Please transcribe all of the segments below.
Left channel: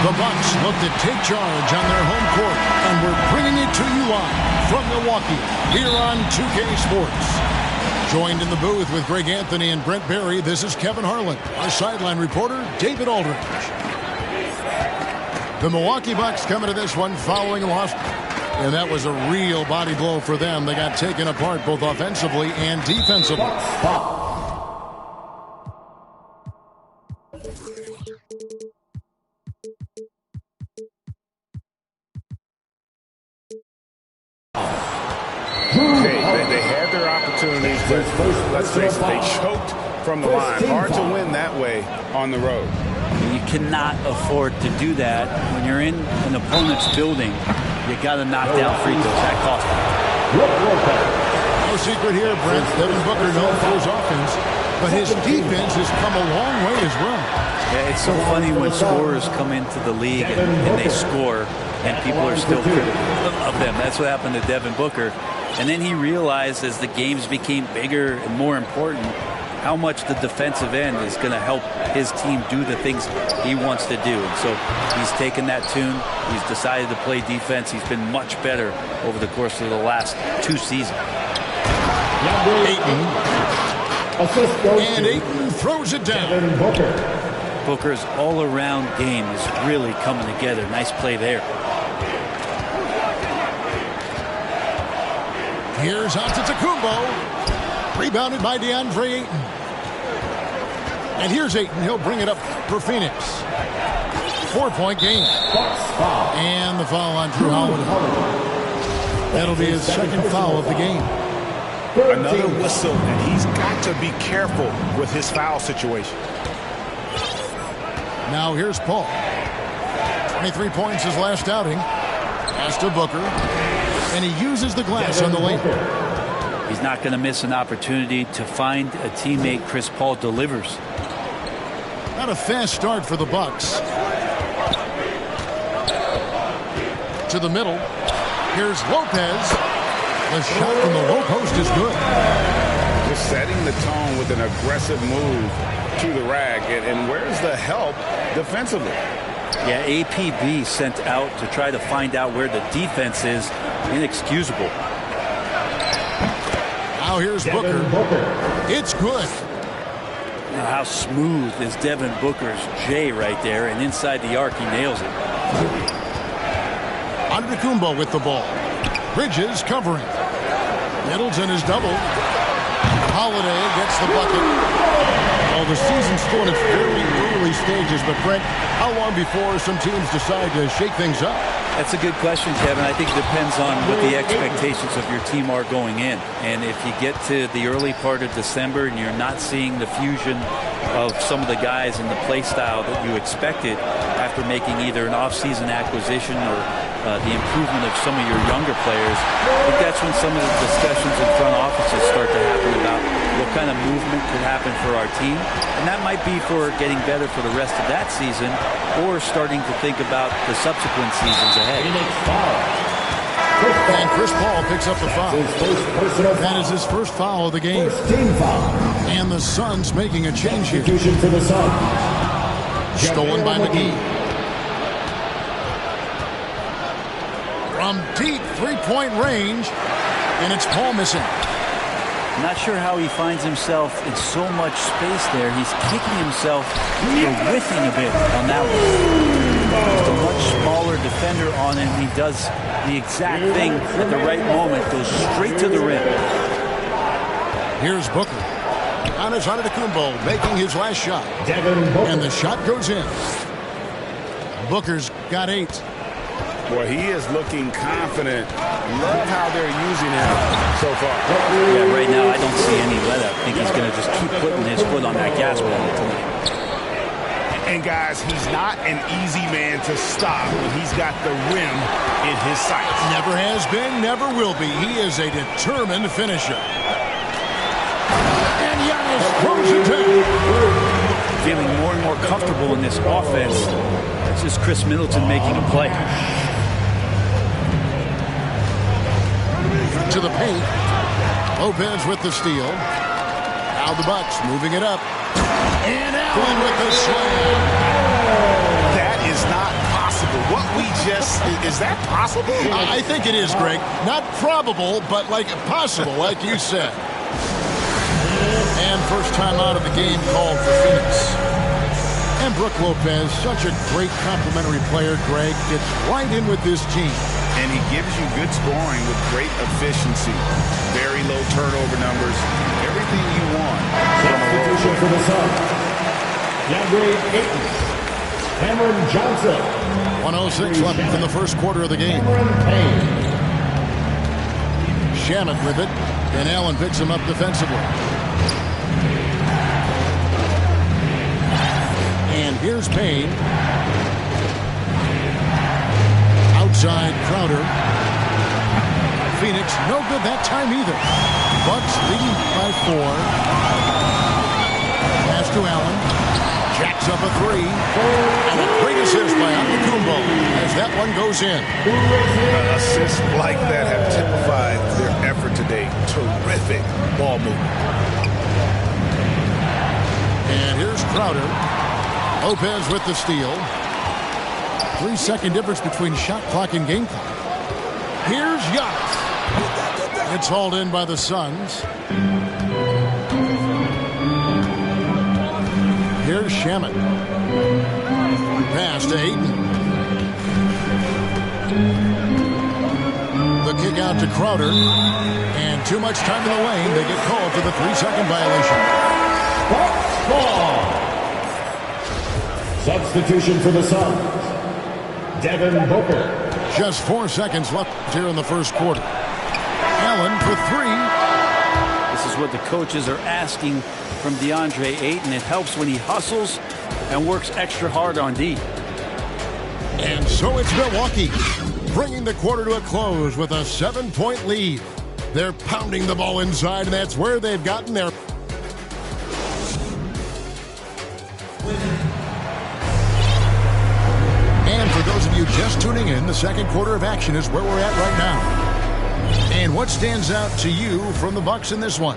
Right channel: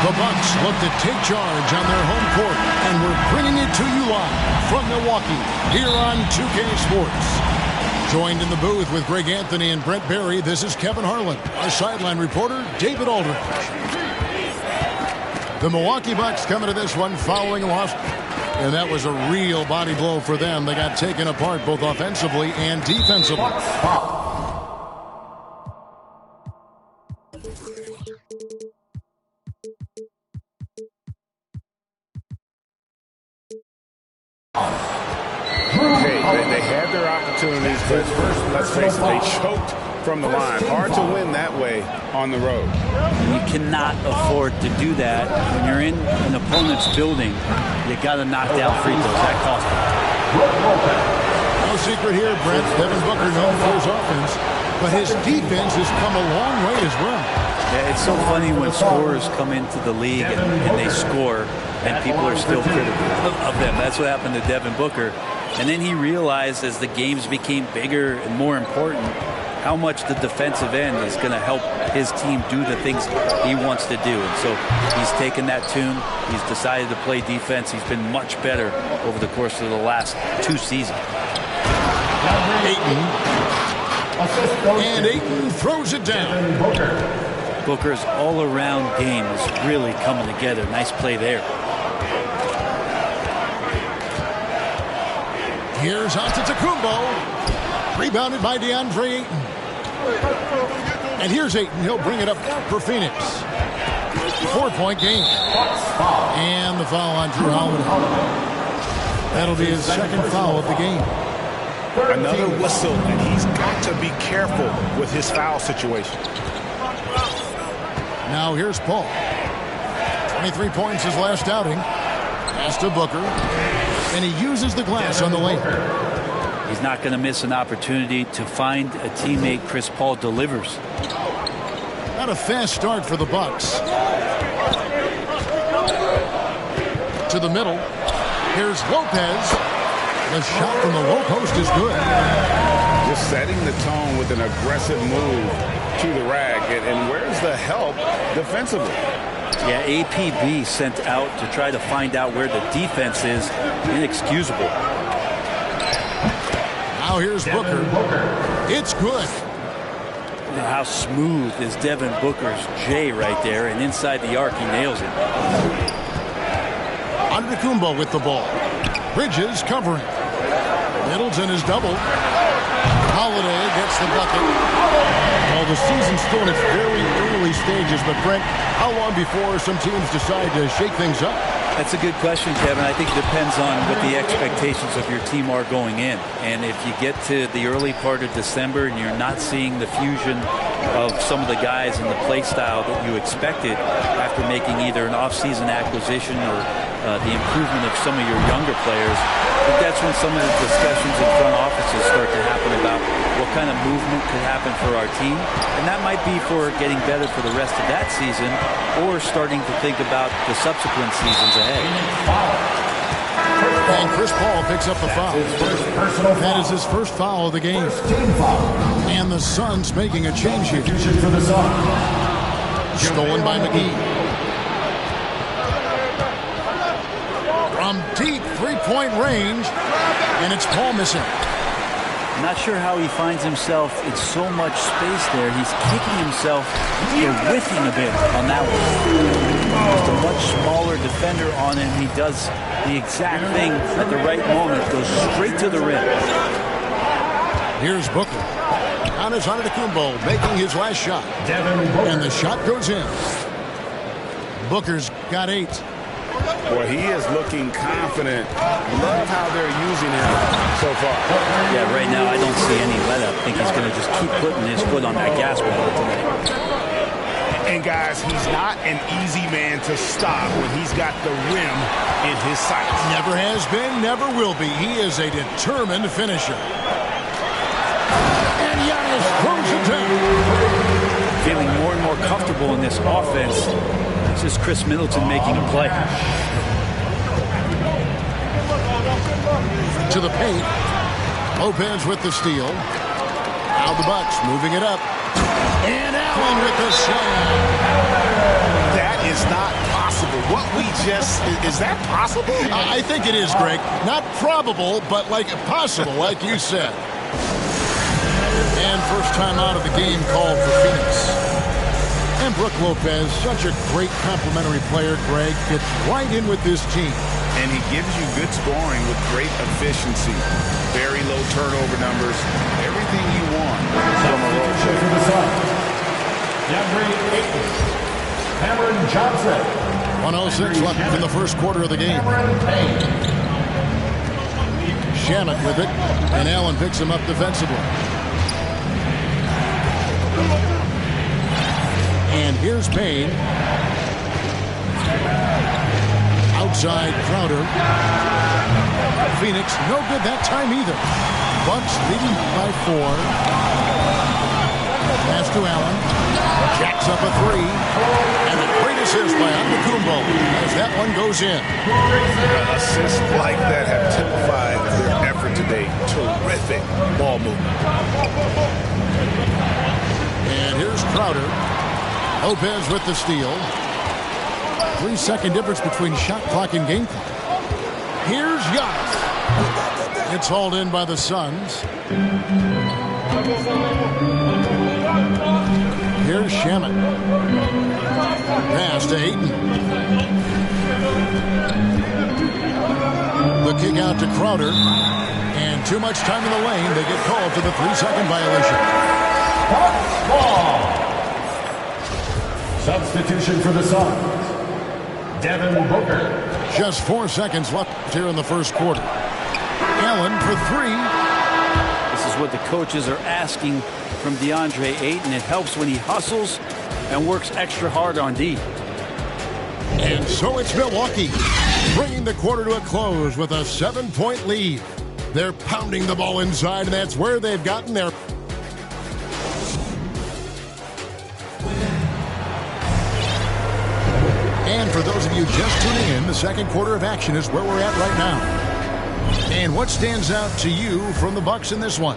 The Bucks look to take charge on their home court, and we're bringing it to you live from Milwaukee here on 2K Sports. Joined in the booth with Greg Anthony and Brent Barry, this is Kevin Harlan. Our sideline reporter, David Aldridge. The Milwaukee Bucks coming to this one following a loss, and that was a real body blow for them. They got taken apart both offensively and defensively. They had their opportunities, but let's face it, they choked from the line. Hard to win that way on the road. You cannot afford to do that when you're in an opponent's building. You got to knock down free throws. That cost them. No secret here, Brent. Devin Booker known for his offense, but his defense has come a long way as well. Yeah, it's so funny when scorers come into the league and they score, and people are still critical of them. That's what happened to Devin Booker. And then he realized as the games became bigger and more important how much the defensive end is going to help his team do the things he wants to do. And so he's taken that tune. He's decided to play defense. He's been much better over the course of the last 2 seasons. Ayton. And Ayton throws it down. Booker's all-around game is really coming together. Nice play there. Here's Antetokounmpo. Rebounded by DeAndre Ayton. And here's Ayton. He'll bring it up for Phoenix. 4-point game. And the foul on Drew Holiday. That'll be his second foul of the game. Another whistle, and he's got to be careful with his foul situation. Now here's Paul. 23 points his last outing. Pass to Booker. And he uses the glass on the lane. He's not going to miss an opportunity to find a teammate. Chris Paul delivers. Not a fast start for the Bucks. To the middle. Here's Lopez. The shot from the low post is good. Just setting the tone with an aggressive move to the rack. And where's the help defensively? Yeah, APB sent out to try to find out where the defense is. Inexcusable. Now here's Booker. It's good. How smooth is Devin Booker's J right there, and inside the arc he nails it. Antetokounmpo with the ball. Bridges covering. Middleton is doubled. Holiday gets the bucket. Well, the season's still in its very early stages, but Brent, how long before some teams decide to shake things up? That's a good question, Kevin. I think it depends on what the expectations of your team are going in. And if you get to the early part of December and you're not seeing the fusion of some of the guys in the play style that you expected after making either an off-season acquisition or the improvement of some of your younger players, I think that's when some of the discussions in front offices start to happen about what kind of movement could happen for our team. And that might be for getting better for the rest of that season or starting to think about the subsequent seasons ahead. And Chris Paul picks up the foul. That is his first foul of the game. And the Suns making a change here. Stolen by McGee. From deep three-point range, and it's Paul missing. I'm not sure how he finds himself in so much space there. He's kicking himself for whiffing a bit on that one. Just a much smaller defender on him. He does the exact thing at the right moment, goes straight to the rim. Here's Booker. Giannis Antetokounmpo making his last shot. And the shot goes in. Booker's got 8. Well, he is looking confident. Love how they're using him so far. Yeah, right now I don't see any let-up. I think he's going to just keep putting his foot on that gas pedal tonight. And, guys, he's not an easy man to stop when he's got the rim in his sights. Never has been, never will be. He is a determined finisher. And Giannis throws it down. Feeling more and more comfortable in this offense. That's just Chris Middleton making a play. To the paint. Lopez with the steal. Now the Bucks moving it up. And Allen with the slam. That is not possible? What we just, is that possible? I think it is, Greg. Not probable, but like possible, like you said. And first time out of the game called for Phoenix. And Brook Lopez, such a great complimentary player, Greg, fits right in with this team. And he gives you good scoring with great efficiency. Very low turnover numbers. Everything you want from a role player. For the Suns, DeAndre Ayton, Cameron Johnson. 1:06 left in the first quarter of the game. Shamet with it, and Allen picks him up defensively. And here's Payne. Outside Crowder. Phoenix, no good that time either. Bucks leading by 4. Pass to Allen. Jacks up a 3. And a great assist by Antetokounmpo as that one goes in. Assists like that have typified their effort today. Terrific ball movement. And here's Crowder. Lopez with the steal. 3-second difference between shot clock and game clock. Here's Giannis. It's hauled in by the Suns. Here's Shamet. Pass to Ayton. The kick out to Crowder. And too much time in the lane. They get called for the 3-second violation. Ball. Substitution for the Suns, Devin Booker. Just 4 seconds left here in the first quarter. Allen for 3. This is what the coaches are asking from DeAndre Ayton. It helps when he hustles and works extra hard on D. And so it's Milwaukee, bringing the quarter to a close with a 7-point lead. They're pounding the ball inside, and that's where they've gotten their... And for those of you just tuning in, the second quarter of action is where we're at right now. And what stands out to you from the Bucks in this one?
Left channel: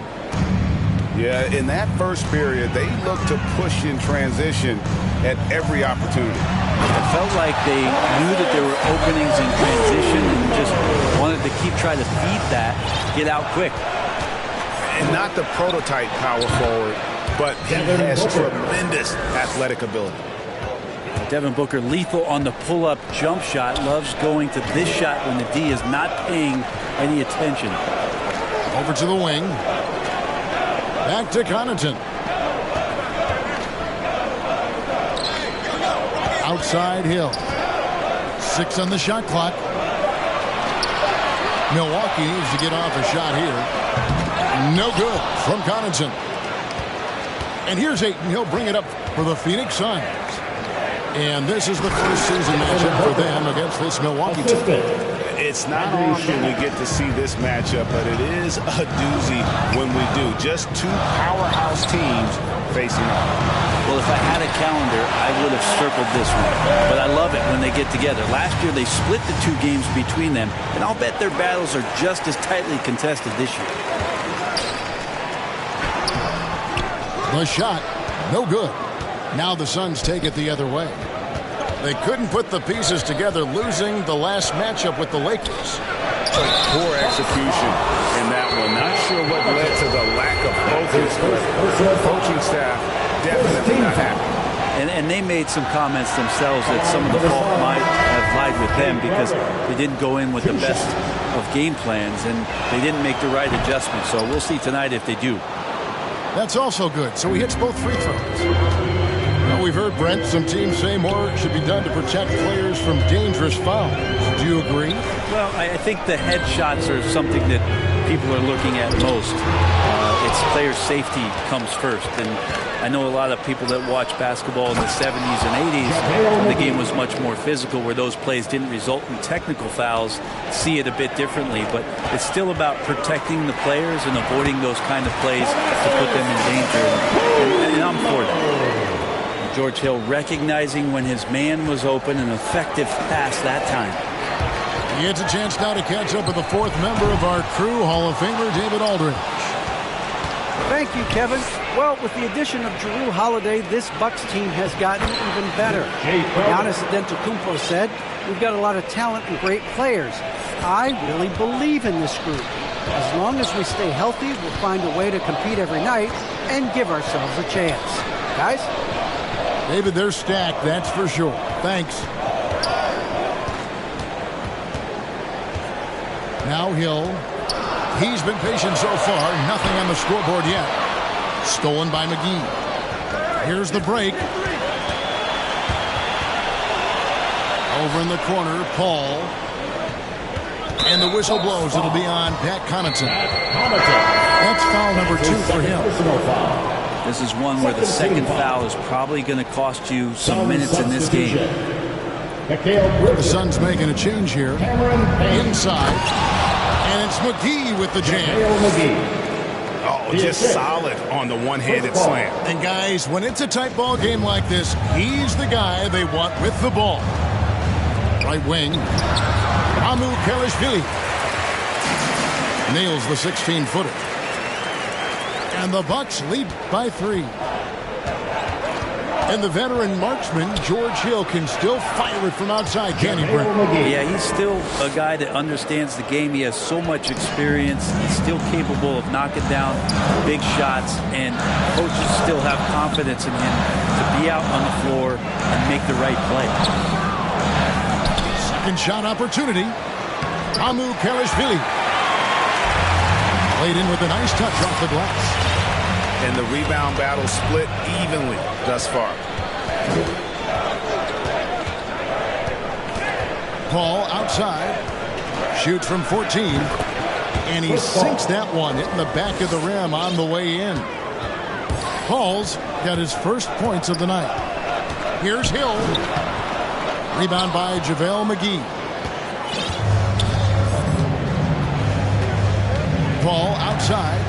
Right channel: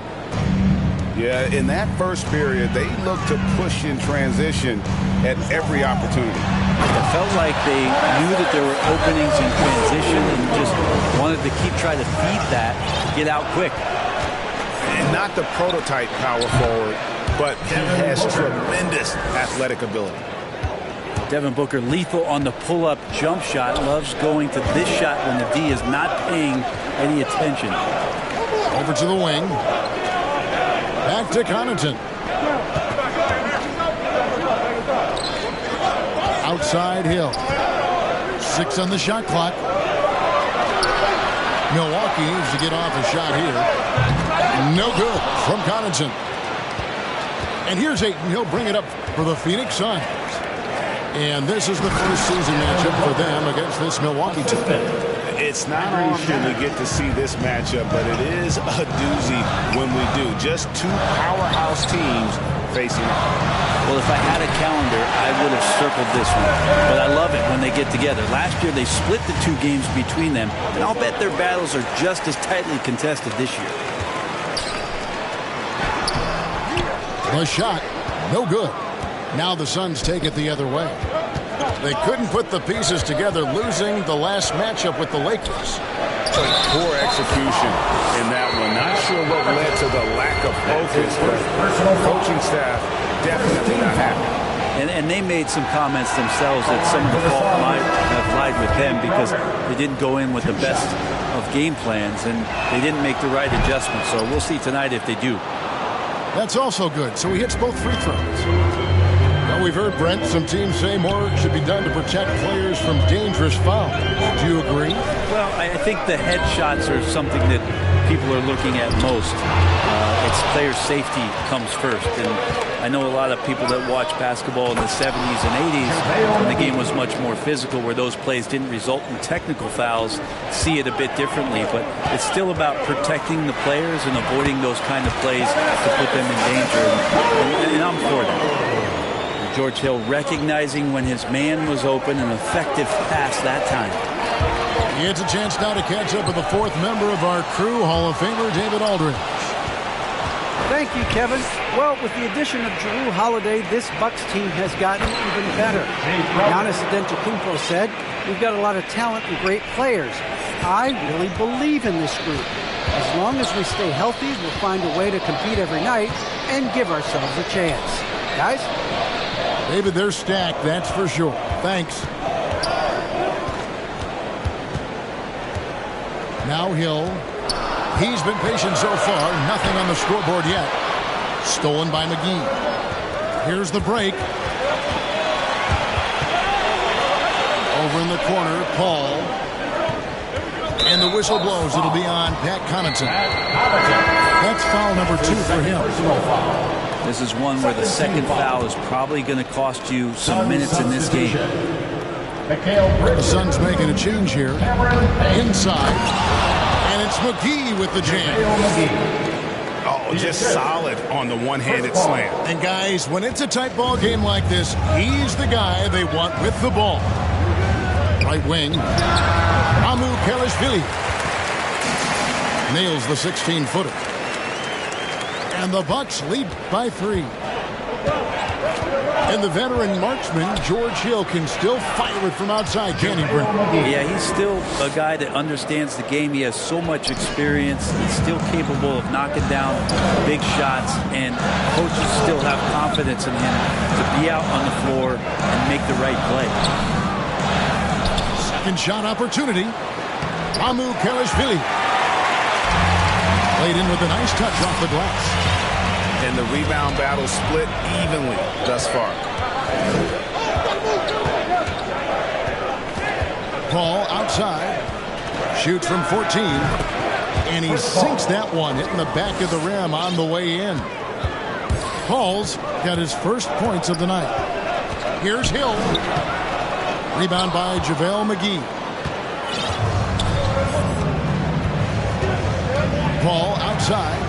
Yeah, in that first period, they looked to push in transition at every opportunity. It felt like they knew that there were openings in transition and just wanted to keep trying to feed that, get out quick. And not the prototype power forward, but he has tremendous athletic ability. Devin Booker lethal on the pull-up jump shot. Loves going to this shot when the D is not paying any attention. Over to the wing. Back to Connaughton. Outside Hill. 6 on the shot clock. Milwaukee needs to get off a shot here. No good from Connaughton. And here's Ayton. He'll bring it up for the Phoenix Suns. And this is the first season matchup for them against this Milwaukee team. It's not often we get to see this matchup, but it is a doozy when we do. Just two powerhouse teams facing off. Well, if I had a calendar, I would have circled this one. But I love it when they get together. Last year, they split the 2 games between them, and I'll bet their battles are just as tightly contested this year. The shot, no good. Now the Suns take it the other way. They couldn't put the pieces together, losing the last matchup with the Lakers. Poor execution in that one. Not sure what led to the lack of focus, but coaching staff definitely not happy. And they made some comments themselves that some of the fault might have lied with them because they didn't go in with the best of game plans and they didn't make the right adjustments. So we'll see tonight if they do. That's also good. So he hits both free throws. Now we've heard, Brent, some teams say more should be done to protect players from dangerous fouls. Do you agree? Well, I think the head shots are something that people are looking at most. It's player safety comes first. And I know a lot of people that watch basketball in the 70s and 80s when the game was much more physical, where those plays didn't result in technical fouls, see it a bit differently. But it's still about protecting the players and avoiding those kind of plays to put them in danger. And I'm for that. George Hill recognizing when his man was open, an effective pass that time. He gets a chance now to catch up with the 4th member of our crew, Hall of Famer David Aldridge. Thank you, Kevin. Well, with the addition of Jrue Holiday, this Bucks team has gotten even better. Giannis Antetokounmpo said, "We've got a lot of talent and great players. I really believe in this group. As long as we stay healthy, we'll find a way to compete every night and give ourselves a chance." Guys? David, they're stacked, that's for sure. Thanks. Now Hill. He's been patient so far. Nothing on the scoreboard yet. Stolen by McGee. Here's the break. Over in the corner, Paul. And the whistle blows. It'll be on Pat Connaughton. That's foul number 2 for him. This is one where the second foul is probably going to cost you some minutes in this game. The Suns making a change here. Inside. And it's McGee with the jam. Oh, just solid on the one-handed slam. And guys, when it's a tight ball game like this, he's the guy they want with the ball. Right wing. Amu Kelishvili nails the 16-footer. And the Bucks lead by 3. And the veteran marksman, George Hill, can still fire it from outside, can he, Brent? Yeah, he's still a guy that understands the game. He has so much experience. He's still capable of knocking down big shots, and coaches still have confidence in him to be out on the floor and make the right play. Second shot opportunity. Amu Kelishvili. Played in with a nice touch off the glass. And the rebound battle split evenly thus far. Paul outside. Shoots from 14. And he sinks that one, hitting the back of the rim on the way in. Paul's got his first points of the night. Here's Hill. Rebound by JaVale McGee. Paul outside.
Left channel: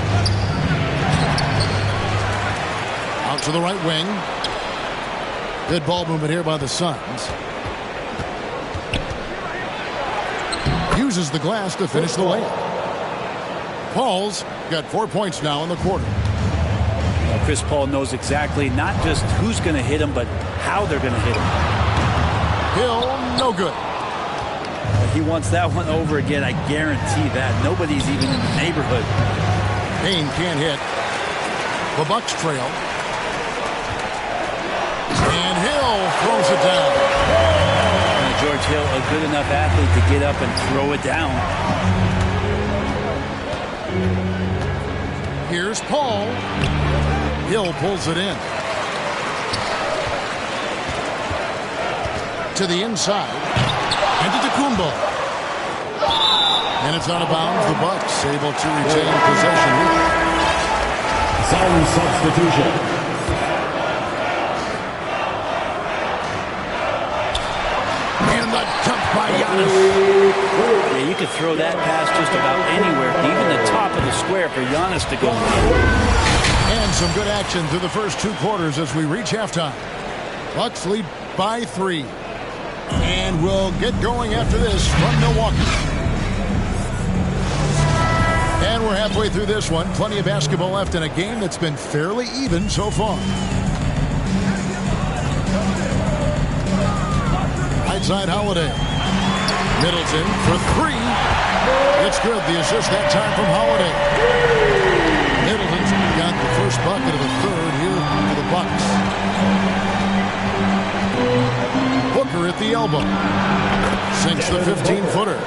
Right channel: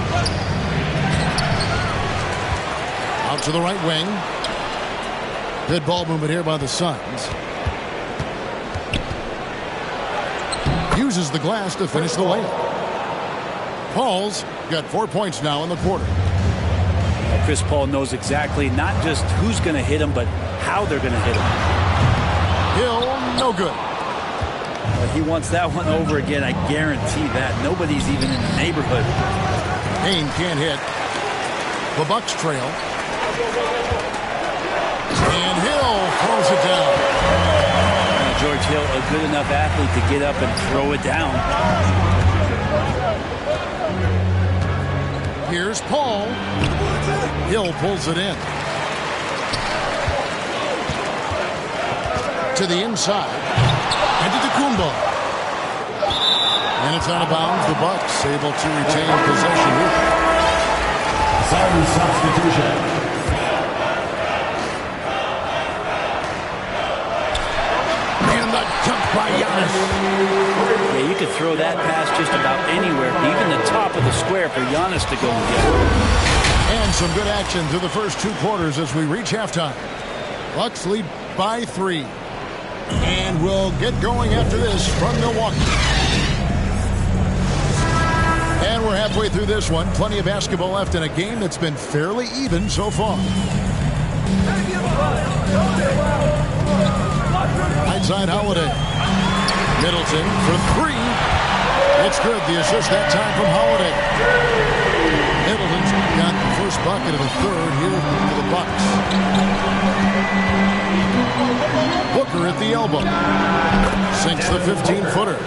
Out to the right wing. Good ball movement here by the Suns. Uses the glass to finish the layup. Paul's got 4 points now in the quarter. Chris Paul knows exactly not just who's going to hit him, but how they're going to hit him. Hill, no good. He wants that one over again, I guarantee that. Nobody's even in the neighborhood. Payne can't hit. The Bucks trail. And Hill throws it down. George Hill, a good enough athlete to get up and throw it down. Here's Paul. Hill pulls it in. To the inside. And to Antetokounmpo. And it's out of bounds. The Bucks able to retain possession here. Some substitution. Dunk by Giannis. Yeah, you could throw that pass just about anywhere, even the top of the square for Giannis to go and get it. And some good action through the first 2 quarters as we reach halftime. Bucks lead by 3. And we'll get going after this from Milwaukee. And we're halfway through this one. Plenty of basketball left in a game that's been fairly even so far. Outside Holiday. Middleton for 3. It's good. The assist that time from Holiday. Middleton's got the first bucket of the third here for the Bucks. Booker at the elbow. Sinks the 15-footer.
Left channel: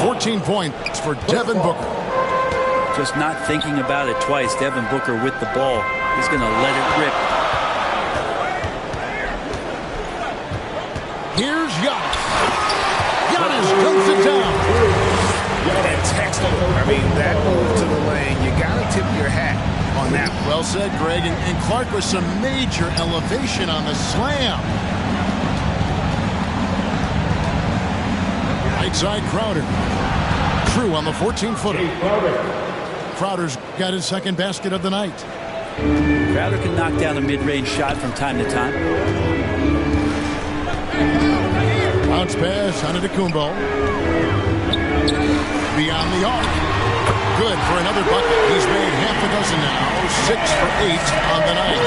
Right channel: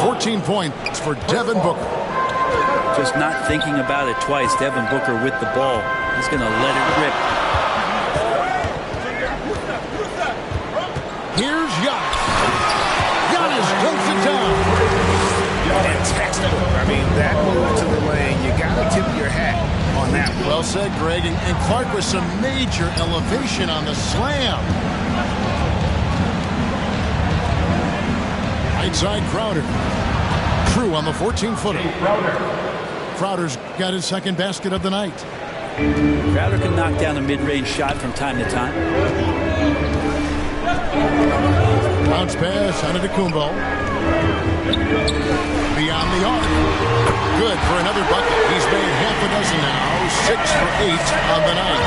14 points for Devin Booker. Just not thinking about it twice. Devin Booker with the ball. He's going to let it rip. Here's Giannis. Giannis dunks it down. And textbook. I mean, that move to the lane, you got to tip your hat on that one. Well said, Greg. And Clark with some major elevation on the slam. Right side, Crowder. True on the 14-footer. Crowder's got his second basket of the night. Crowder can knock down a mid-range shot from time to time. Bounce pass, Antetokounmpo. Beyond the arc. good for another bucket. He's made half a dozen now, 6 for 8 on the night.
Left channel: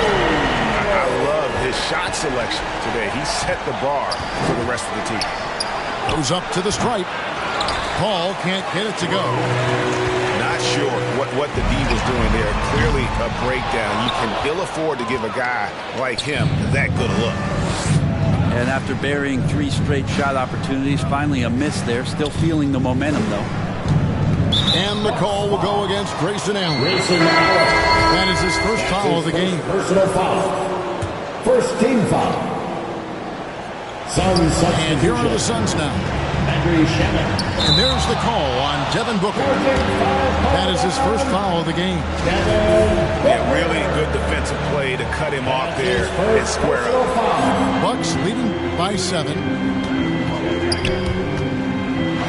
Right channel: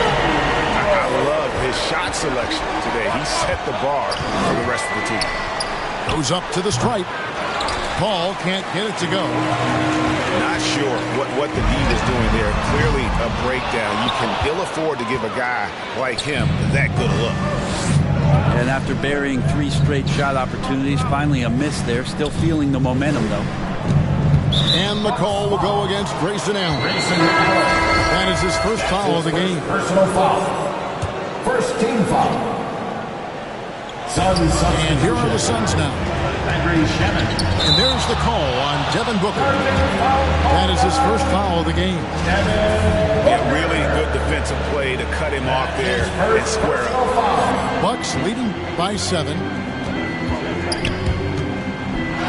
I love his shot selection today. He set the bar for the rest of the team. Goes up to the stripe. Paul can't get it to go. Not sure what the D was doing there. Clearly a breakdown. You can ill afford to give a guy like him that good a look. And after burying 3 straight shot opportunities, finally a miss there. Still feeling the momentum, though. And the call will go against Grayson Allen. Grayson Allen. That is his first foul of the game. Personal foul. First team foul. Suns substitution. And here are the Suns now. Landry Shamet. And there's the call on Devin Booker. That is his first foul of the game. Yeah, really good defensive play to cut him off there and square up. Bucks leading by 7.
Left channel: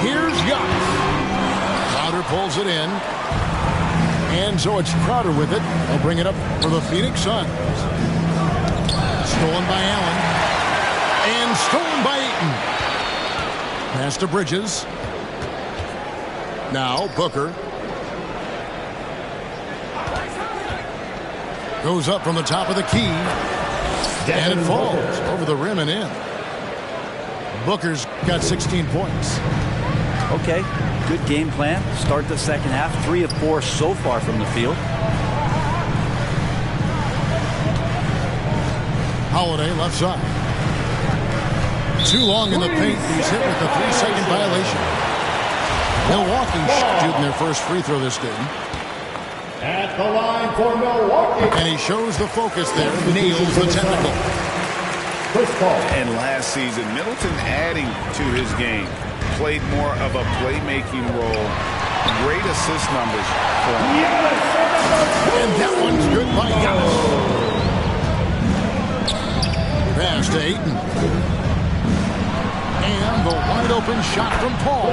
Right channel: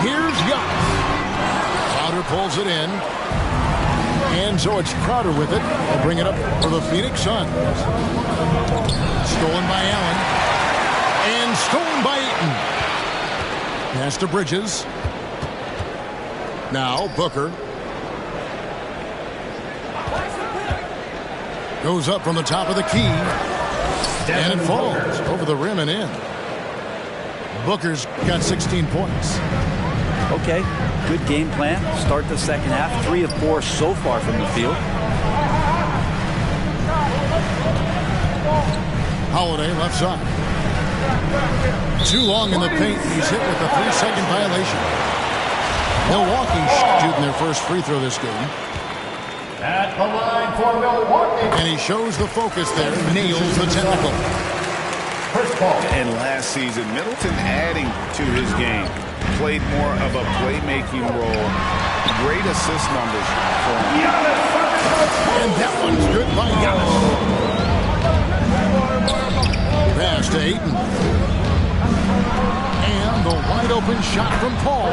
Here's Giannis. Crowder pulls it in. And so it's Crowder with it. They'll bring it up for the Phoenix Suns. Stolen by Allen. And stolen by Ayton. Pass to Bridges. Now Booker. Goes up from the top of the key. And it falls over the rim and in. Booker's got 16 points. Okay, good game plan. Start the second half. 3 of 4 so far from the field. Holiday left side. Too long in the paint. He's hit with a 3-second violation. Milwaukee shooting their first free throw this game. At the line for Milwaukee. And he shows the focus there. Nails the technical. Chris Paul. And last season, Middleton adding to his game. Played more of a playmaking role. Great assist numbers for him. And that one's good by Giannis. Pass to Ayton. And the wide open shot from Paul.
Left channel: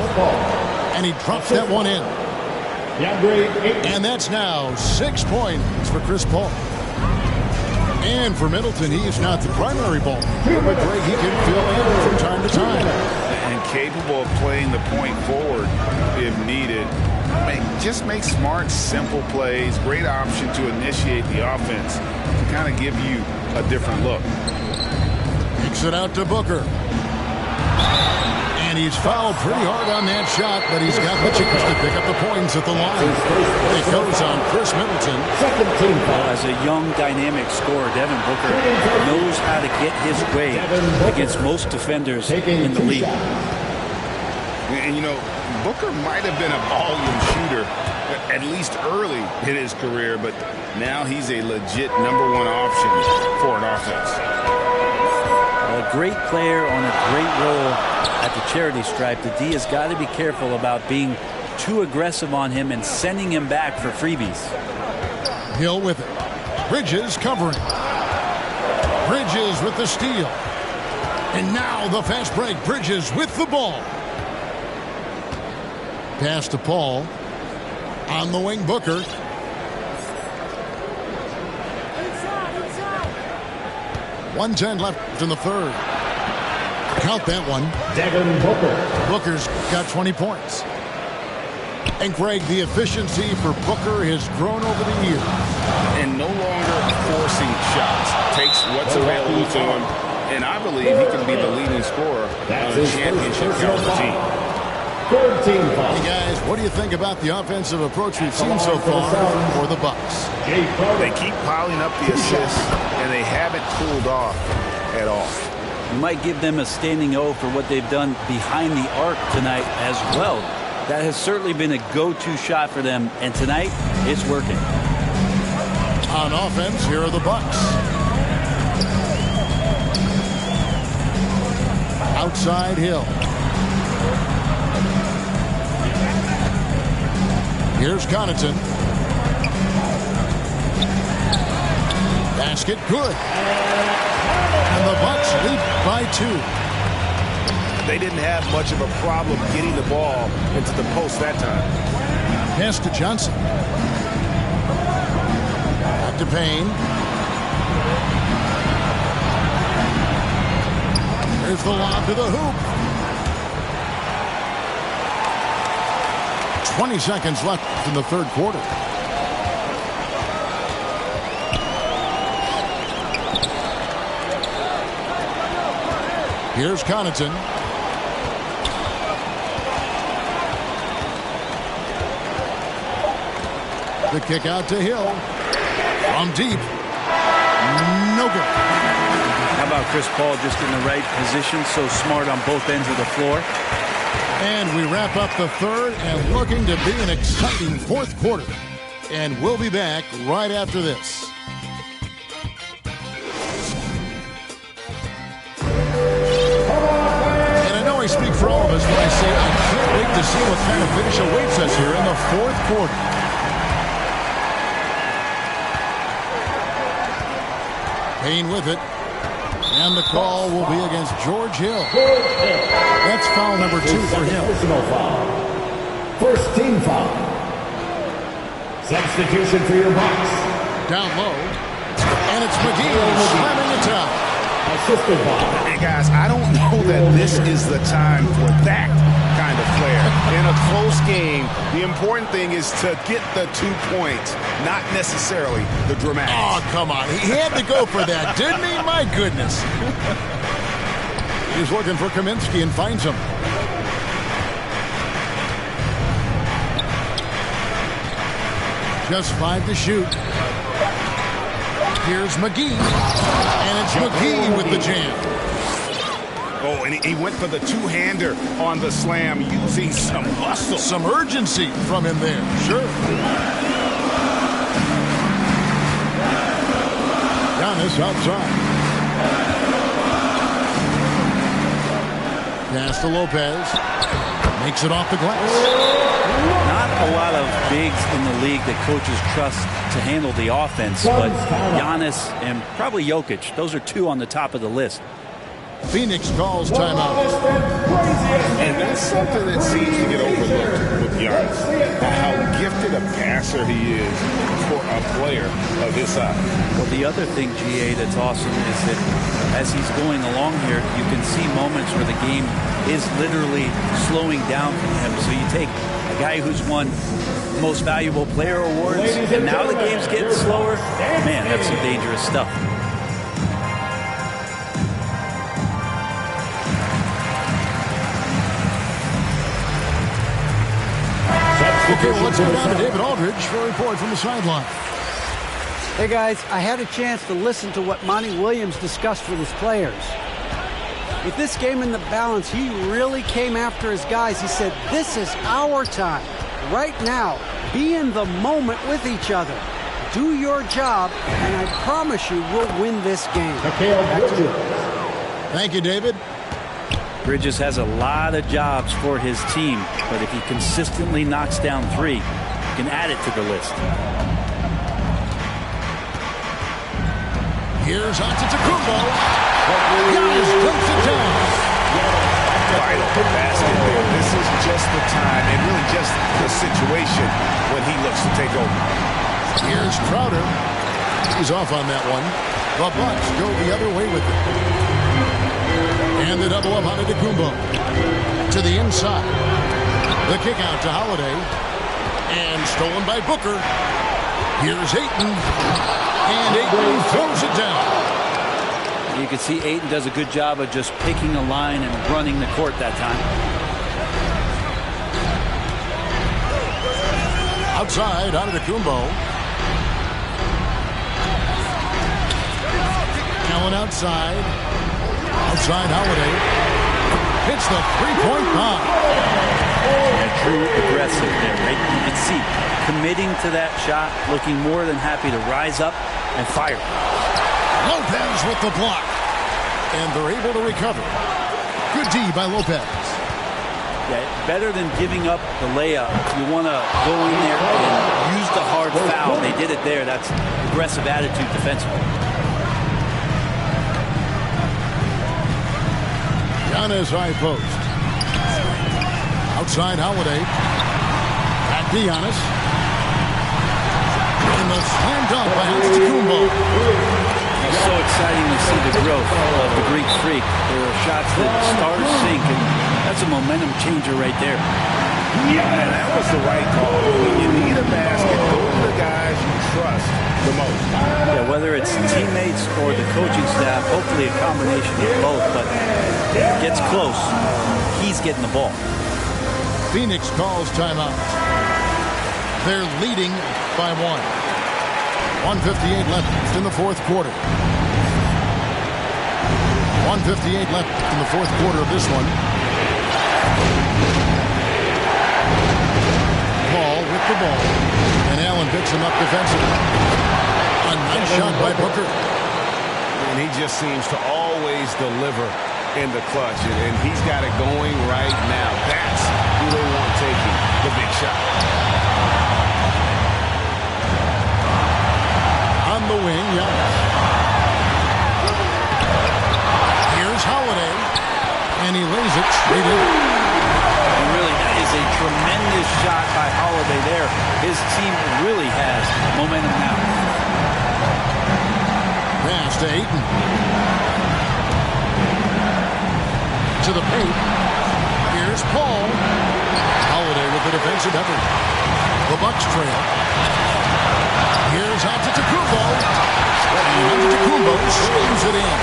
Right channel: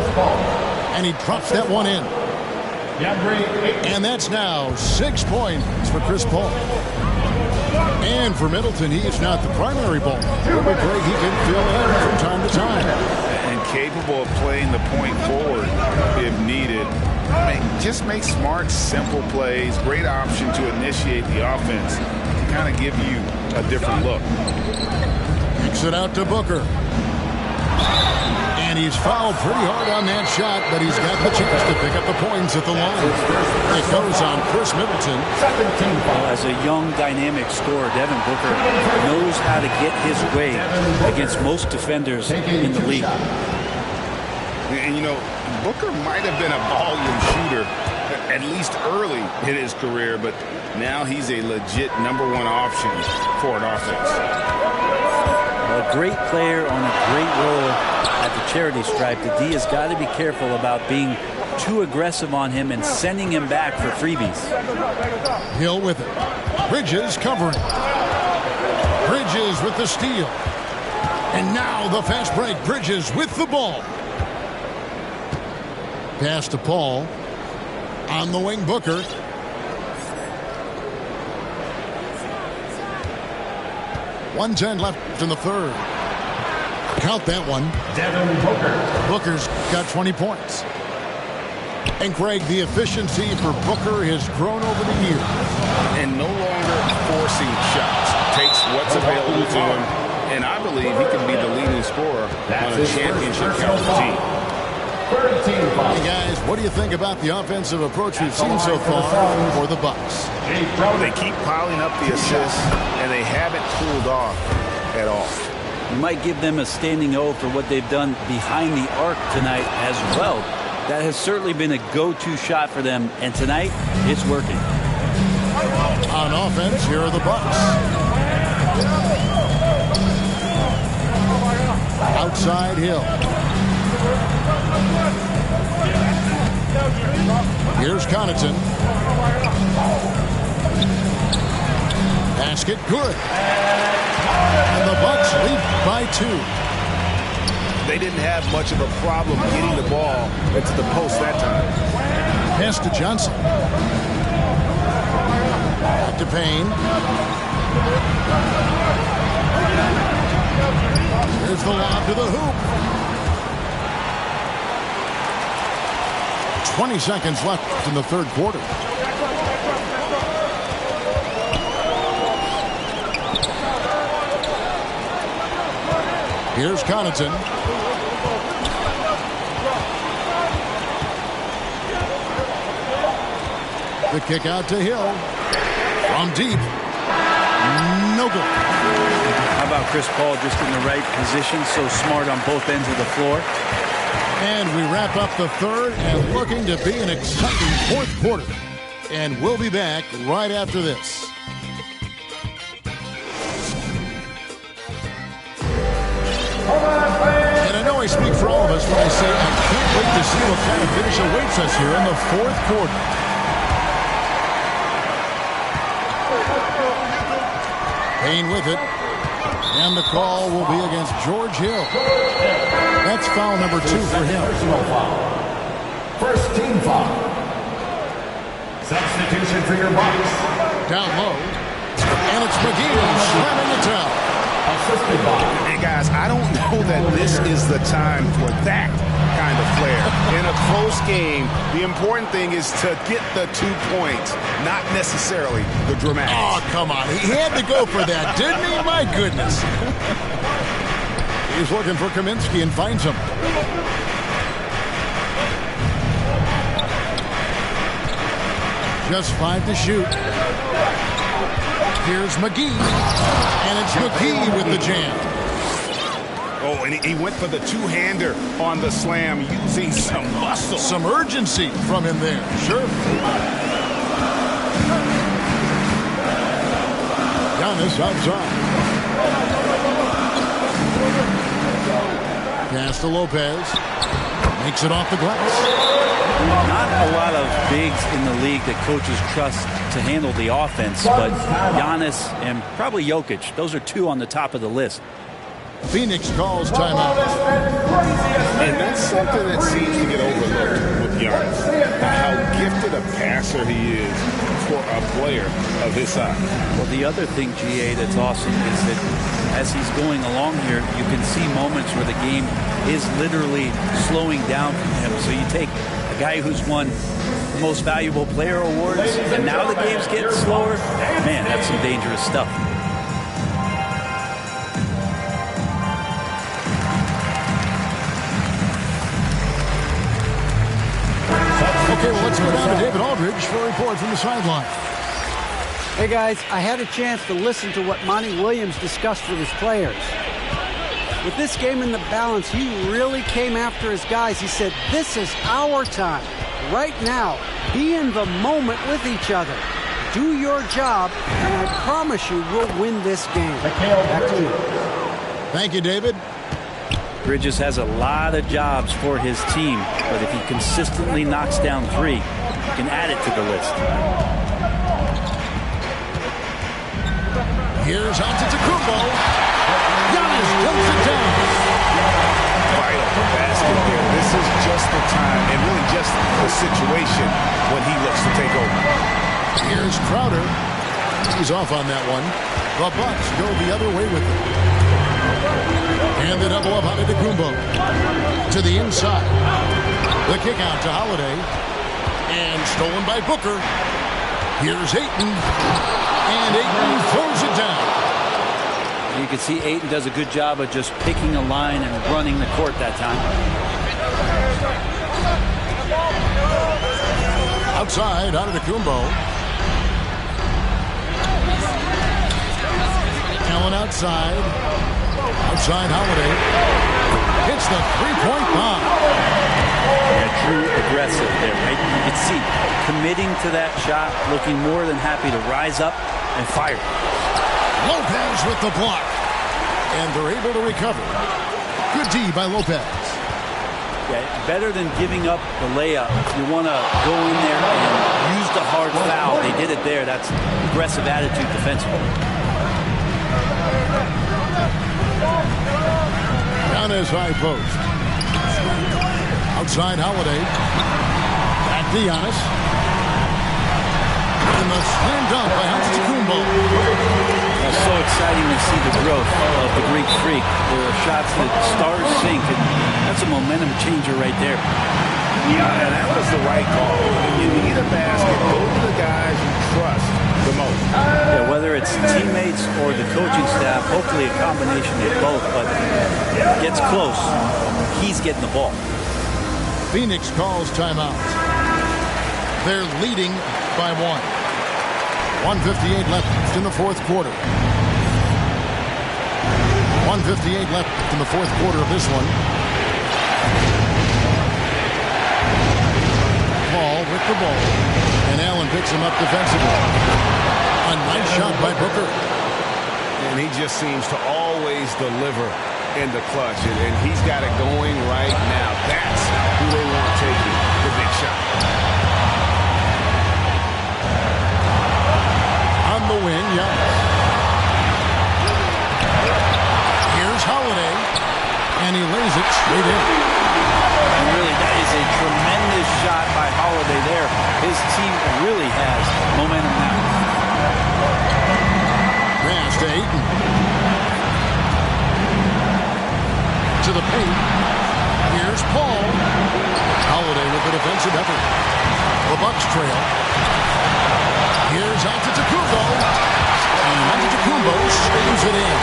And he drops that one in. And that's now 6 points for Chris Paul. And for Middleton, he is not the primary ball, but Greg, he can fill in from time to time. And capable of playing the point forward if needed. Just make smart, simple plays. Great option to initiate the offense to kind of give you a different look. Kicks it out to Booker. And he's fouled pretty hard on that shot, but he's got the chance to pick up the points at the line. It goes on Chris Middleton. Second team foul. As a young, dynamic scorer, Devin Booker knows how to get his way against most defenders in the league. And, you know, Booker might have been a volume shooter, at least early in his career, but now he's a legit #1 option for an offense. A great player on a great role at the charity stripe. The D has got to be careful about being too aggressive on him and sending him back for freebies. Hill with it. Bridges covering. Bridges with the steal. And now the fast break. Bridges with the ball. Pass to Paul. On the wing, Booker. .110 left in the third. Count that one. Devin Booker. Booker's got 20 points. And Greg, the efficiency for Booker has grown over the years. And no longer forcing shots. Takes what's available to him. And I believe he can be the leading scorer on a championship caliber team. Third team foul. Hey guys, what do you think about the offensive approach we've seen so far for the Bucks? They keep piling up the assists, and they haven't cooled off at all. You might give them a standing O for what they've done behind the arc tonight as well. That has certainly been a go-to shot for them, and tonight it's working. On offense, here are the Bucks. Outside Hill. Here's Connaughton. Basket good. And the Bucks lead by 2. They didn't have much of a problem getting the ball into the post that time. Pass to Johnson. Back to Payne. Here's the lob to the hoop. 20 seconds left in the third quarter. Here's Connaughton. The kick out to Hill. From deep. No good. How about Chris Paul just in the right position, so smart on both ends of the floor? And we wrap up the third and looking to be an exciting fourth quarter. And we'll be back right after this. And I know I speak for all of us when I say I can't wait to see what kind of finish awaits us here in the fourth quarter. Payne with it. And the call will be against George Hill. That's foul number 2 for him. Personal foul. First team foul. Substitution for your Bucks. Down low. And it's McGee slamming it down. Assisted by. Hey, guys, I don't know that this is the time for that kind of flair. In a close game, the important thing is to get the 2 points, not necessarily the dramatics. Oh, come on. He had to go for that, didn't he? My goodness. He's looking for Kaminsky and finds him. Just 5 to shoot. Here's McGee. And it's McGee with the jam. Oh, and he went for the two-hander on the slam using some muscle. Some urgency from him there. Sure. Giannis outside. Pass to Lopez. Makes it off the glass. Not a lot of bigs in the league that coaches trust to handle the offense, but Giannis and probably Jokic, those are 2 on the top of the list. Phoenix calls timeout. And that's something that seems to get overlooked with Giannis. How gifted a passer he is for a player of his size. Well, the other thing, GA, that's awesome is that as he's going along here, you can see moments where the game is literally slowing down for him. So you take a guy who's won most valuable player awards, and now the game's getting slower. Man, that's some dangerous stuff. Okay, well, let's go down to David Aldridge for a report from the sideline. Hey, guys, I had a chance to listen to what Monty Williams discussed with his players. With this game in the balance, he really came after his guys. He said, this is our time. Right now, be in the moment with each other. Do your job, and I promise you we'll win this game. Back to you. Thank you, David. Bridges has a lot of jobs for his team, but if he consistently knocks down 3, he can add it to the list. Here's Antetokounmpo. Giannis dumps it down. Vital basket there. This is just the time and really just the situation when he looks to take over. Here's Crowder. He's off on that one. The Bucks go the other way with it. And the double up on Antetokounmpo. To the inside. The kick out to Holiday. And stolen by Booker. Here's Ayton. And Ayton throws it down. You can see Ayton does a good job of just picking a line and running the court that time. Outside, Antetokounmpo. Allen outside. Outside Holiday. Hits the three-point bomb. Yeah, true aggressive there, right? You can see committing to that shot, looking more than happy to rise up and fire. Lopez with the block. And they're able to recover. Good D by Lopez. Yeah, better than giving up the layup. You want to go in there and use the hard foul. They did it there. That's aggressive attitude defensively. Giannis high post. Outside Holiday. Back to Giannis. And the slam dunk by Antetokounmpo. It's so exciting to see the growth of the Greek Freak. There are shots that stars sink, and that's a momentum changer right there. And that was the right call. When you need a basket, go to the guys you trust the most. Yeah, whether it's teammates or the coaching staff, hopefully a combination of both, but gets close, he's getting the ball. Phoenix calls timeout. They're leading by 1. 1:58 left in the fourth quarter. 1:58 left in the fourth quarter of this one. Paul with the ball, and Allen picks him up defensively. A nice shot by Booker. And he just seems to always deliver in the clutch, and he's got it going right now. That's who they want taking the big shot. On the wing, Giannis. Here's Holiday, and he lays it straight in. And really, that is a tremendous shot by Holiday there. His team really has momentum now. Pass to Ayton. To the paint. Here's Paul. Holiday with the defensive effort. The Bucks trail. Here's Antetokounmpo. And Antetokounmpo spins it in.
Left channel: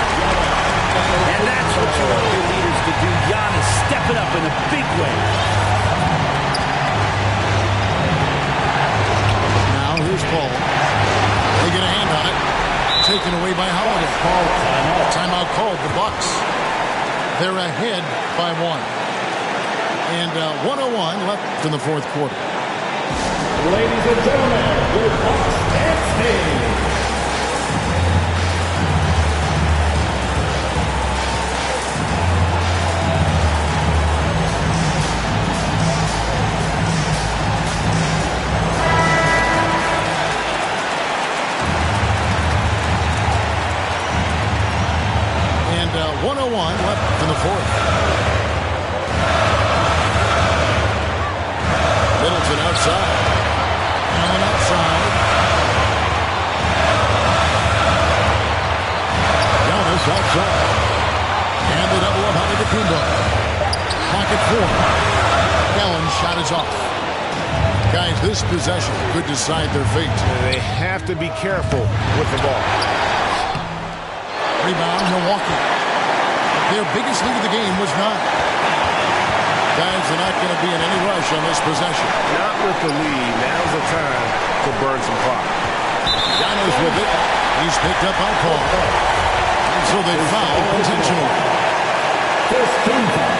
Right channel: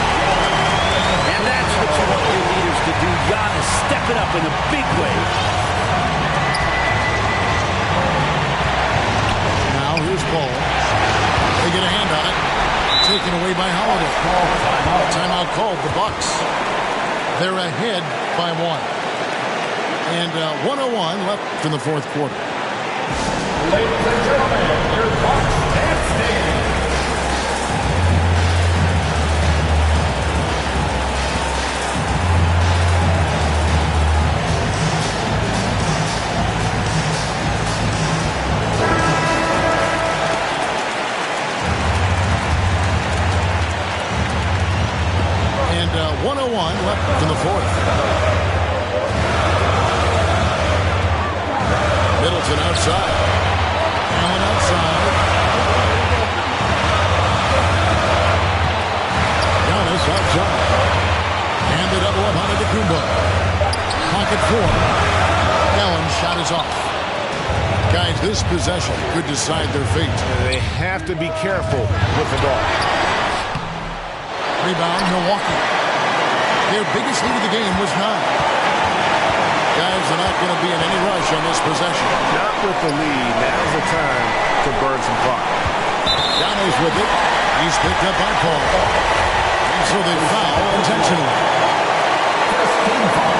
And that's what you want your leaders to do. Giannis stepping up in a big way. Now here's Paul. They get a hand on it. Taken away by Holiday. Timeout called. The Bucks. They're ahead by 1. And 1:01 left in the fourth quarter. Ladies and gentlemen, your Bucks standing. And 1:01 left in the fourth. Middleton outside. Allen outside. Giannis outside. And the double up on Antetokounmpo. Pocket 4. Allen's shot is off. Guys, this possession could decide their fate. They have to be careful with the ball. Rebound, Milwaukee. Their biggest lead of the game was 9. Guys, they're not going to be in any rush on this possession. Not with the lead. Now's the time to burn some clock. Giannis with it. He's picked up by Paul. And so they foul intentionally. First team foul.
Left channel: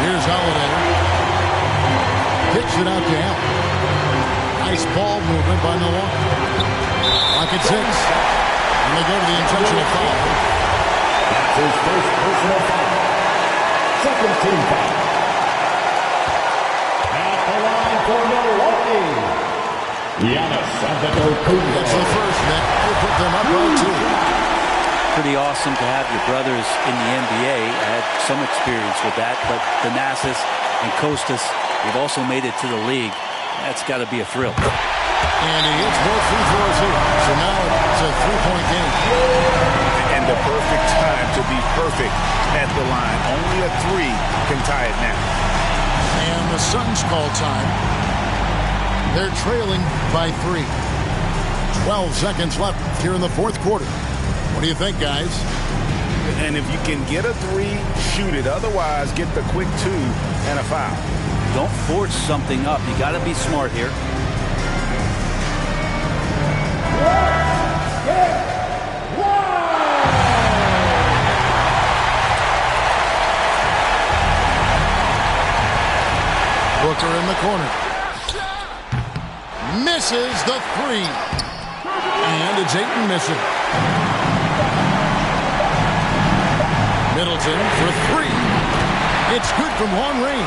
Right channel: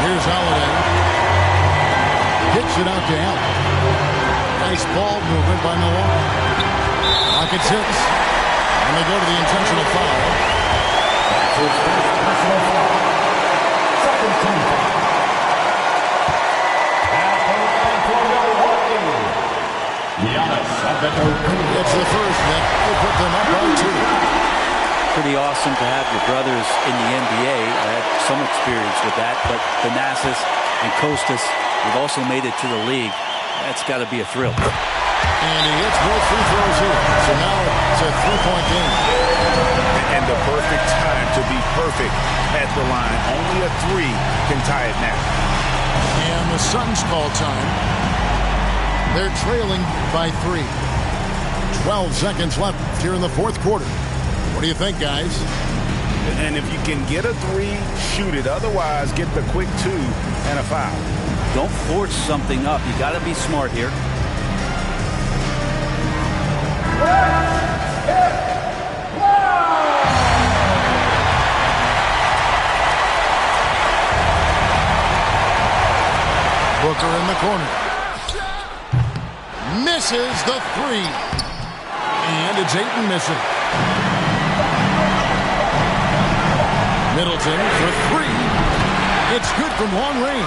Here's Holiday. Kicks it out to Allen. Nice ball movement by Milwaukee. Pocket 6. And they go to the intentional foul. That's his first personal foul. Second team foul. At the line for Milwaukee, Giannis Antetokounmpo. It's the first that will put them up by 2. Pretty awesome to have your brothers in the NBA. I had some experience with that, but Thanasis and Kostas, they've also made it to the league. That's got to be a thrill. And he hits both free throws here. So now it's a 3-point game. And the perfect time to be perfect at the line. Only a 3 can tie it now. And the Suns call time. They're trailing by 3. 12 seconds left here in the fourth quarter. What do you think, guys? And if you can get a 3, shoot it. Otherwise, get the quick 2 and a foul. Don't force something up. You got to be smart here. Booker in the corner. Misses the 3. And it's Ayton missing. Middleton for 3. It's good from long range.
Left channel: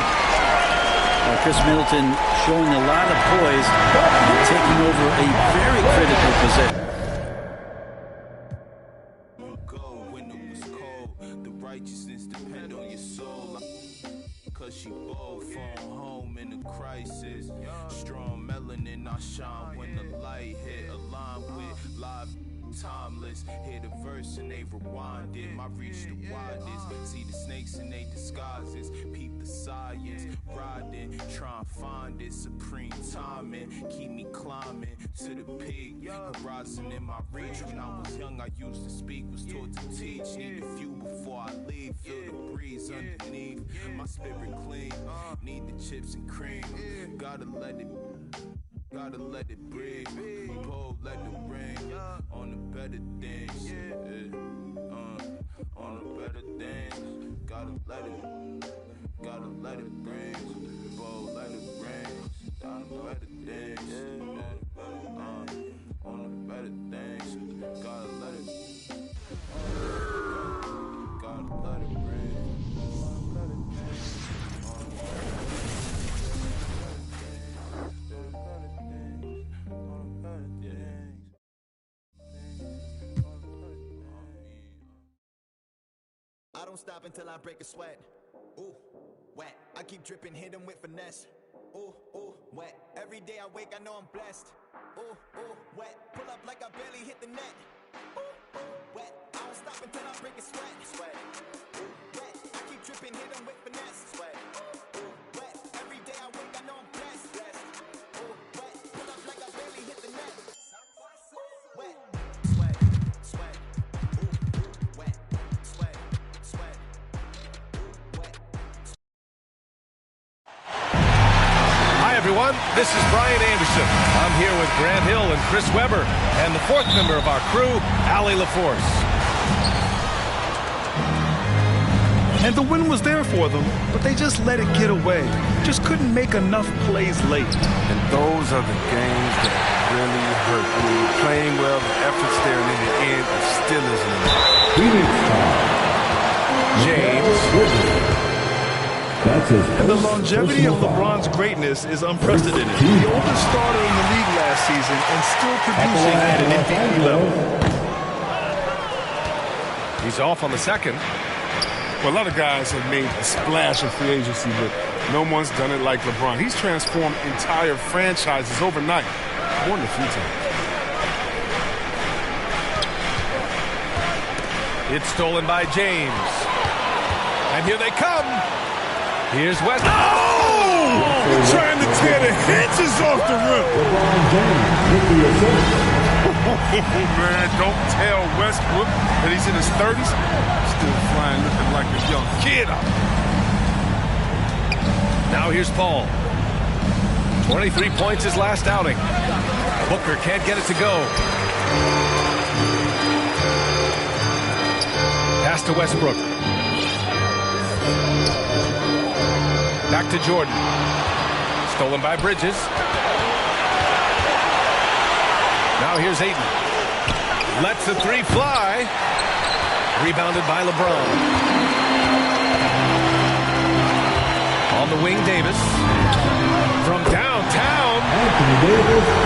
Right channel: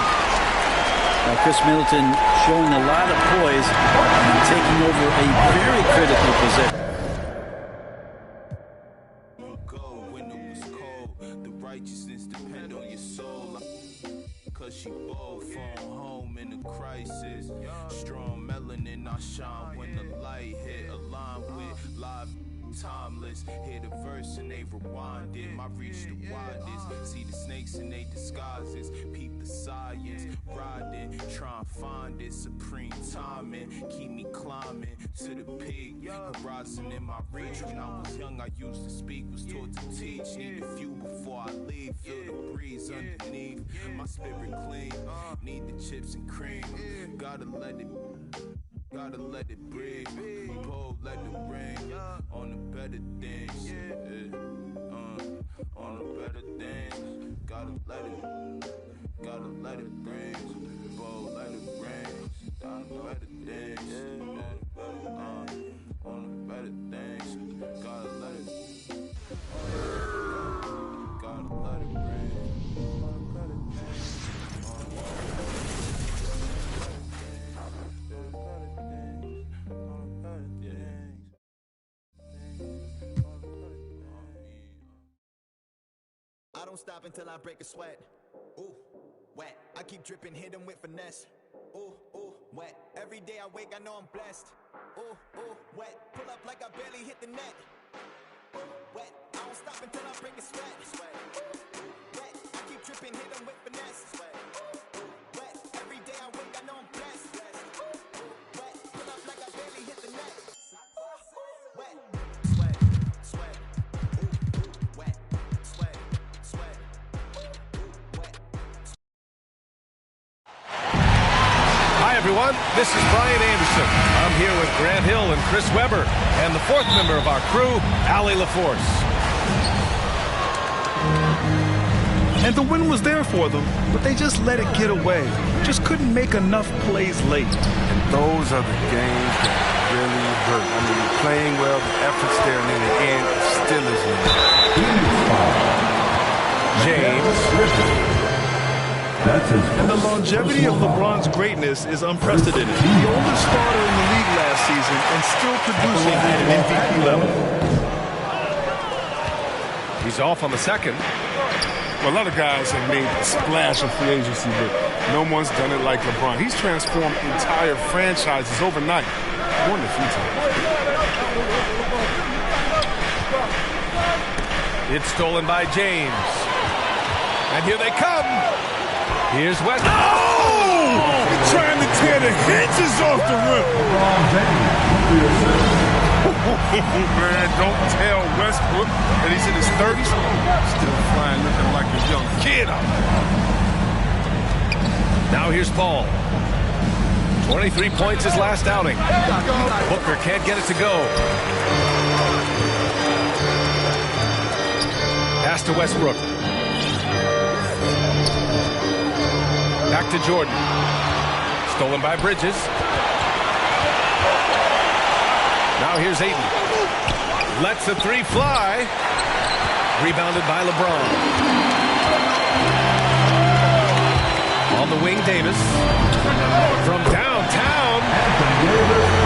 Chris Middleton showing a lot of poise and taking over a very critical possession. When it was cold, the righteousness depend on your soul. Cause she bold, phone home in a crisis. Strong melanin, I shine when the light hit. Aligned with live timeless. Hear the verse and they rewind it. My reach the widest. See the snakes and they they disguises. Peep the science, riding, try and find it. Supreme timing, keep me climbing to the peak. Horizon in my reach. When I was young, I used to speak, was taught to teach. Need a few before I leave. Feel the breeze underneath. My spirit clean. Need the chips and cream. Gotta let it breathe. Pull, let it rain. On the better things. On the better things. Gotta let it rain. Pull, let it rain. On the better things. On the better things. Gotta let it rain. I don't stop until I break a sweat. Ooh, wet. I keep dripping, hit 'em with finesse. Ooh, ooh, wet. Every day I wake, I know I'm blessed. Ooh, ooh, wet. Pull up like I barely hit the net. Ooh, ooh, wet. I don't stop until I break a sweat. Sweat. Ooh, wet. I keep dripping, hit 'em with finesse. Sweat. Ooh, wet. Every day I wake, I know I'm blessed. Blessed. Ooh, wet. Pull up like I barely hit the net. Wet. Sweat. Sweat. Ooh, ooh, wet. Sweat. Sweat. Ooh, wet. Hi, everyone. This is Brian Anderson. I'm here with Grant Hill and Chris Webber, and the fourth member of our crew, Allie LaForce. And the win was there for them, but they just let it get away. Just couldn't make enough plays late. And those are the games that really hurt. I mean, you're playing well, the effort's there, and in the end, it still isn't enough. James. And the longevity of LeBron's greatness is unprecedented. The oldest starter in the league last season and still producing at an MVP level. He's off on the second. Well, a lot of guys have made a splash in free agency, but no one's done it like LeBron. He's transformed entire franchises overnight, more than a few times. It's stolen by James. And here they come. Here's West. Oh! Trying to tear the hinges off the rim. LeBron James. Oh, man, don't tell Westbrook that he's in his 30s. Still flying, looking like a young kid out there. Now here's Paul. 23 points his last outing. Booker can't get it to go. Pass to Westbrook. Back to Jordan. Stolen by Bridges. Now here's Ayton. Lets the three fly. Rebounded by LeBron. On the wing, Davis. From downtown.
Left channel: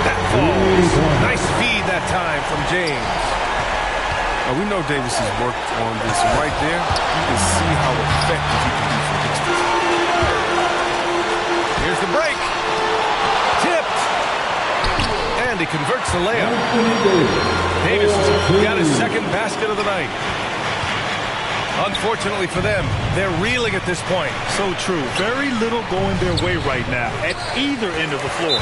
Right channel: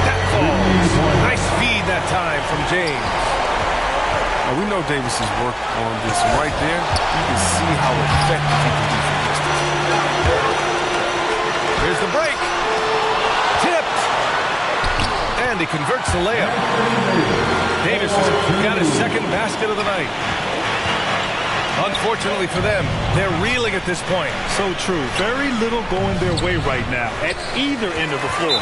That falls. Nice feed that time from James. Now, we know Davis has worked on this. Right there, you can see how effective he can be from distance. Here's the break. Tipped. And he converts the layup. Davis has got his second basket of the night. Unfortunately for them, they're reeling at this point. So true. Very little going their way right now at either end of the floor.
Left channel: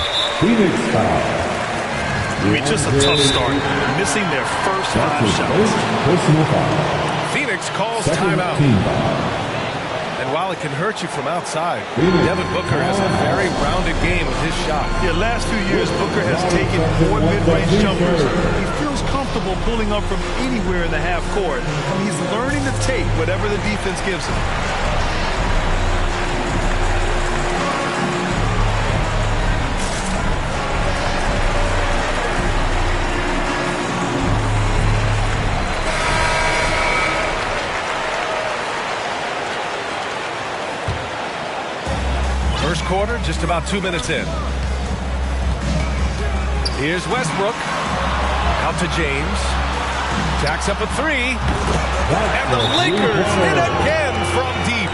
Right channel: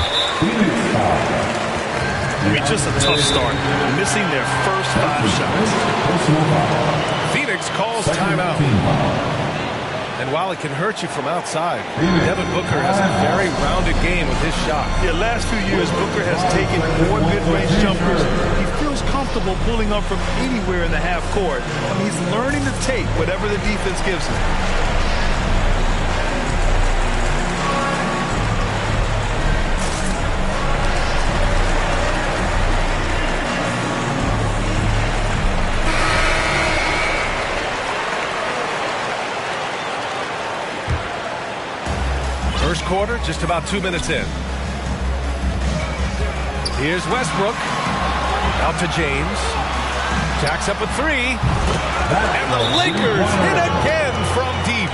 I mean, just a tough start. Missing their first 5 shots. Phoenix calls timeout. And while it can hurt you from outside, Devin Booker has a very rounded game with his shot. Yeah, last few years, Booker has taken 4 mid-range jumpers. He feels comfortable pulling up from anywhere in the half court. I mean, he's learning to take whatever the defense gives him. First quarter, just about 2 minutes in. Here's Westbrook. Out to James. Jacks up a 3. And the Lakers hit again from deep.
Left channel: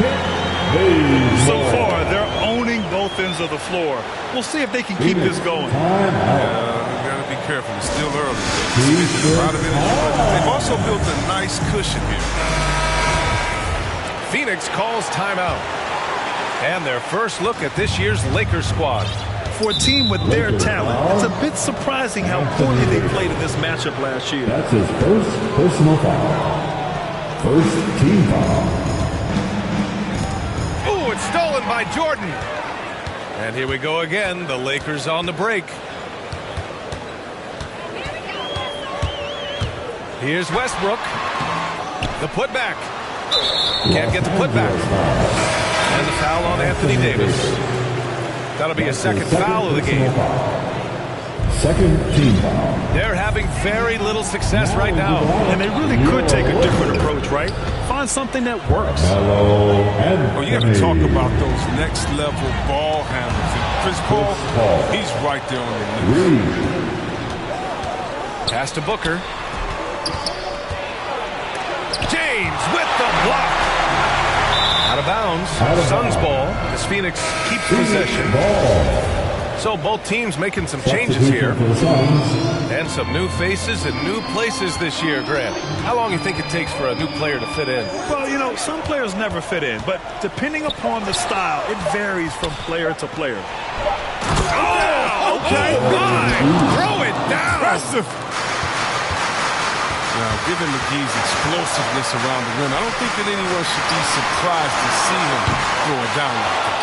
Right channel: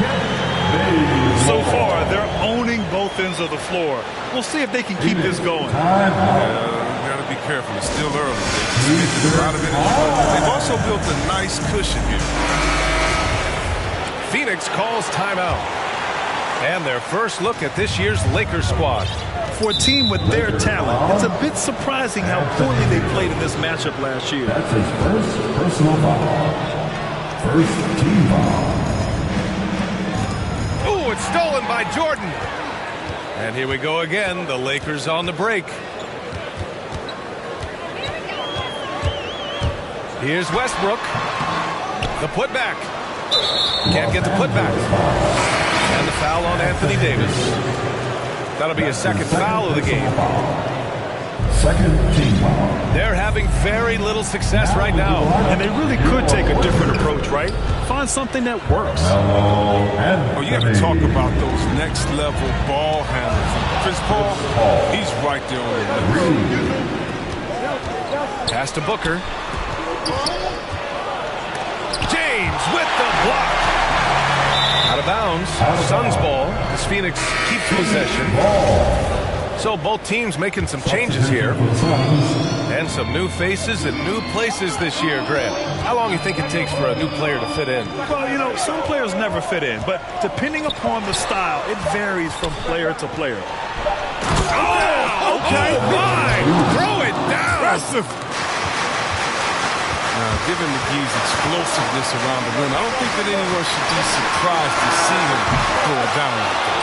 So far, they're owning both ends of the floor. We'll see if they can keep this going. Got to be careful. It's still early. They've a lot of energy. They've also built a nice cushion here. Phoenix calls timeout. And their first look at this year's Lakers squad. For a team with their talent, it's a bit surprising how poorly they played in this matchup last year. That's his first personal foul. First team foul. Ooh, it's stolen by Jordan. And here we go again. The Lakers on the break. Here's Westbrook. The putback. Can't get the putback. And the foul on Anthony Davis. That'll be a second foul of the game. Second team foul. They're having very little success right now. And they really could take a different approach, right? Find something that works. Oh, you got to talk about those next level ball handlers. And Chris Paul, he's right there on the list. Pass to Booker. James with the block. Out of bounds. Suns ball as Phoenix keeps possession. So both teams making some changes here. And some new faces and new places this year, Grant. How long do you think it takes for a new player to fit in? Well, you know, some players never fit in, but depending upon the style, it varies from player to player. Oh, okay. Oh, my. Throw it down. Impressive. Now, given McGee's explosiveness around the rim, I don't think that anyone should be surprised to see him throw it down like that.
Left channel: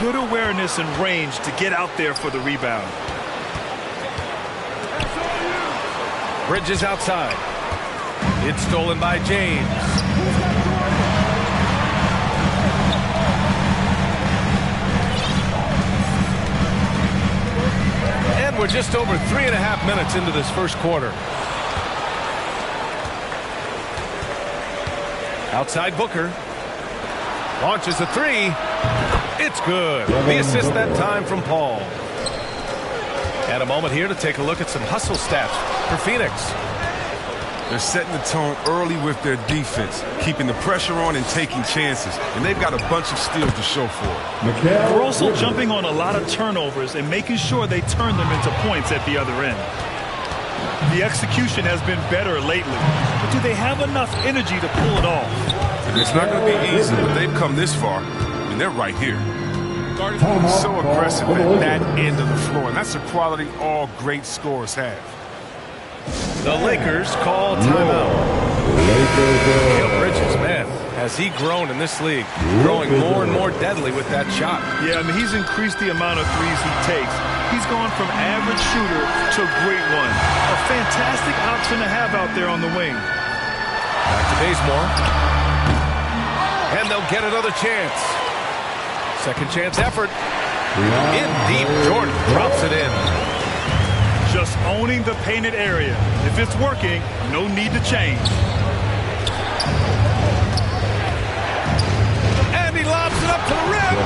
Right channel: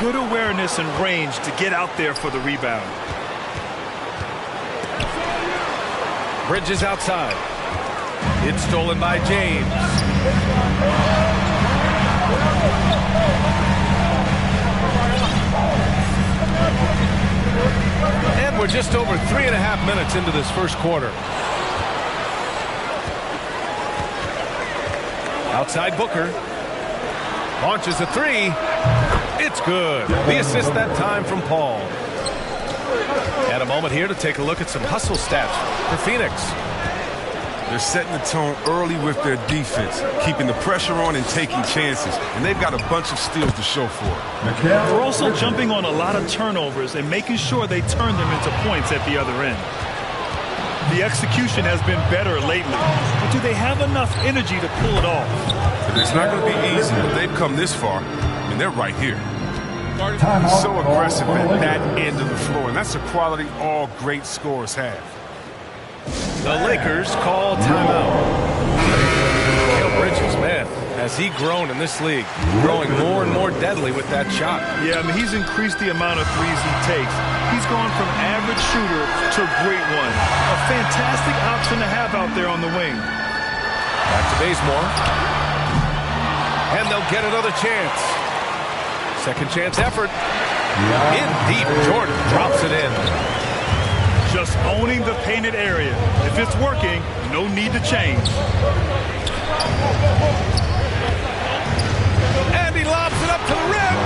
Good awareness and range to get out there for the rebound. Bridges outside. It's stolen by James. And we're just over 3.5 minutes into this first quarter. Outside Booker. Launches a three. It's good. The assist that time from Paul. And a moment here to take a look at some hustle stats for Phoenix. They're setting the tone early with their defense, keeping the pressure on and taking chances. And they've got a bunch of steals to show for it. They're also jumping on a lot of turnovers and making sure they turn them into points at the other end. The execution has been better lately, but do they have enough energy to pull it off? And it's not going to be easy, but they've come this far. I mean, they're right here. He's so aggressive at that end of the floor, and that's a quality all great scorers have. The Lakers call timeout. Mikal Bridges, man, has he grown in this league, growing more and more deadly with that shot. Yeah, I mean, he's increased the amount of threes he takes. He's gone from average shooter to great one. A fantastic option to have out there on the wing. Back to Bazemore. And they'll get another chance. Second chance effort. In deep, Jordan drops it in. Just owning the painted area. If it's working, no need to change. And he lobs it up to the rim.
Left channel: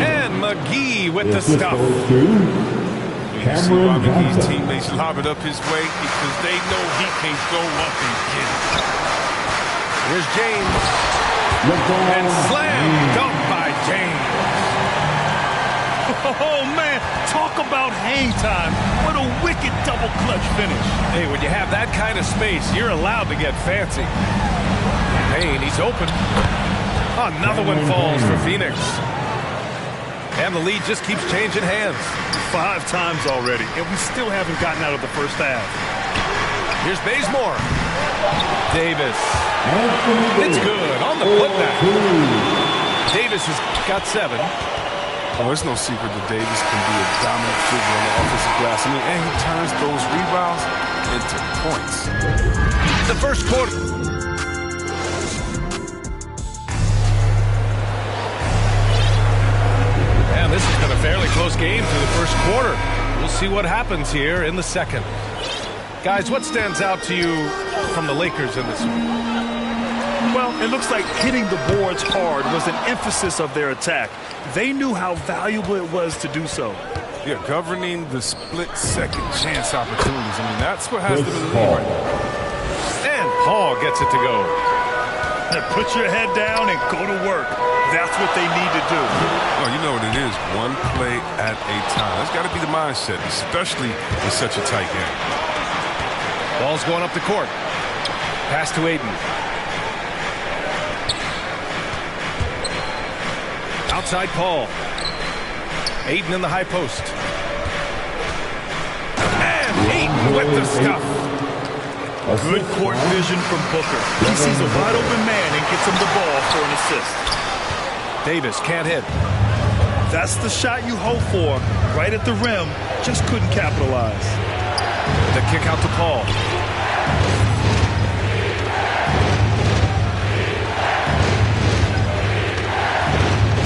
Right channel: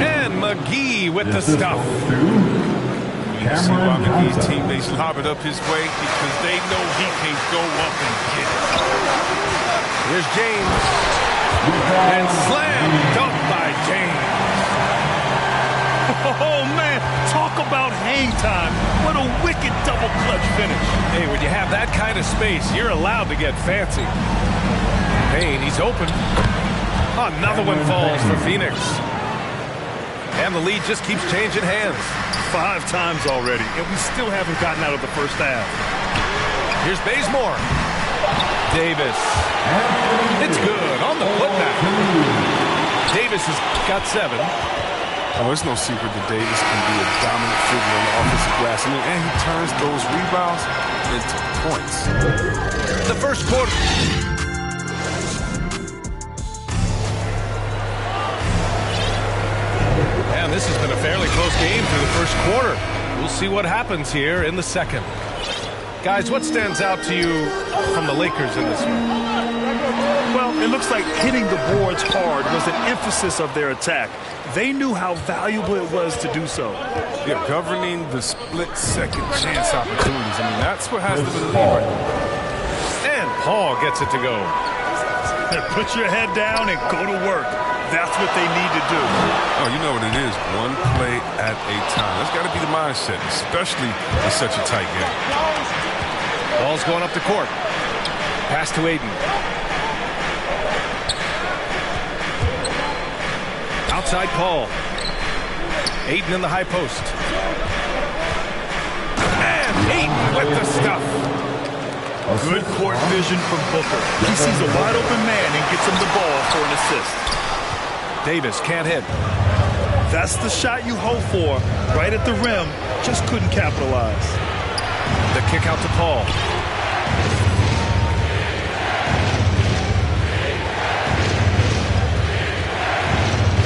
And McGee with the stuff. You see why McGee's teammates lob it up his way? Because they know he can go up and get it. Here's James. And slam dunk by James. Oh, man, talk about hang time. What a wicked double clutch finish. Hey, when you have that kind of space, you're allowed to get fancy. Payne, he's open. Another one falls for Phoenix. And the lead just keeps changing hands. 5 times already, and we still haven't gotten out of the first half. Here's Bazemore. Davis. It's good on the putback. Davis has got 7. Oh, it's no secret that Davis can be a dominant figure on the offensive glass. I mean, and he turns those rebounds into points. The first quarter. And this has been a fairly close game through the first quarter. We'll see what happens here in the second. Guys, what stands out to you from the Lakers in this one? Well, it looks like hitting the boards hard was an emphasis of their attack. They knew how valuable it was to do so. Yeah, governing the split-second chance opportunities. I mean, that's what has them in the lead right now. And Paul gets it to go. Put your head down and go to work. That's what they need to do. Oh, you know what it is. One play at a time. That's got to be the mindset, especially in such a tight game. Ball's going up the court. Pass to Aiden. Outside Paul. Ayton in the high post. And Ayton with the stuff. Good court vision from Booker. He sees a wide open man and gets him the ball for an assist. Davis can't hit. That's the shot you hope for. Right at the rim. Just couldn't capitalize. The kick out to Paul.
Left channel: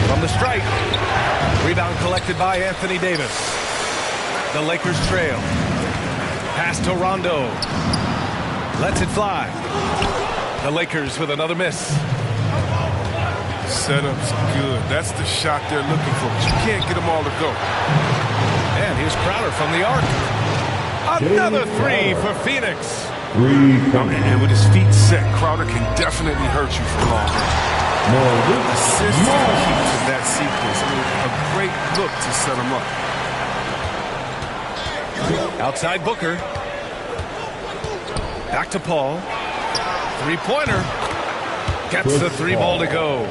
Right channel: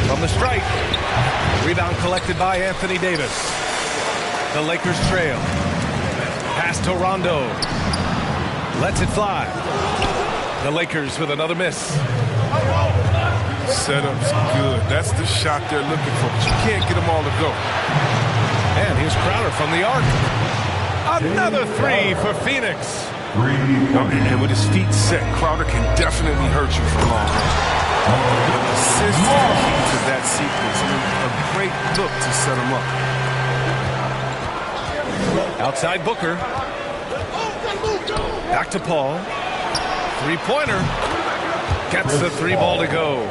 From the stripe. Rebound collected by Anthony Davis. The Lakers trail. Pass to Rondo. Lets it fly. The Lakers with another miss. Setup's good. That's the shot they're looking for, but you can't get them all to go. And here's Crowder from the arc. Another three for Phoenix. And with his feet set, Crowder can definitely hurt you from long range. The assist is the key to that sequence. I mean, a great look to set him up. Outside Booker. Back to Paul. Three-pointer. Gets the three ball to go.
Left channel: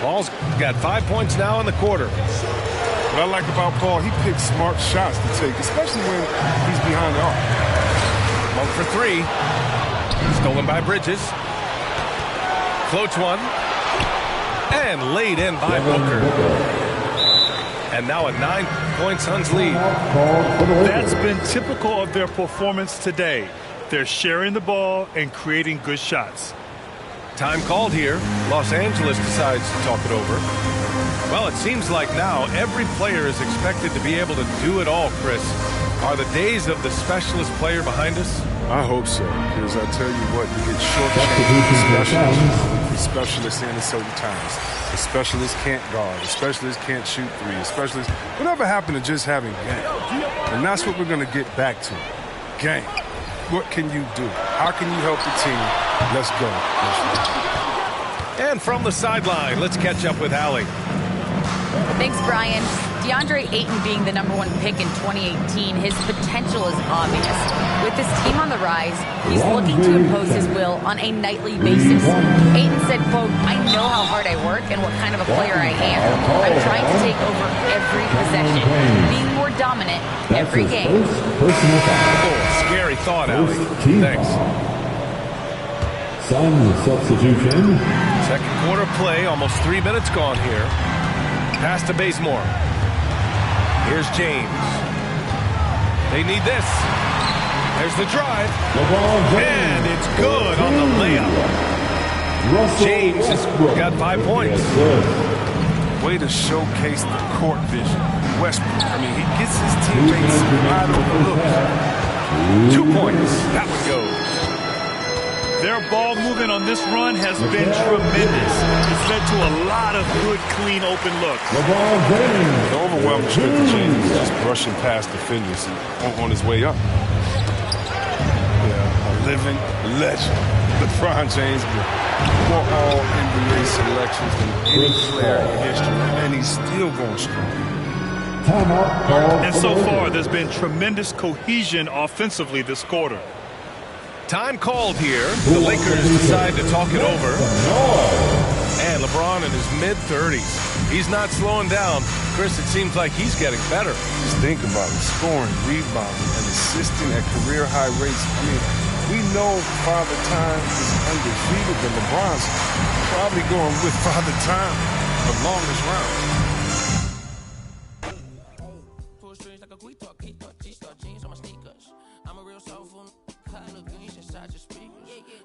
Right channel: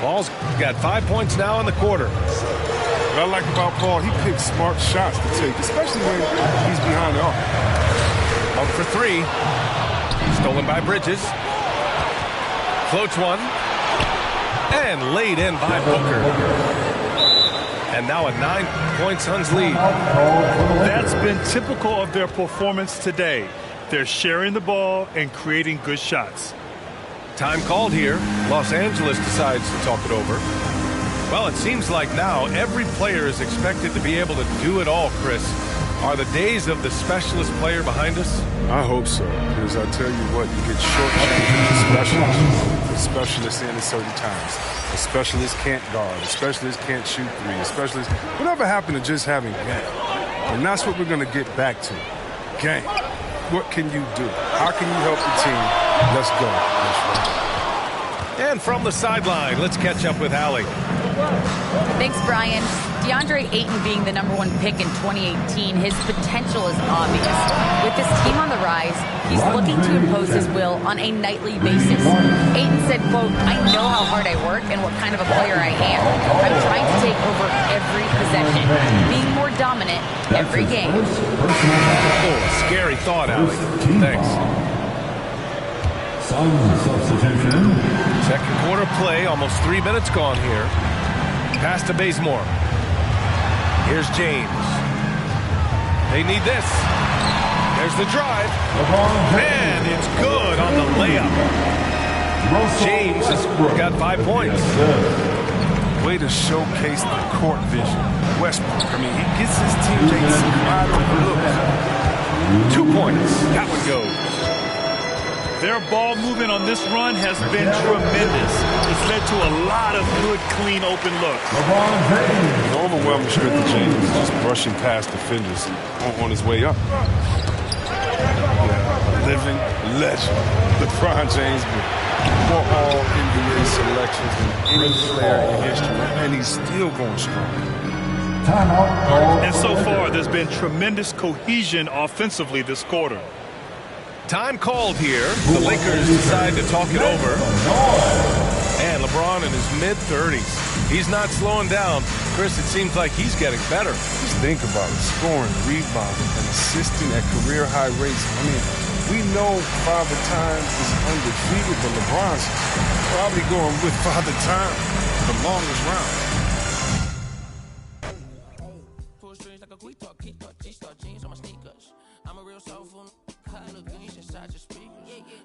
Paul's got 5 points now in the quarter. What I like about Paul, he picks smart shots to take, especially when he's behind the arc. Monk for three. Stolen by Bridges. Floats one. And laid in by Booker. And now a 9-point Suns lead. That's been typical of their performance today. They're sharing the ball and creating good shots. Time called here. Los Angeles decides to talk it over. Well, it seems like now every player is expected to be able to do it all, Chris. Are the days of the specialist player behind us? I hope so, because I tell you what, you get shortchanged with specialists. We put specialists in at certain times. A specialist can't guard. A specialist can't shoot three. A specialist, whatever happened to just having game? And that's what we're going to get back to. Game. What can you do? How can you help the team? Let's go. And from the sideline, let's catch up with Allie. Thanks, Brian. DeAndre Ayton being the #1 pick in 2018, his potential is obvious. With his team on the rise, he's looking to impose his will on a nightly basis. Ayton said, quote, "I know how hard I work and what kind of a player I am. I'm trying to take over every possession, being more dominant every game." Oh, scary thought, Allie. Thanks. Sun substitution. Second quarter play, almost 3 minutes gone here. Pass to Bazemore. Here's James. They need this. There's the drive. And it's good on the layup. James has got 5 points. Way to showcase the court vision. Westbrook, I mean, he gets his teammates wide open looks. 2 points. That one goes. Their ball movement on this run has been tremendous. It's led to a lot of good, clean, open looks. The overwhelming strength of James is just brushing past defenders on his way up. Yeah, a living legend. LeBron James with more All-NBA selections than any player in history, and he's still going strong. And so far, there's been tremendous cohesion offensively this quarter. Time called here. The Lakers decide to talk it over. And LeBron in his mid-30s. He's not slowing down. Chris, it seems like he's getting better. Just think about it. Scoring, rebounding, and assisting at career-high rates. I mean, we know Father Time is undefeated, but LeBron's probably going with Father Time the longest round.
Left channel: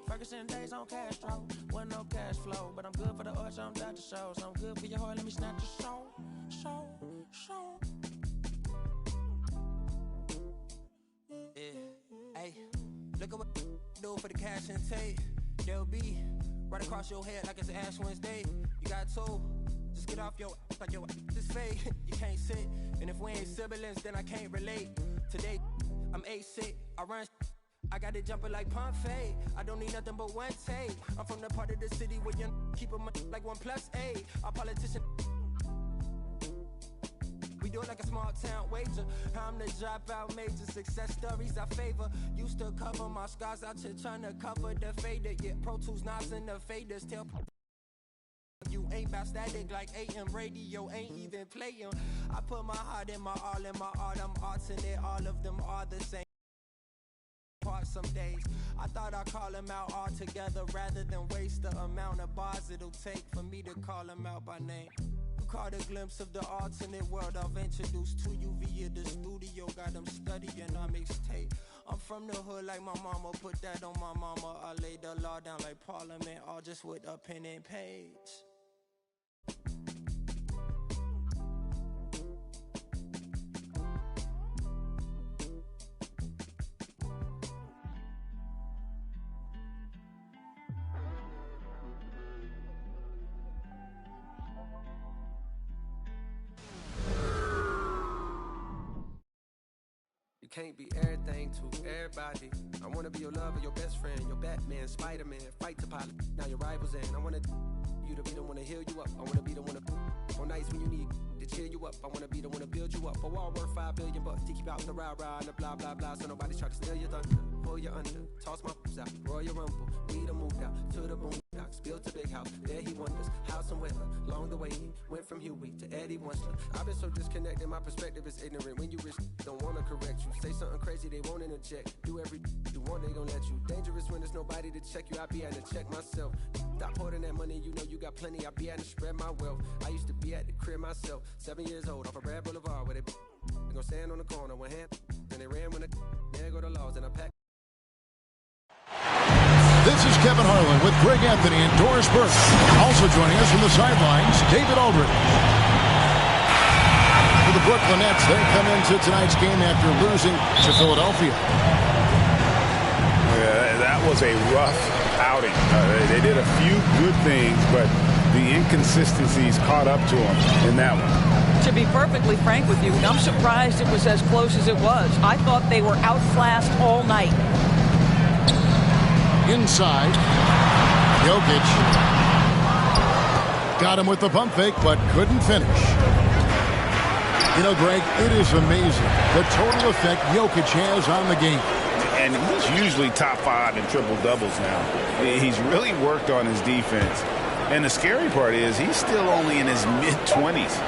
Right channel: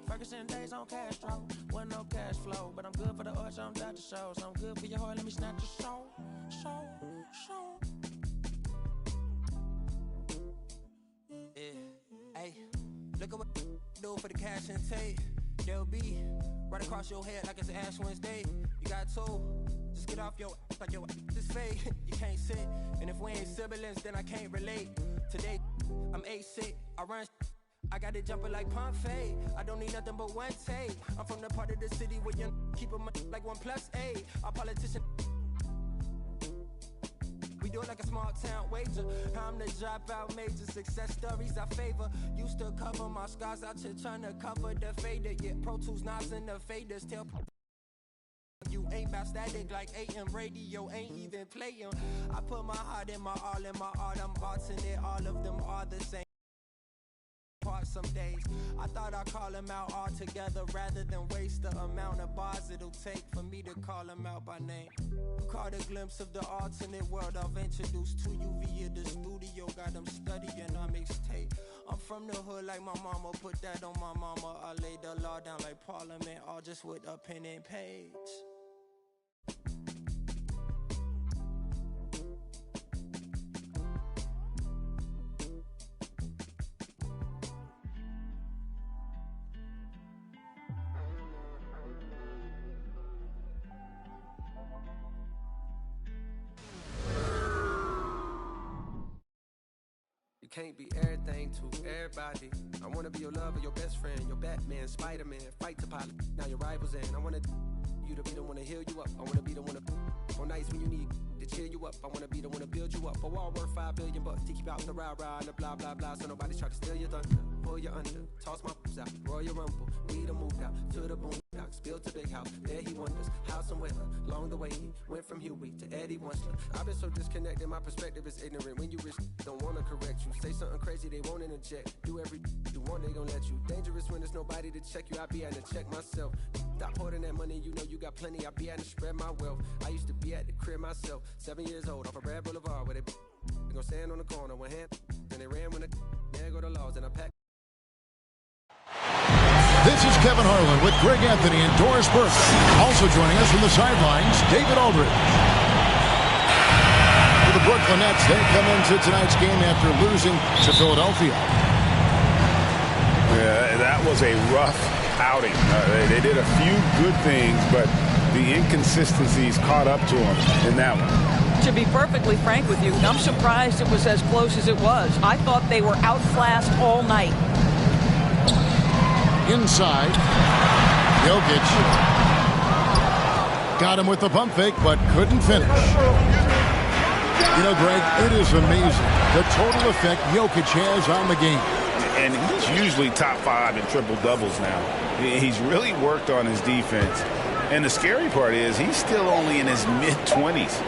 Ferguson days on Castro, wasn't no cash flow, but I'm good for the arch, I'm Dr. Show, so I'm good for your heart, let me snatch your show. Yeah, hey, look at what do for the cash and tape. They'll be right across your head like it's Ash Wednesday. You got two, just get off your like your this fake. You can't sit, and if we ain't siblings, then I can't relate. Today, I'm 8-6, I run. I got it jumping like Pompeii. I don't need nothing but one take. I'm from the part of the city where you keep them like 1+8. Our politician, we do it like a small town wager. I'm the dropout major. Success stories I favor. Used to cover my scars out here trying to cover the fader. Yeah, Pro Tools, Nas, and the faders. Tell You ain't about static like AM radio, ain't even playing. I put my heart in my all in my art. I'm alternate, all of them are the same. Some days I thought I'd call him out altogether rather than waste the amount of bars it'll take for me to call him out by name. Caught a glimpse of the alternate world I've introduced to you via the studio. Got them studying on mixtape. I'm from the hood like my mama, put that on my mama. I laid the law down like Parliament, all just with a pen and page. Can't be everything to everybody. I wanna be your lover, your best friend, your Batman, Spider-Man, fight the pilot. Now your rivals in. I wanna you to be the one to heal you up. I wanna be the one to on nights when you need to cheer you up. I wanna be the one to build you up. A wall worth $5 billion to keep out the rah-rah and the blah blah blah. So nobody try to steal your thunder, pull you under, toss my out, Royal Rumble. We done moved out to the boondocks, built a big house. There he wonders how some weather. Along the way he went from Huey to Eddie Winsler. I've been so disconnected, my perspective is ignorant. When you rich, don't wanna correct you. Say something crazy, they won't interject. Do every you want, they gon' let you. Dangerous when there's nobody to check you. I be having to check myself. Stop hoarding that money, you know you got plenty. I be having to spread my wealth. I used to be at the crib myself, 7 years old, off of Brad Boulevard, where they gon' stand on the corner, one hand, then they ran when there go the laws, and I packed. This is Kevin Harlan with Greg Anthony and Doris Burke. Also joining us from the sidelines, David Aldridge. For the Brooklyn Nets, they come into tonight's game after losing to Philadelphia. Yeah, that was a rough outing. They did a few good things, but the inconsistencies caught up to them in that one. To be perfectly frank with you, I'm surprised it was as close as it was. I thought they were outclassed all night. Inside, Jokic got him with the pump fake, but couldn't finish. You know, Greg, it is amazing the total effect Jokic has on the game. And he's usually top 5 in triple-doubles now. He's really worked on his defense. And the scary part is he's still only in his mid-20s.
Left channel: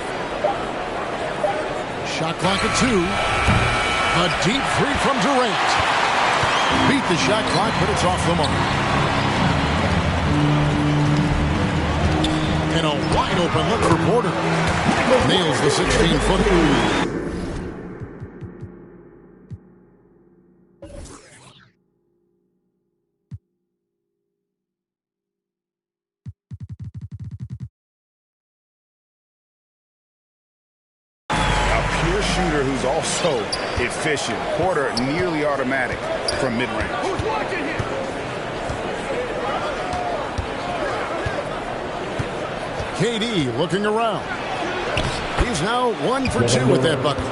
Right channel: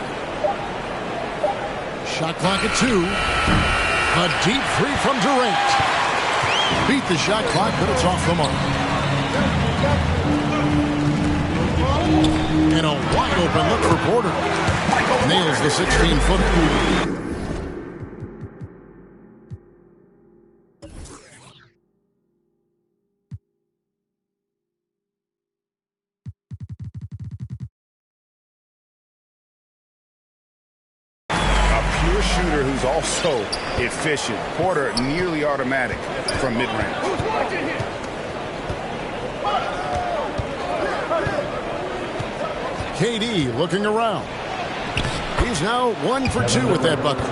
Shot clock at 2. A deep three from Durant. Beat the shot clock, but it's off the mark. And a wide open look for Porter. Nails the 16-footer. Pure shooter who's also efficient. Porter nearly automatic from mid-range. Who's watching here? KD looking around. He's now 1 for 2 with that bucket.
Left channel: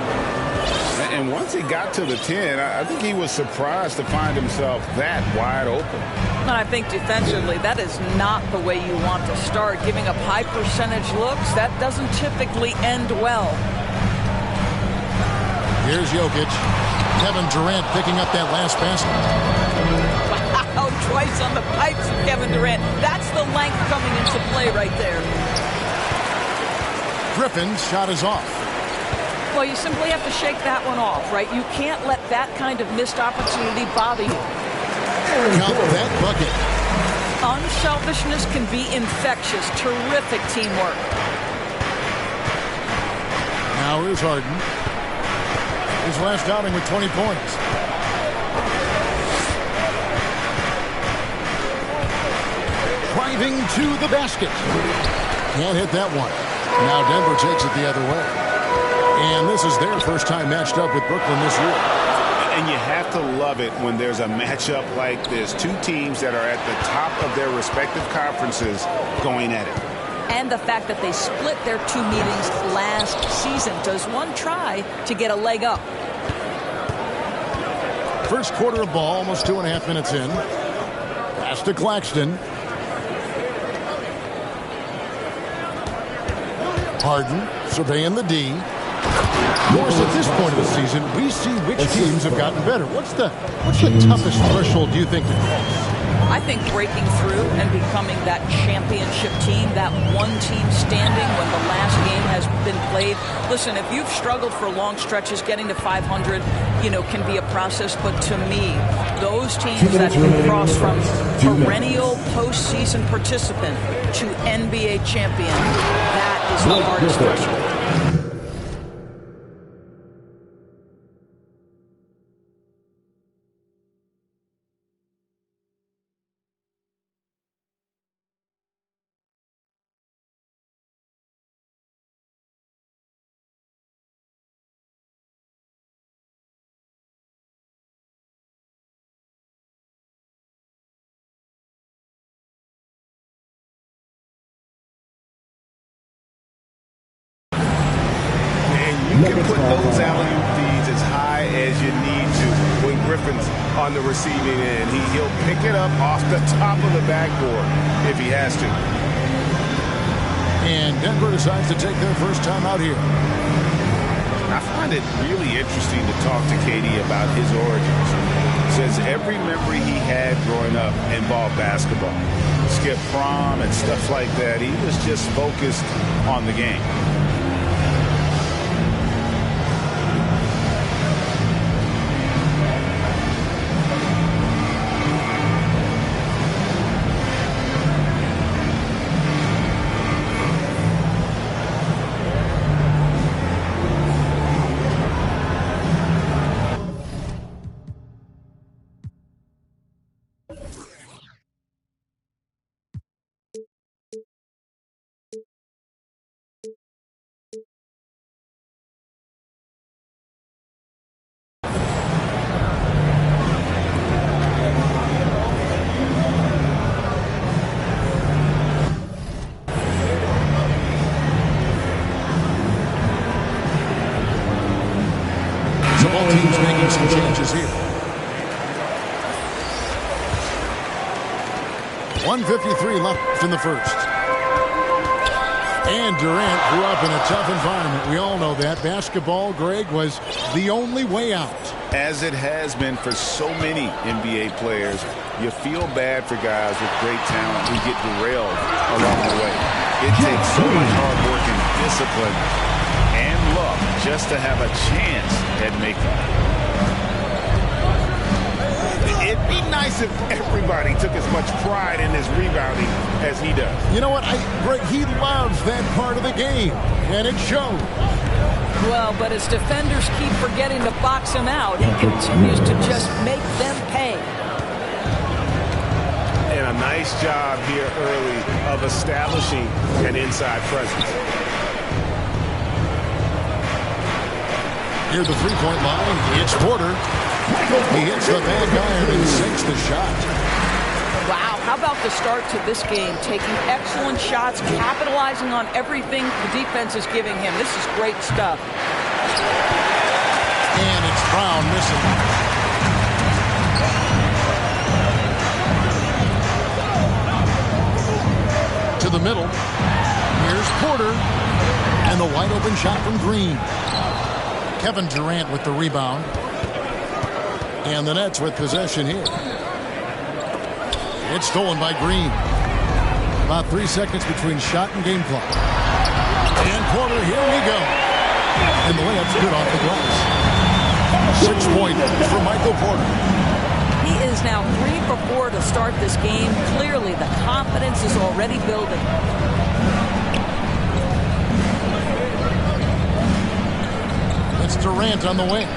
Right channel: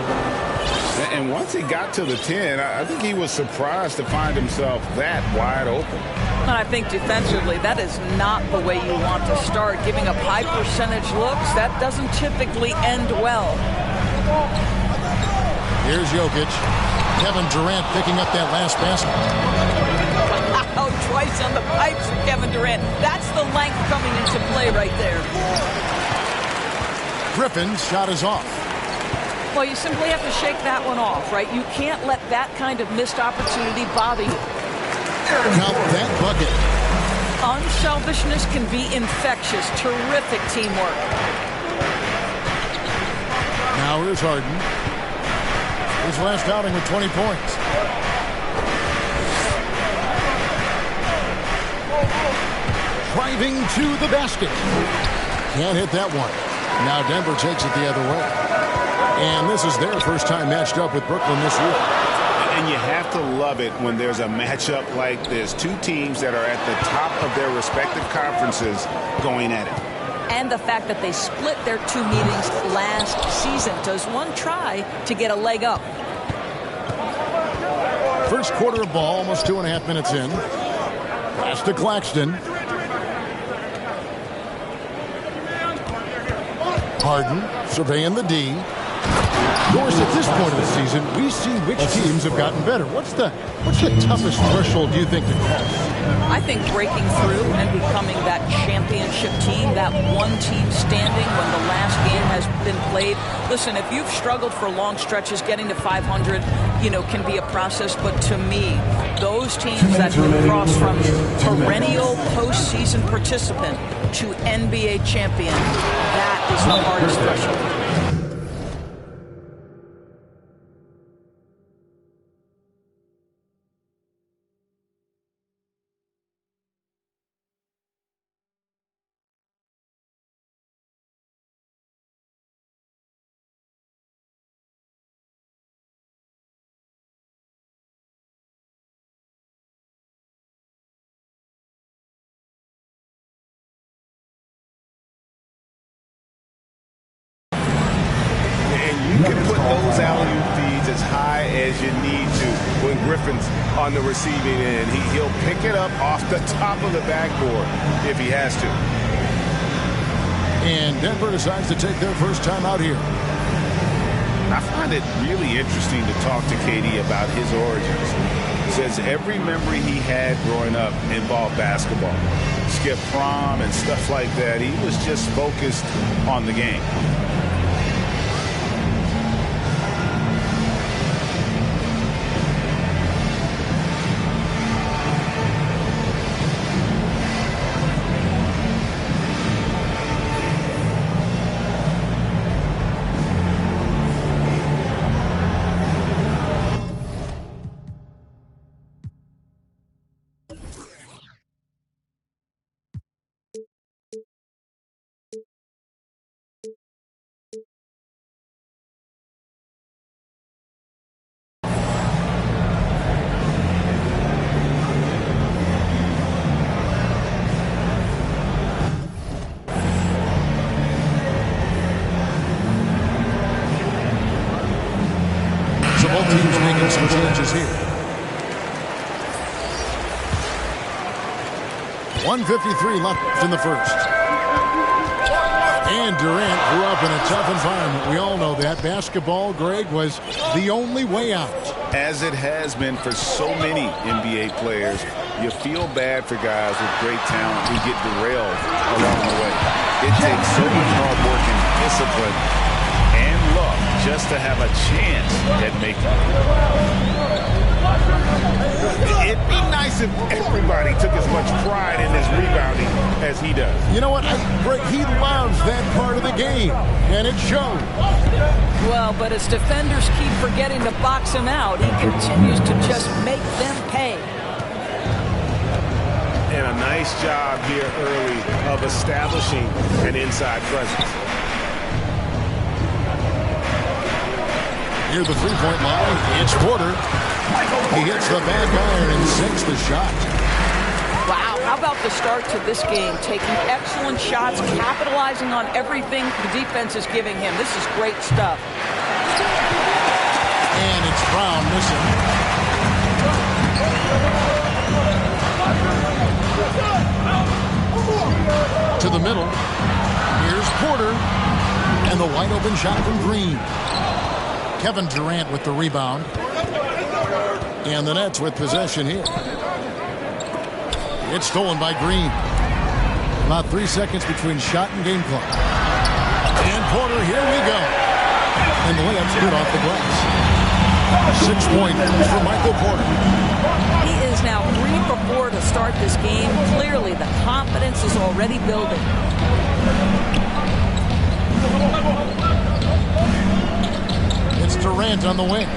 And once he got to the 10, I think he was surprised to find himself that wide open. And I think defensively, that is not the way you want to start. Giving up high percentage looks, that doesn't typically end well. Here's Jokic. Kevin Durant picking up that last basket. Wow, twice on the pipes for Kevin Durant. That's the length coming into play right there. Griffin's shot is off. Well, you simply have to shake that one off, right? You can't let that kind of missed opportunity bother you. Count that bucket. Unselfishness can be infectious. Terrific teamwork. Now here's Harden. His last outing with 20 points. Driving to the basket. Can't hit that one. Now Denver takes it the other way. And this is their first time matched up with Brooklyn this year. And you have to love it when there's a matchup like this. Two teams that are at the top of their respective conferences going at it. And the fact that they split their 2 meetings last season. Does one try to get a leg up? First quarter of ball, almost 2.5 minutes in. Pass to Claxton. Harden surveying the D. Of course, at this point of the season, we see which teams have gotten better. What's the toughest threshold do you think to cross? I think breaking through and becoming that championship team, that one team standing when the last game has been played. Listen, if you've struggled for long stretches, getting to 500, can be a process. But to me, those teams that can cross from perennial postseason participant to NBA champion, that is the hardest threshold. You can put those alley-oop feeds as high as you need to when Griffin's on the receiving end. He'll pick it up off the top of the backboard if he has to. And Denver decides to take their first time out here. I find it really interesting to talk to KD about his origins. Says every memory he had growing up involved basketball. Skip prom and stuff like that. He was just focused on the game. So both teams making some changes here. 1:53 left in the first. And Durant grew up in a tough environment. We all know that. Basketball, Greg, was the only way out. As it has been for so many NBA players, you feel bad for guys with great talent who get derailed along the way. It takes so much hard work and discipline and luck just to have a chance at making it. It'd be nice if everybody took as much pride in his rebounding as he does. You know what? Greg, he loves that part of the game, and it shows. Well, but as defenders keep forgetting to box him out, he continues to just make them pay. And a nice job here early of establishing an inside presence. Near the three-point line, it's Porter. He hits the back iron and sinks the shot. Wow, how about the start to this game? Taking excellent shots, capitalizing on everything the defense is giving him. This is great stuff. And it's Brown missing. To the middle. Here's Porter. And the wide open shot from Green. Kevin Durant with the rebound. And the Nets with possession here. It's stolen by Green. About 3 seconds between shot and game clock. And Porter, here we go. And the layup's good off the glass. 6 points for Michael Porter. He is now 3 for 4 to start this game. Clearly, the confidence is already building. It's Durant on the wing.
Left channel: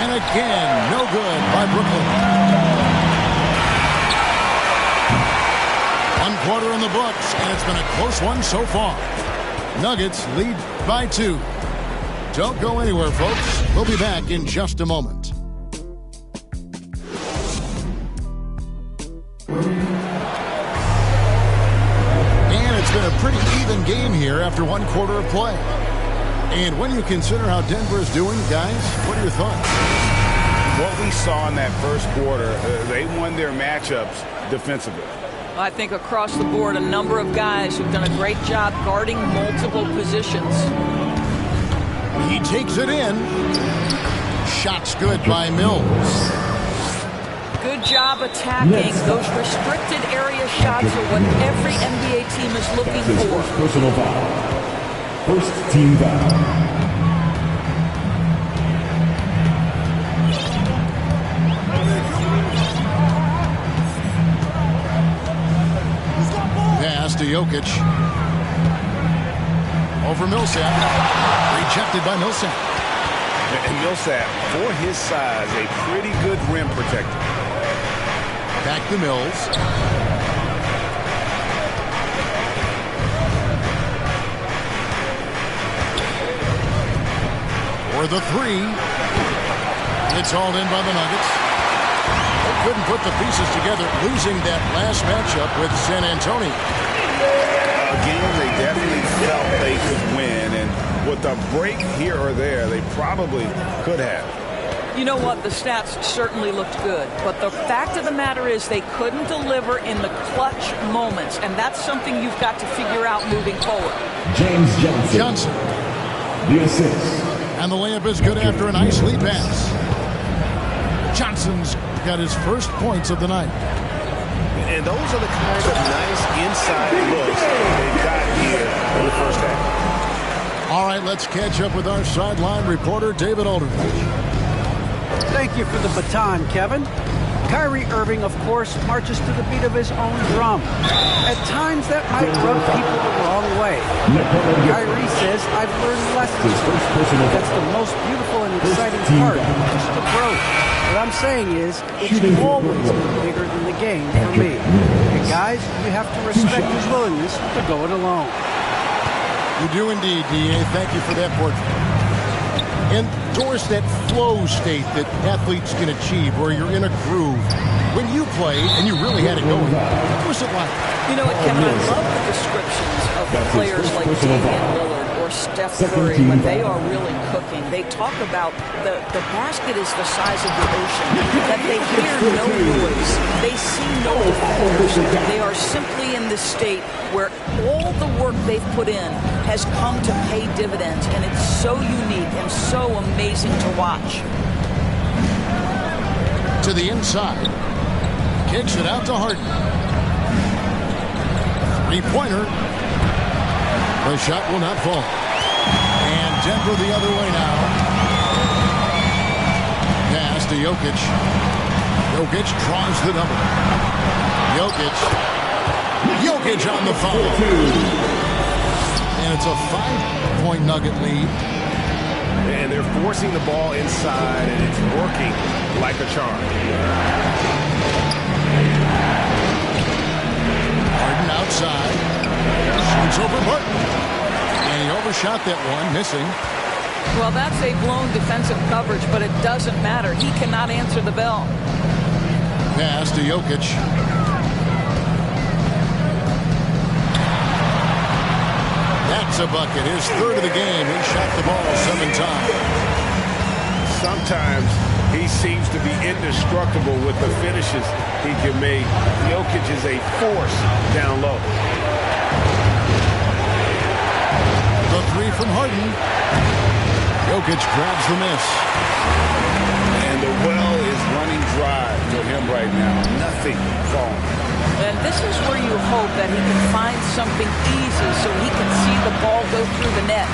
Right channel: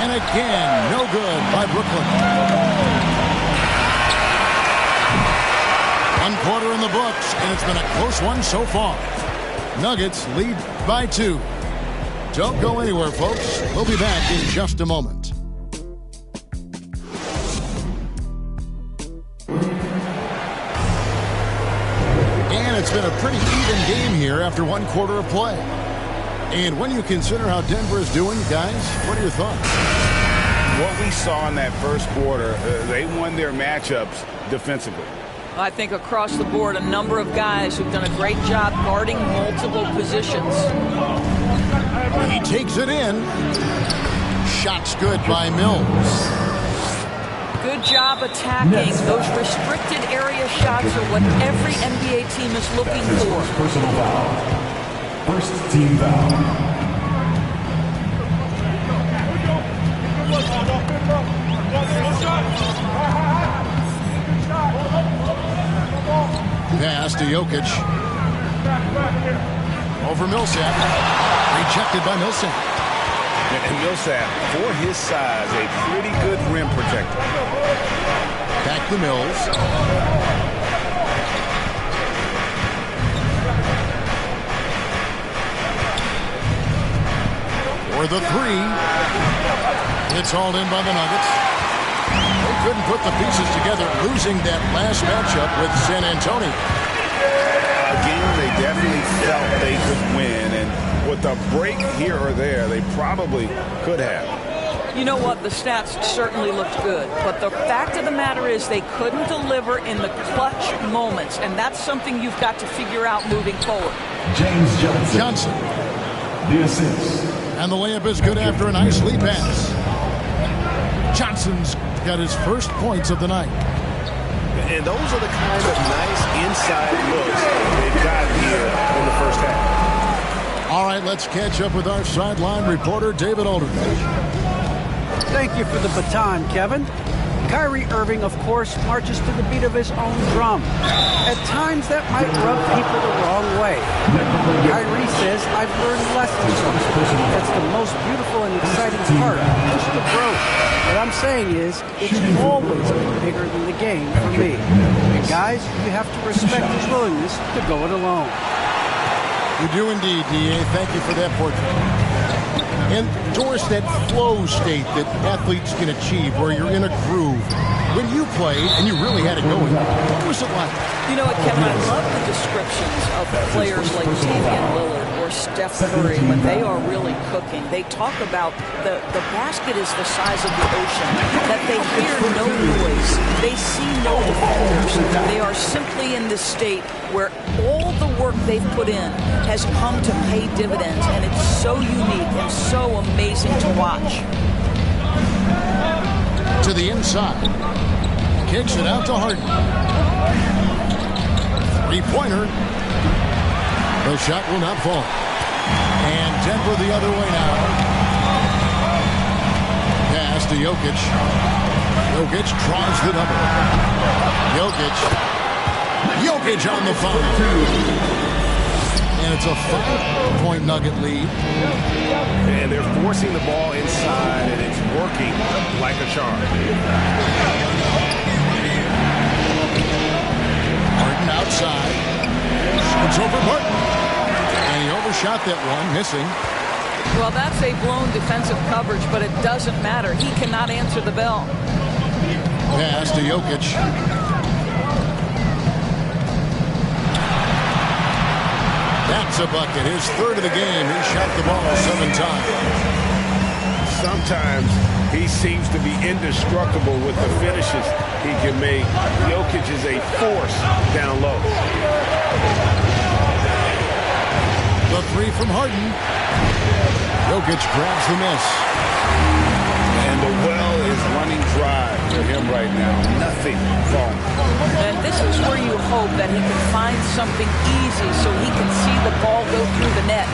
And again, no good by Brooklyn. 1 quarter in the books, and it's been a close one so far. Nuggets lead by 2. Don't go anywhere, folks. We'll be back in just a moment. And it's been a pretty even game here after 1 quarter of play. And when you consider how Denver is doing, guys, what are your thoughts? What we saw in that first quarter, they won their matchups defensively. I think across the board, a number of guys who've done a great job guarding multiple positions. He takes it in. Shot's good by Mills. Good job attacking. Those restricted area shots are what every NBA team is looking That's his for. first personal foul. First team foul. Pass to Jokic. Over Millsap. Rejected by Millsap. And Millsap, for his size, a pretty good rim protector. Back to Mills. For the three. It's hauled in by the Nuggets. They couldn't put the pieces together, losing that last matchup with San Antonio. A game they definitely felt they could win, and with a break here or there, they probably could have. You know what? The stats certainly looked good, but the fact of the matter is they couldn't deliver in the clutch moments, and that's something you've got to figure out moving forward. James Johnson. Johnson. The assist. And the layup is good after a nice lead pass. Johnson's got his first points of the night. And those are the kind of nice inside looks they've got here in the first half. All right, let's catch up with our sideline reporter, David Aldridge. Thank you for the baton, Kevin. Kyrie Irving, of course, marches to the beat of his own drum. At times, that might rub people the wrong way. Kyrie says, I've learned lessons from it. That's the most beautiful and exciting part, just the growth. What I'm saying is, it's always been bigger than the game for me. And guys, you have to respect his willingness to go it alone. You do indeed, D.A. Thank you for that portrait. Endorse that flow state that athletes can achieve where you're in a groove. When you played and you really had it going, what was it like? You know what, Kevin, I love the descriptions of players like Damian Lillard or Steph Curry when they are really cooking. They talk about the basket is the size of the ocean, that they hear no noise, they see no defenders. They are simply in this state where all the work they've put in has come to pay dividends, and it's so unique and so amazing to watch. To the inside. Kicks it out to Harden. Three-pointer. The shot will not fall. And Denver the other way now. Pass to Jokic. Jokic draws the double. Jokic on the foul. And it's a 5-point Nugget lead. And they're forcing the ball inside, and it's working like a charm. Harden outside. Shoots over Martin. And he overshot that one, missing. Well, that's a blown defensive coverage, but it doesn't matter. He cannot answer the bell. Pass to Jokic. That's a bucket. His third of the game. He shot the ball 7 times. Sometimes he seems to be indestructible with the finishes he can make. Jokic is a force down low. The three from Harden. Jokic grabs the miss. And the well is running dry for him right now. Nothing falling. And this is where you hope that he can find something easy so he can see the ball go through the net.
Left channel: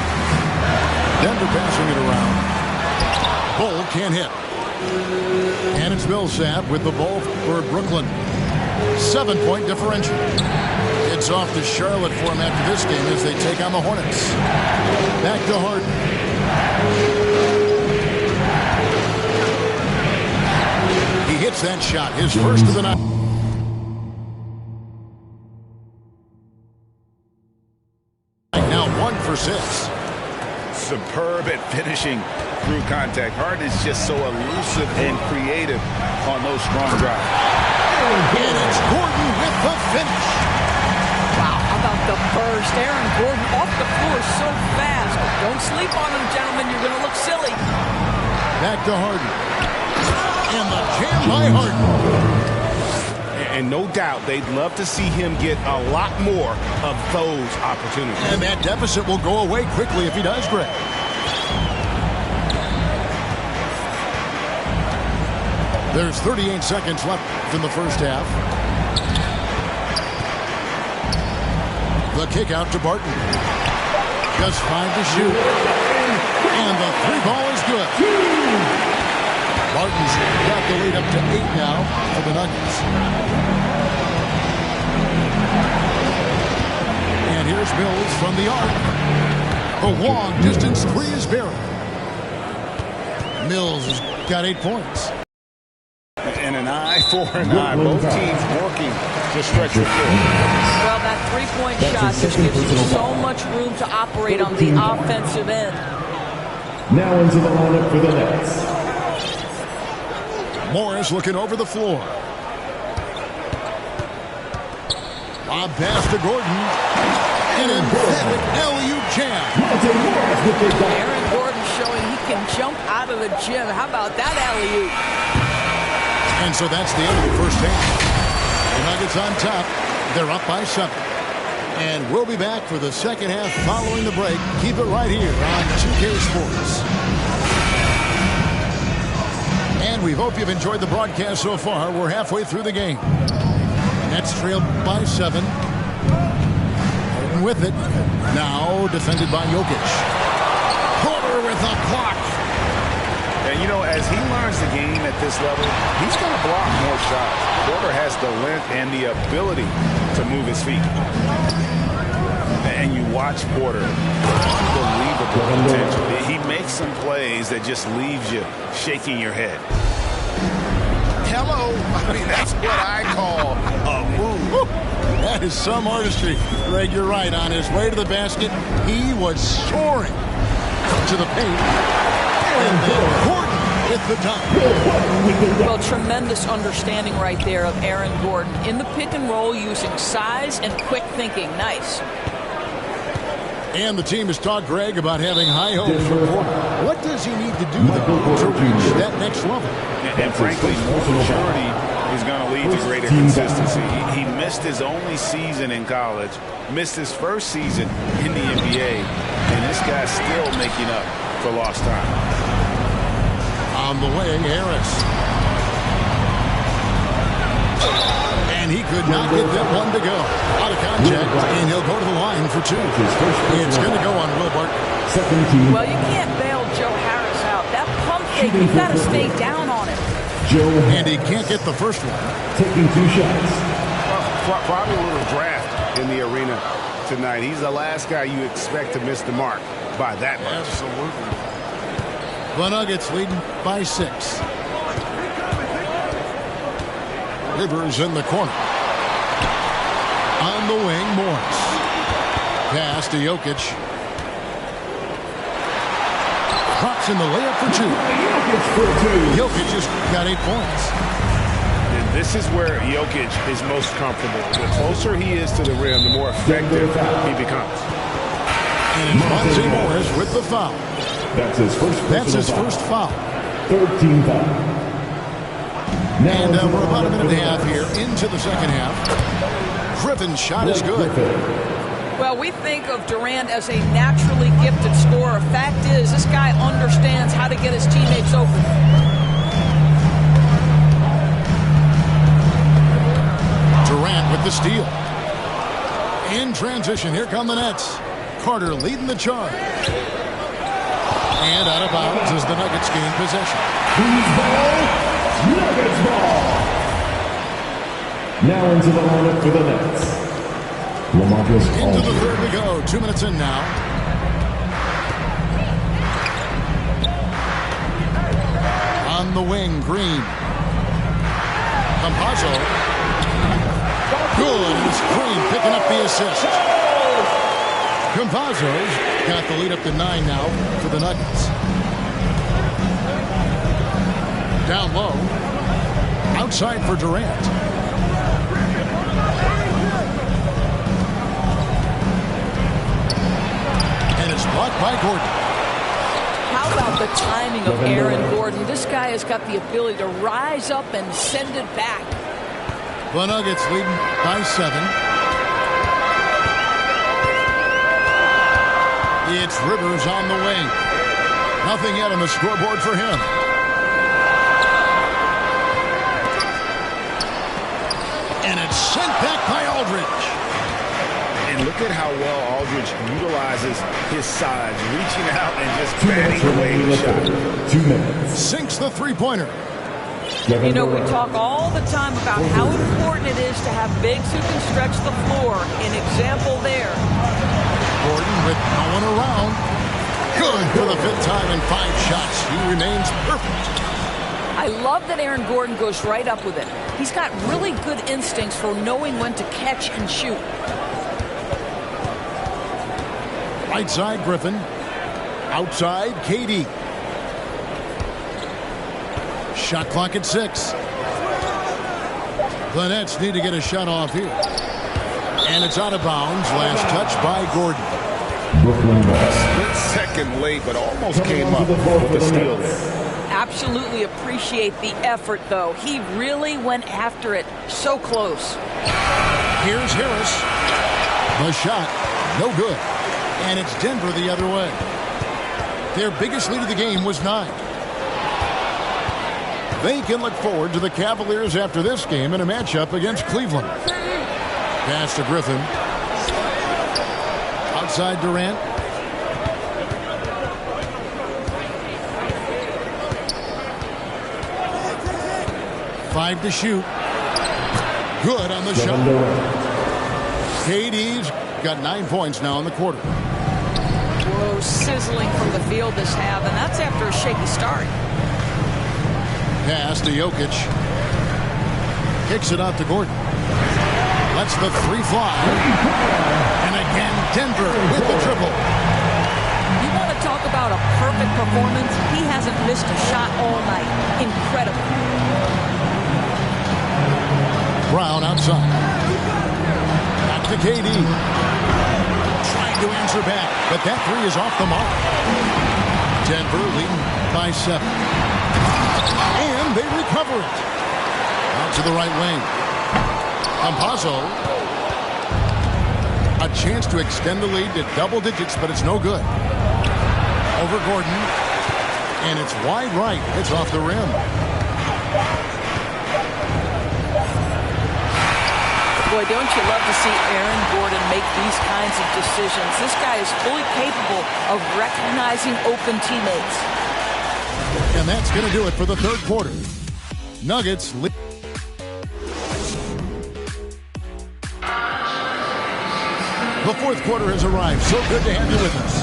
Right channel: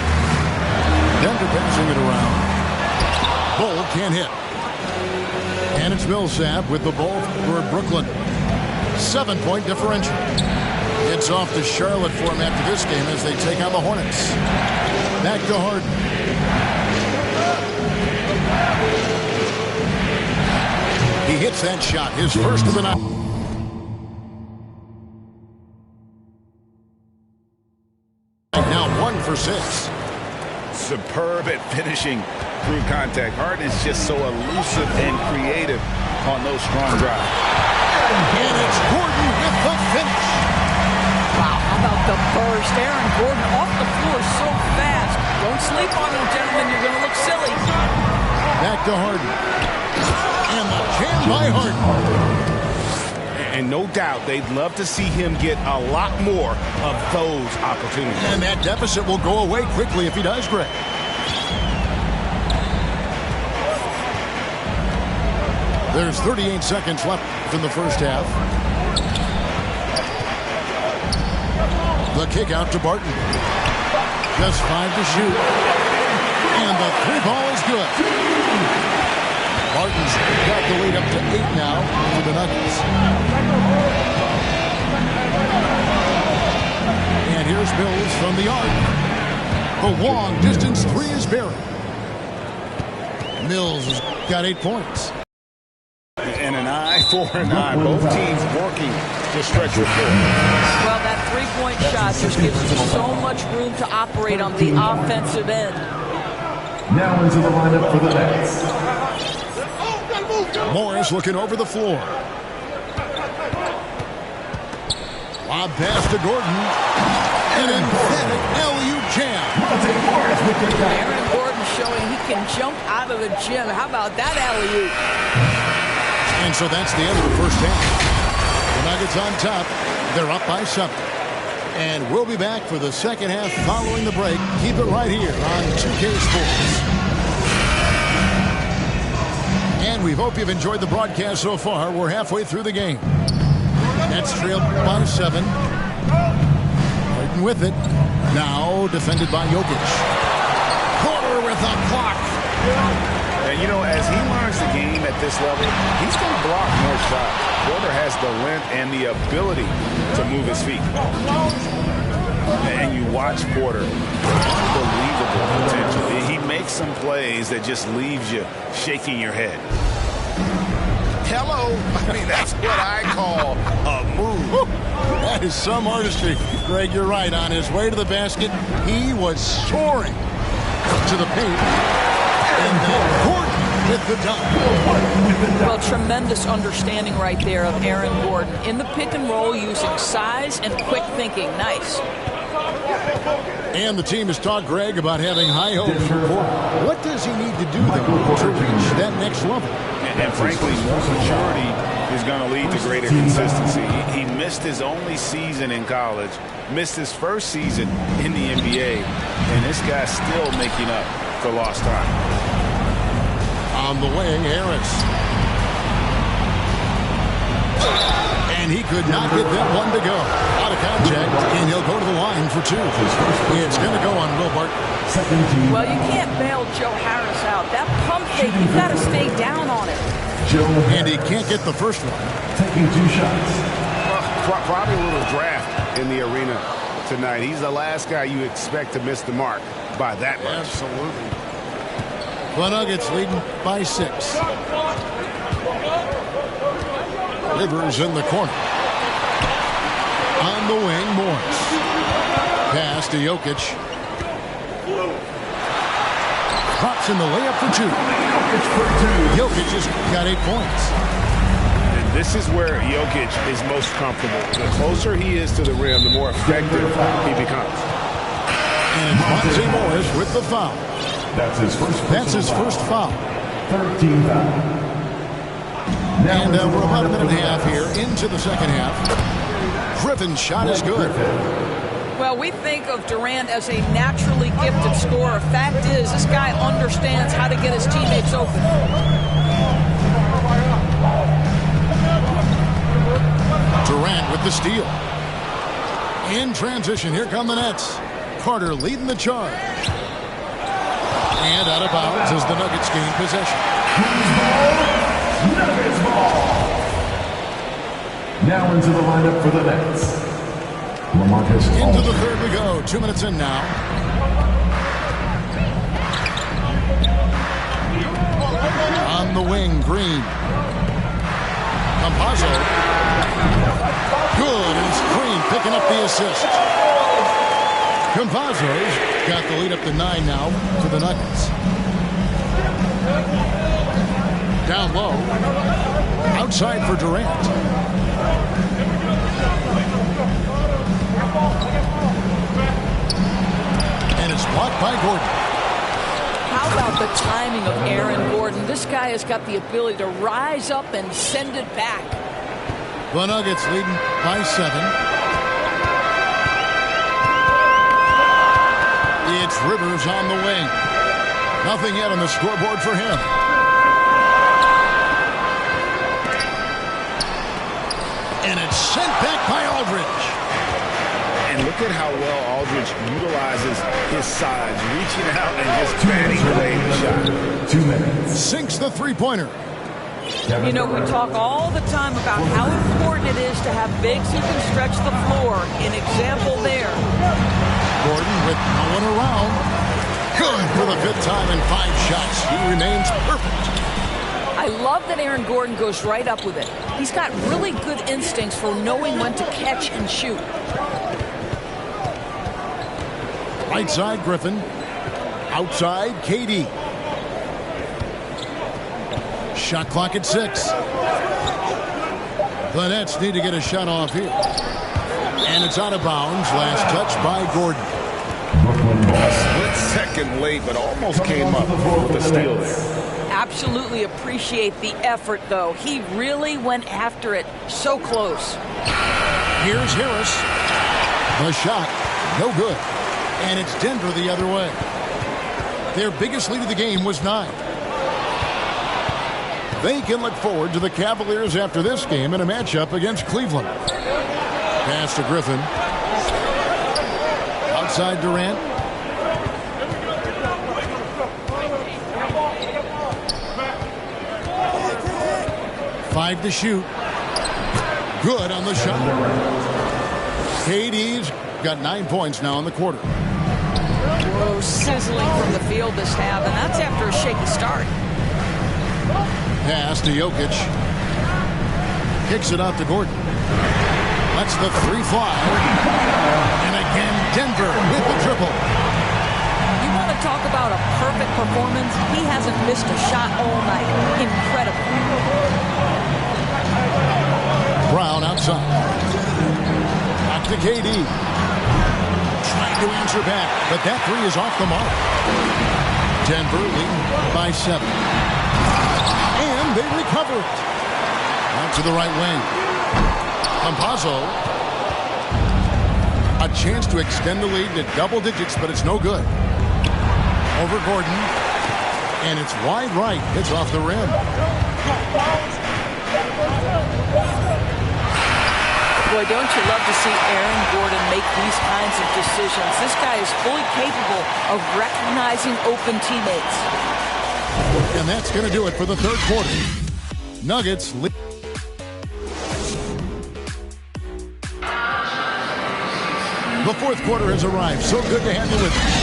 Denver passing it around. Bull can't hit. And it's Millsap with the ball for Brooklyn. 7-point differential. It's off to Charlotte for him after this game as they take on the Hornets. Back to Harden. He hits that shot, his first of the night. Now 1 for 6. Superb at finishing through contact. Harden is just so elusive and creative on those strong drives. And it's Gordon with the finish. Wow, how about the burst? Aaron Gordon off the floor so fast. Don't sleep on him, gentlemen. You're going to look silly. Back to Harden. And the jam by Harden. And no doubt they'd love to see him get a lot more of those opportunities. And that deficit will go away quickly if he does, Greg. There's 38 seconds left in the first half. The kick out to Barton. Just 5 to shoot. And the 3-ball is good. Barton's got the lead up to 8 now for the Nuggets. And here's Mills from the arc. The long distance 3 is buried. Mills has got 8 points. And an eye for an eye. Both teams working to stretch the floor. Well, that three-point shot just gives you so much room to operate on the offensive end. Now into the lineup for the Nets. Morris looking over the floor. Lob pass to Gordon. An emphatic LU jam. Aaron Gordon showing he can jump out of the gym. How about that alley-oop? And so that's the end of the first half. The Nuggets on top. They're up by 7. And we'll be back for the second half following the break. Keep it right here on 2K Sports. And we hope you've enjoyed the broadcast so far. We're halfway through the game. Nets trail by 7. Harden with it. Now defended by Jokic. Porter with a block. And, you know, as he learns the game at this level, he's going to block more shots. Porter has the length and the ability to move his feet. And you watch Porter, unbelievable potential. He makes some plays that just leaves you shaking your head. Hello. I mean, that's what I call a move. That is some artistry. Greg, you're right. On his way to the basket, he was soaring to the paint. And then Gordon with the dunk. Well, tremendous understanding right there of Aaron Gordon. In the pick and roll, using size and quick thinking. Nice. And the team has talked, Greg, about having high hopes for Porter. What does he need to do, though, to reach that next level? And frankly, more maturity is going to lead to greater consistency. He missed his only season in college, missed his first season in the NBA, and this guy's still making up for lost time. On the wing, Harris. And he could not get that one to go. Out of contact, and he'll go to the line for 2. It's going to go on Will Barton. Well, you can't bail Joe Harris out. That pump fake, you've got to stay down on it. And he can't get the first one. Taking 2 shots. Well, probably a little draft in the arena tonight. He's the last guy you expect to miss the mark by that much. Absolutely. The Nuggets leading by 6. Rivers in the corner. On the wing, Morris. Pass to Jokic. Drops in the layup for 2. Jokic just got 8 points. And this is where Jokic is most comfortable. The closer he is to the rim, the more effective he becomes. And it's Monte Morris with the foul. That's his first foul. 13 foul. And we're about a minute and a half here into the second half. Griffin's shot is good. Well, we think of Durant as a naturally gifted scorer. Fact is, this guy understands how to get his teammates open. Durant with the steal. In transition, here come the Nets. Carter leading the charge. And out of bounds as the Nuggets gain possession. Nuggets ball. Now into the lineup for the Nets. LaMarcus Aldridge. Into the third we go. 2 minutes in now. On the wing, Green. Campazzo. Good, and it's Green picking up the assist. Campazzo's got the lead up to 9 now for the Nuggets. Down low. Outside for Durant. And it's blocked by Gordon. How about the timing of Aaron Gordon? This guy has got the ability to rise up and send it back. The Nuggets leading by 7. It's Rivers on the wing. Nothing yet on the scoreboard for him. And it's sent back by Aldridge. And look at how well Aldridge utilizes his size, reaching out and just batting away the shot. 2 minutes. Sinks the three-pointer. You know, we talk all the time about how important it is to have bigs who can stretch the floor. An example there. Gordon with no one around. Good for the 5th time in 5 shots. He remains perfect. I love that Aaron Gordon goes right up with it. He's got really good instincts for knowing when to catch and shoot. Right side, Griffin. Outside, KD. Shot clock at 6. The Nets need to get a shot off here. And it's out of bounds. Last touch by Gordon. Brooklyn ball. Split second late, but almost came up with a steal there. Absolutely appreciate the effort, though. He really went after it so close. Here's Harris. The shot, no good. And it's Denver the other way. Their biggest lead of the game was 9. They can look forward to the Cavaliers after this game in a matchup against Cleveland. Pass to Griffin. Outside Durant. Five to shoot. Good on the shot. KD's got 9 points now in the quarter. Whoa, sizzling from the field this half, and that's after a shaky start. Pass to Jokic. Kicks it out to Gordon. Lets the 3 fly. And again, Denver with the triple. You want to talk about a perfect performance? He hasn't missed a shot all night. Incredible. Brown outside. Back to KD. Trying to answer back, but that 3 is off the mark. Denver leading by 7. And they recover it. Out to the right wing. Campazzo. A chance to extend the lead to double digits, but it's no good. Over Gordon. And it's wide right. It's off the rim. Boy, don't you love to see Aaron Gordon make these kinds of decisions. This guy is fully capable of recognizing open teammates. And that's going to do it for the third quarter. Nuggets lead. The fourth quarter has arrived. So good to have you with us.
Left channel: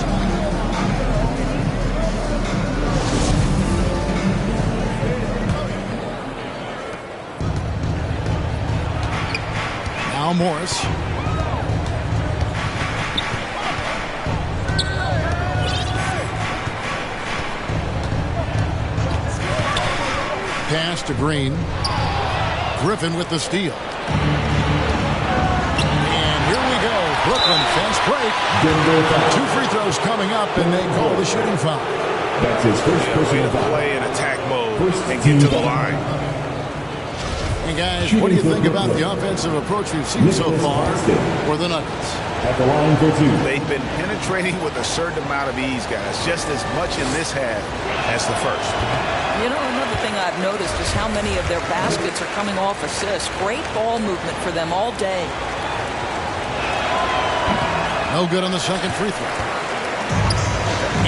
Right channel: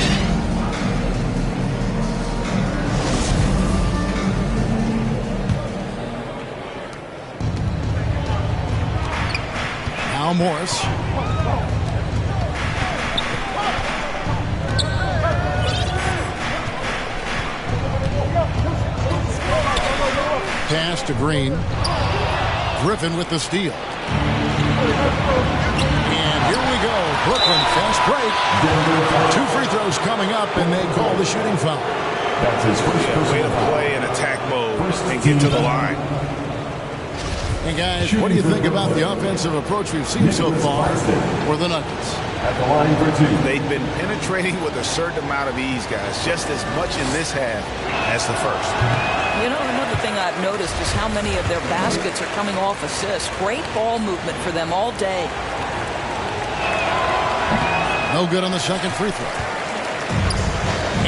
Now Morris. Pass to Green. Griffin with the steal. And here we go. Brooklyn fast break. 2 free throws coming up, and they call the shooting foul. That's his first way to play in attack mode and get to the line. And guys, what do you think about the offensive approach we've seen so far for the Nuggets? At the line for 2. They've been penetrating with a certain amount of ease, guys, just as much in this half as the first. You know, another thing I've noticed is how many of their baskets are coming off assists. Great ball movement for them all day. No good on the second free throw.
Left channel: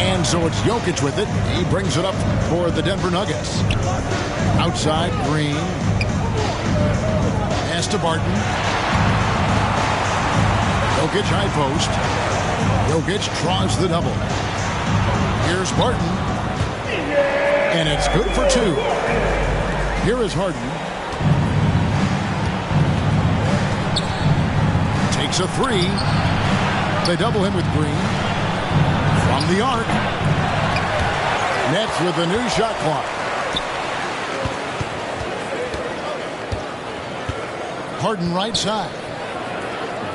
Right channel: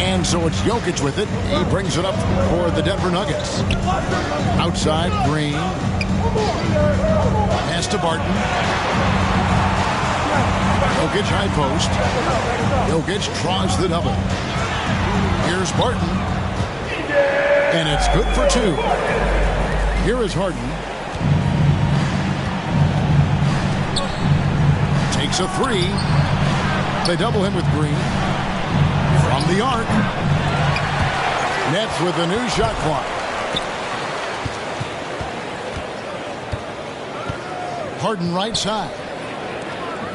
And so it's Jokic with it. He brings it up for the Denver Nuggets. Outside, Green. Pass to Barton. Jokic high post. Jokic draws the double. Here's Barton. And it's good for 2. Here is Harden. Takes a 3. They double him with Green. From the arc. Nets with a new shot clock. Harden right side.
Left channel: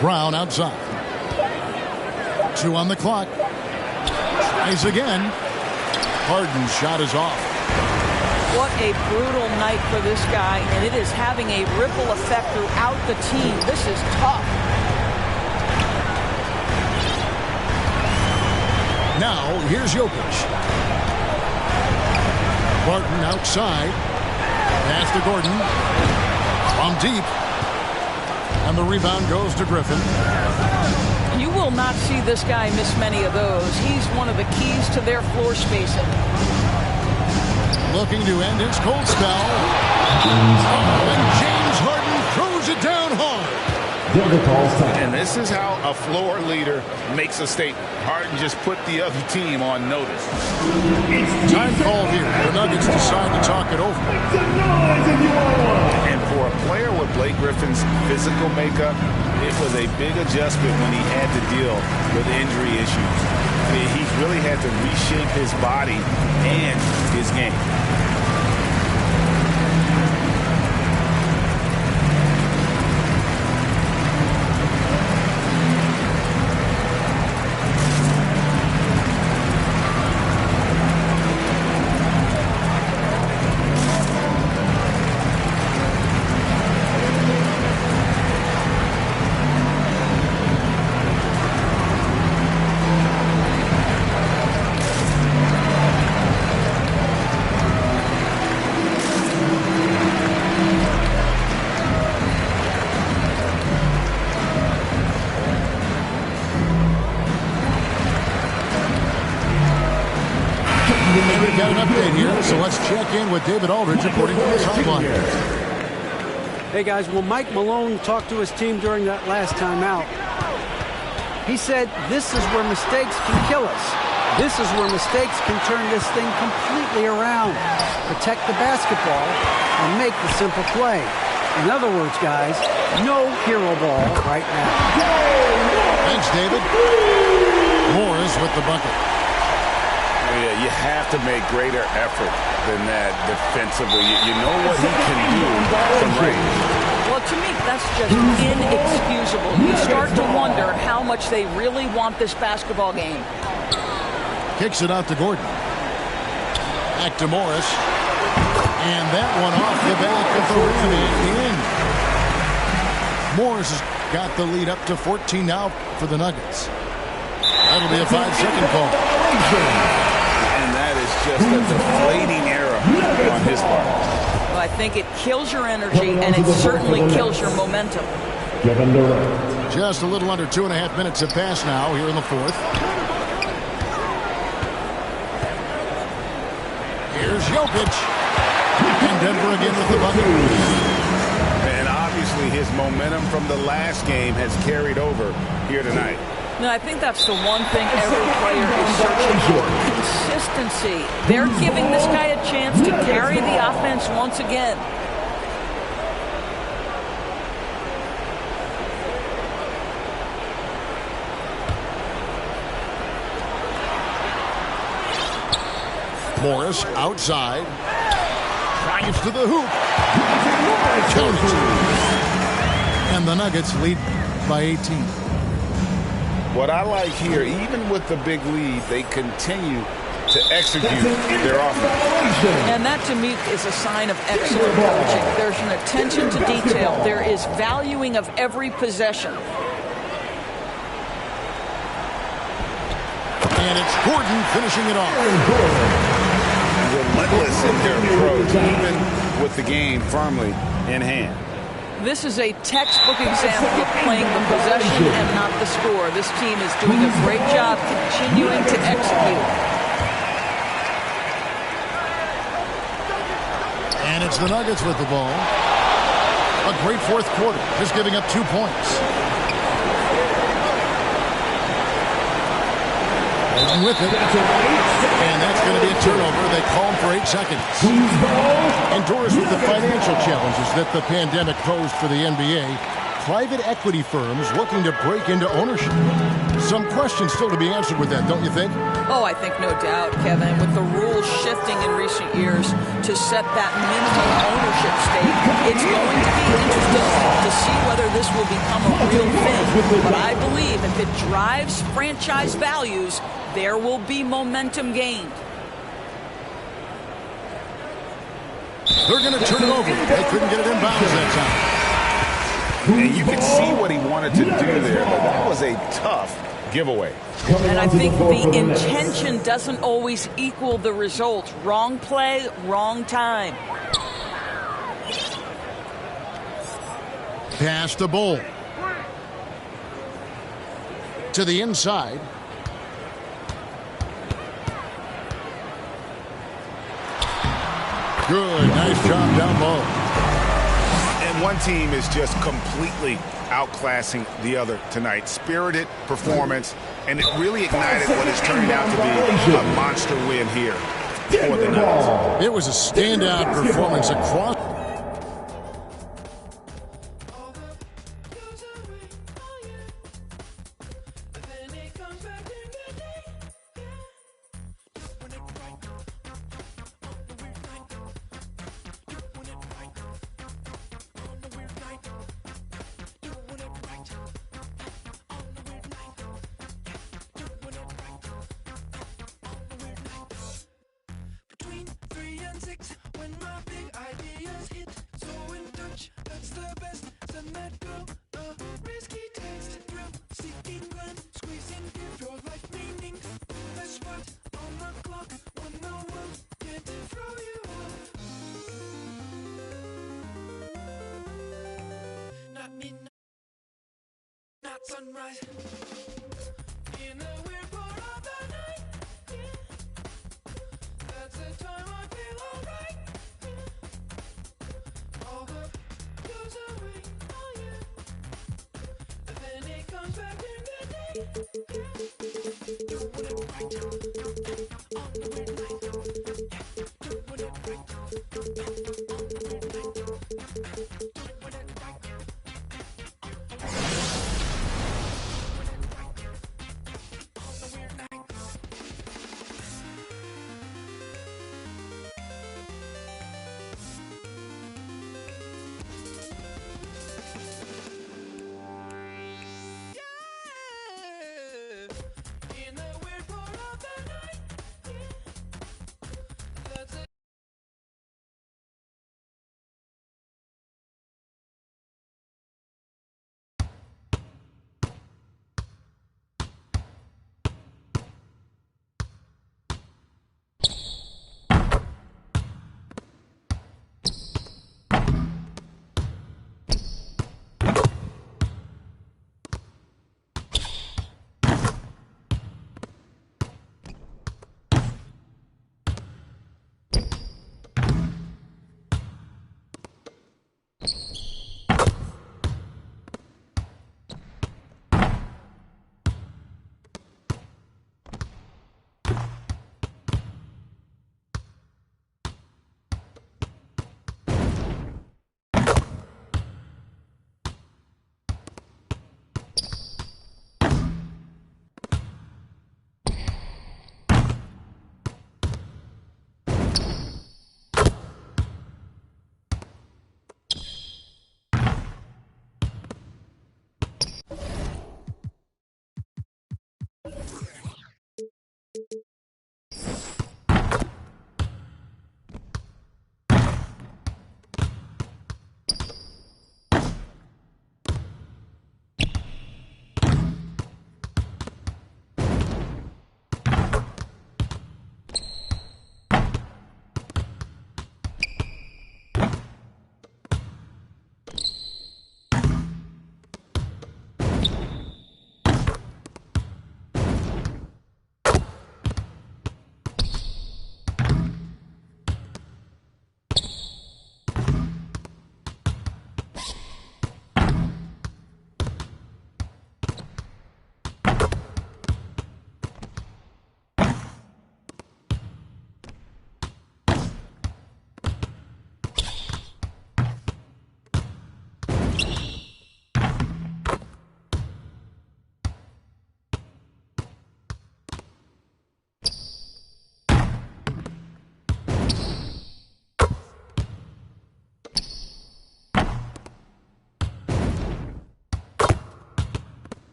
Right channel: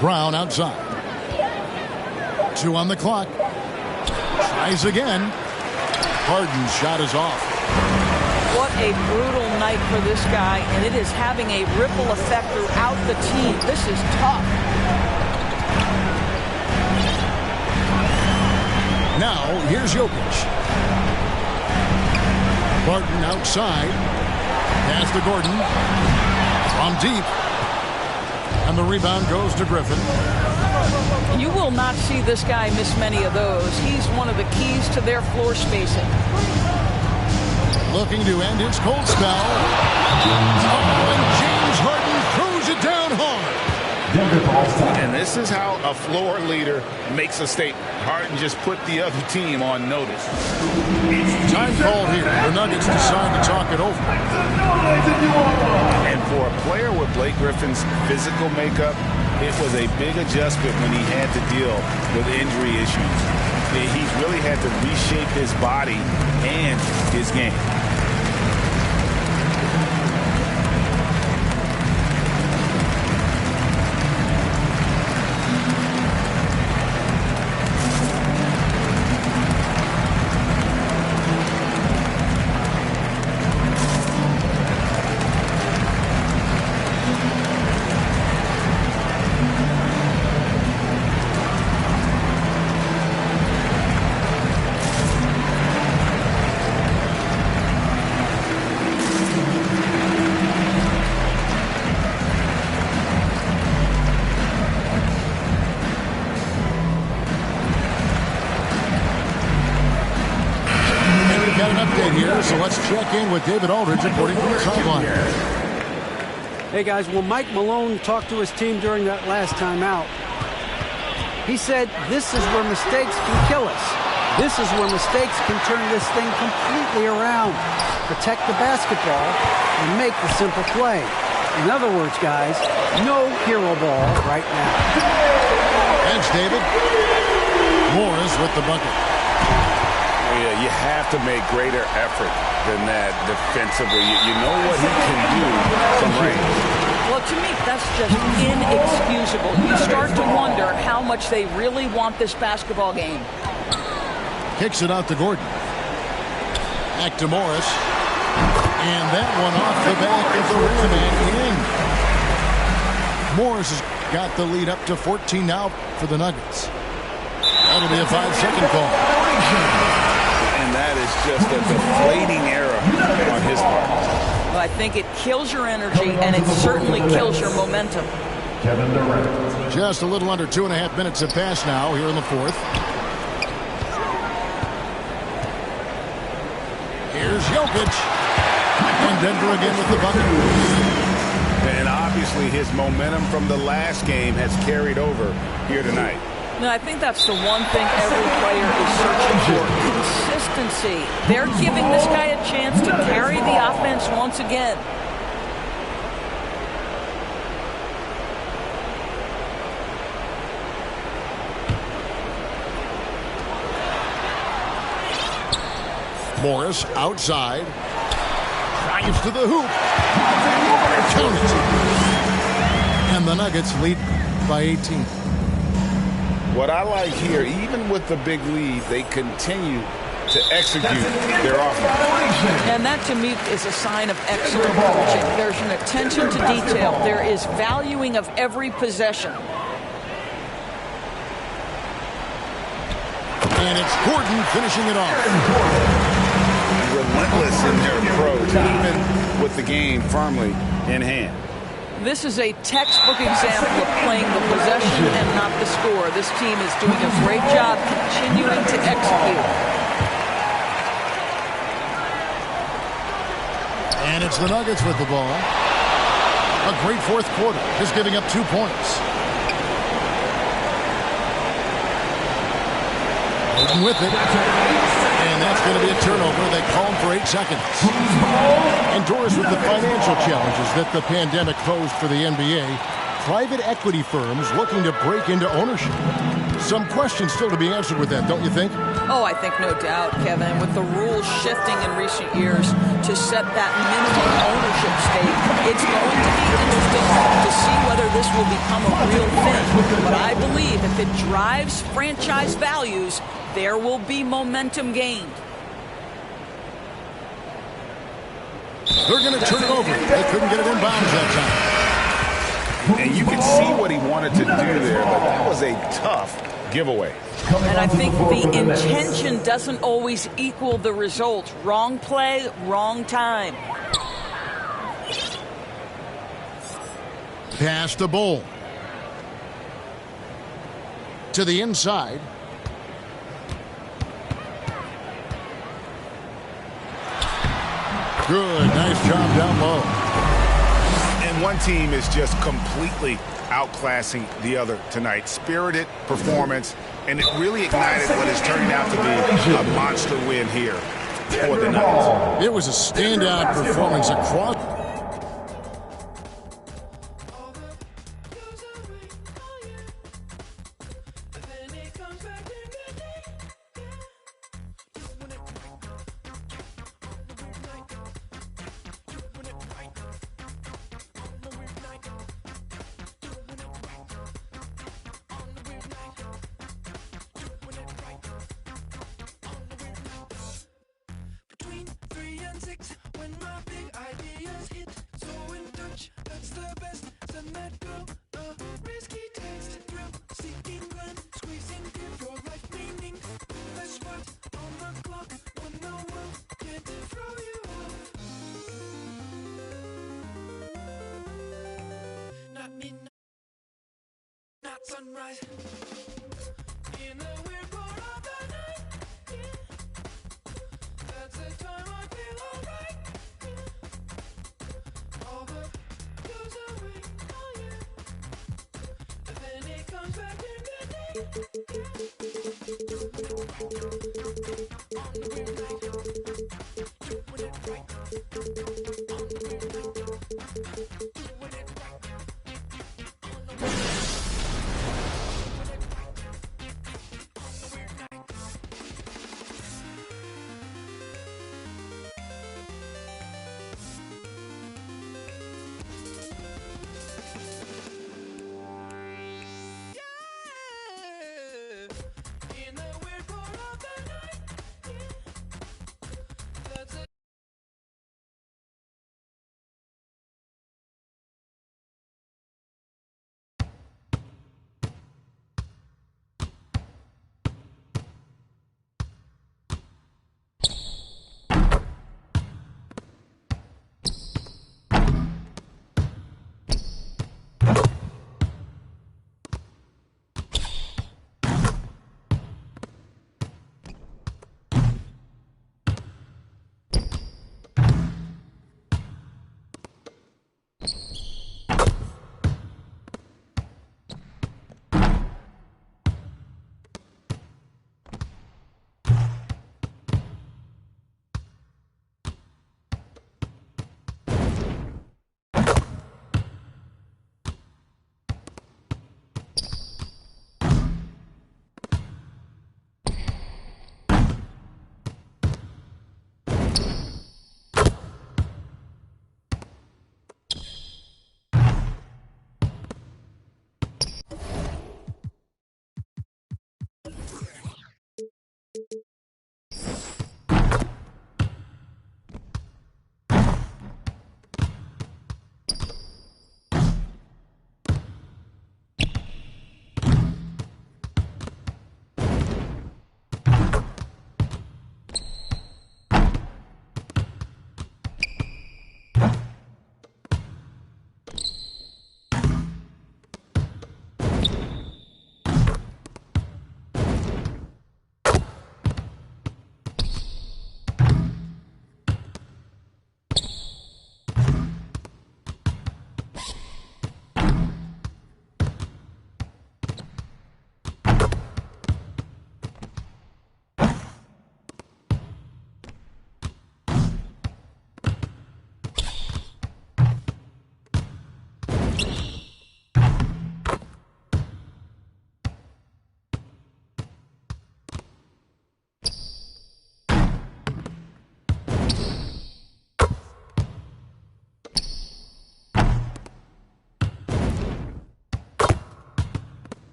Brown outside. 2 on the clock. Tries again. Harden's shot is off. What a brutal night for this guy, and it is having a ripple effect throughout the team. This is tough. Now, here's Jokic. Barton outside. Pass to Gordon. From deep. And the rebound goes to Griffin. You will not see this guy miss many of those. He's one of the keys to their floor spacing. Looking to end his cold spell. And James Harden throws it down hard. And this is how a floor leader makes a statement. Harden just put the other team on notice. Time called here. The Nuggets decide to talk it over. And for a player with Blake Griffin's physical makeup, it was a big adjustment when he had to deal with injury issues. He's really had to reshape his body and his game. Got an update here, so let's check in with David Aldridge reporting from the sideline. Hey guys, when Mike Malone talked to his team during that last timeout, he said this is where mistakes can kill us. This is where mistakes can turn this thing completely around. Protect the basketball and make the simple play. In other words, guys, no hero ball right now. Thanks, David. Morris with the bucket. Yeah, you have to make greater effort than that defensively. You know what he can do from range. Well, to me, that's just inexcusable. You start to wonder how much they really want this basketball game. Kicks it out to Gordon. Back to Morris. And that one off the back of the rim and in. Morris has got the lead up to 14 now for the Nuggets. That'll be a 5-second call. And that is just a deflating error on his part. Well, I think it kills your energy, and it certainly kills your momentum. Kevin Durant. Just a little under 2.5 minutes have passed now here in the fourth. Here's Jokic. And Denver again with the bucket. And obviously his momentum from the last game has carried over here tonight. No, I think that's the one thing every player is searching for. Consistency. They're giving this guy a chance to carry the offense once again. Morris outside. Drives to the hoop. Count it. And the Nuggets lead by 18. What I like here, even with the big lead, they continue to execute their offense. And that, to me, is a sign of excellent coaching. There's an attention to detail. There is valuing of every possession. And it's Gordon finishing it off. Relentless in their approach, even with the game firmly in hand. This is a textbook example of playing the possession and not the score. This team is doing a great job continuing to execute. And it's the Nuggets with the ball. A great fourth quarter, just giving up 2 points. Gordon with it. And that's going to be a turnover. They call him for 8 seconds. And Doris, with the financial challenges that the pandemic posed for the NBA, private equity firms looking to break into ownership. Some questions still to be answered with that, don't you think? Oh, I think no doubt, Kevin. With the rules shifting in recent years to set that minimum ownership stake, it's going to be interesting to see whether this will become a real thing. But I believe if it drives franchise values, there will be momentum gained. They're going to turn it over. They couldn't get it in bounds that time. And you can see what he wanted to do there, but that was a tough giveaway. And I think the intention doesn't always equal the result. Wrong play, wrong time. Pass to Bull. To the inside. Good. Nice job down low. And one team is just completely outclassing the other tonight. Spirited performance, and it really ignited what is turning out to be a monster win here for the Nuggets. It was a standout performance across. Sunrise in a weird part of the night. That's the time I feel alright. All the goes away, oh yeah. And then it comes back in the day.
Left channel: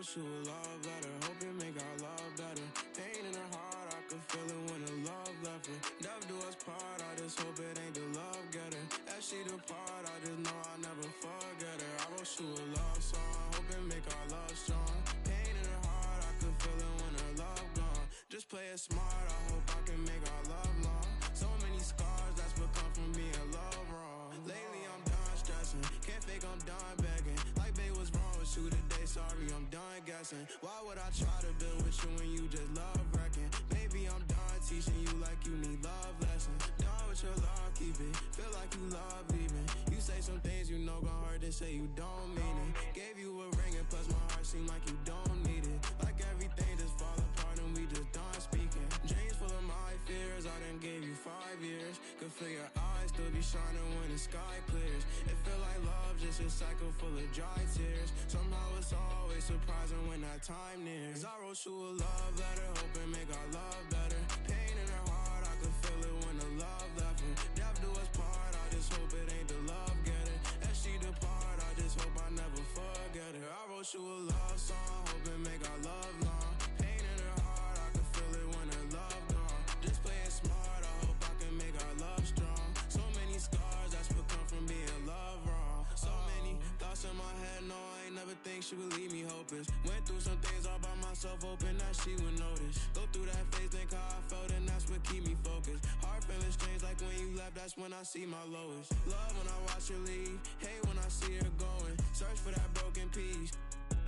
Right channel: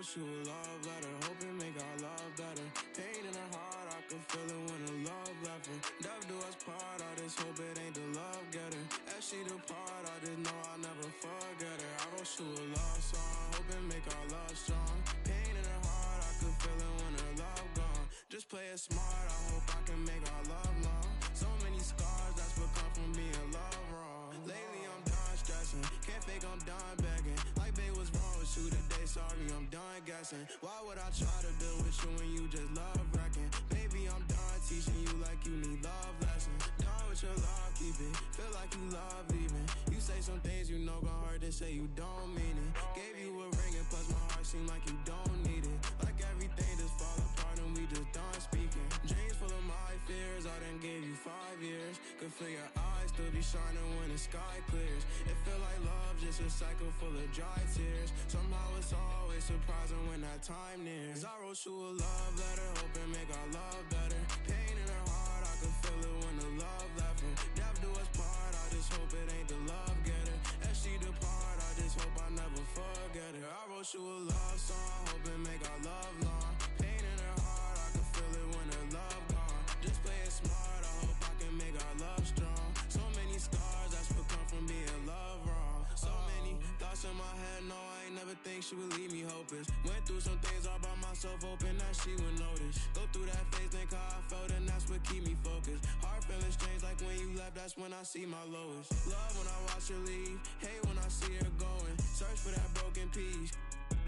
wrote you a love letter, hoping make our love better. Pain in her heart, I could feel it when the love left her. Death do us part, I just hope it ain't the love getter. As she depart, I just know I'll never forget her. I wrote you a love song, hoping make our love strong. Pain in her heart, I could feel it when her love gone. Just play it smart, I hope I can make our love long. So many scars, that's what come from being love wrong. Lately I'm done stressing, can't fake I'm done begging. Like babe, what's wrong with you today? Sorry, I'm done guessing. Why would I try to build with you when you just love wrecking? Baby, I'm done teaching you like you need love lessons. Done with your love, keep it, feel like you love leaving. You say some things you know gon' hurt, then say you don't mean it. Gave you a ring and plus my heart seem like you don't need it. Like everything just fall apart and we just done speaking. Dreams full of my fears, I done gave you 5 years. Could feel your eyes still be shining when the sky clears. It feel like love, just a cycle full of dry tears. Somehow it's always surprising when that time nears. I wrote you a love letter, hoping make our love better. Pain in her heart, I could feel it when the love left her. Death do us part, I just hope it ain't the love getter. As she depart, I just hope I never forget her. I wrote you a love song, hoping make our love long. Pain in her heart, I could feel it when her love gone. Just play it smart, I hope I can make our love strong. So many scars, that's what come from being love wrong. So many thoughts in my head, no, I ain't never think she would leave me hopeless. Went through some things all by myself, hoping that she would notice. Go through that phase, think how I felt, and that's what keep me focused. Heart feeling strange, like when you left, that's when I see my lowest. Love when I watch her leave, hate when I see her going. Search for that broken piece,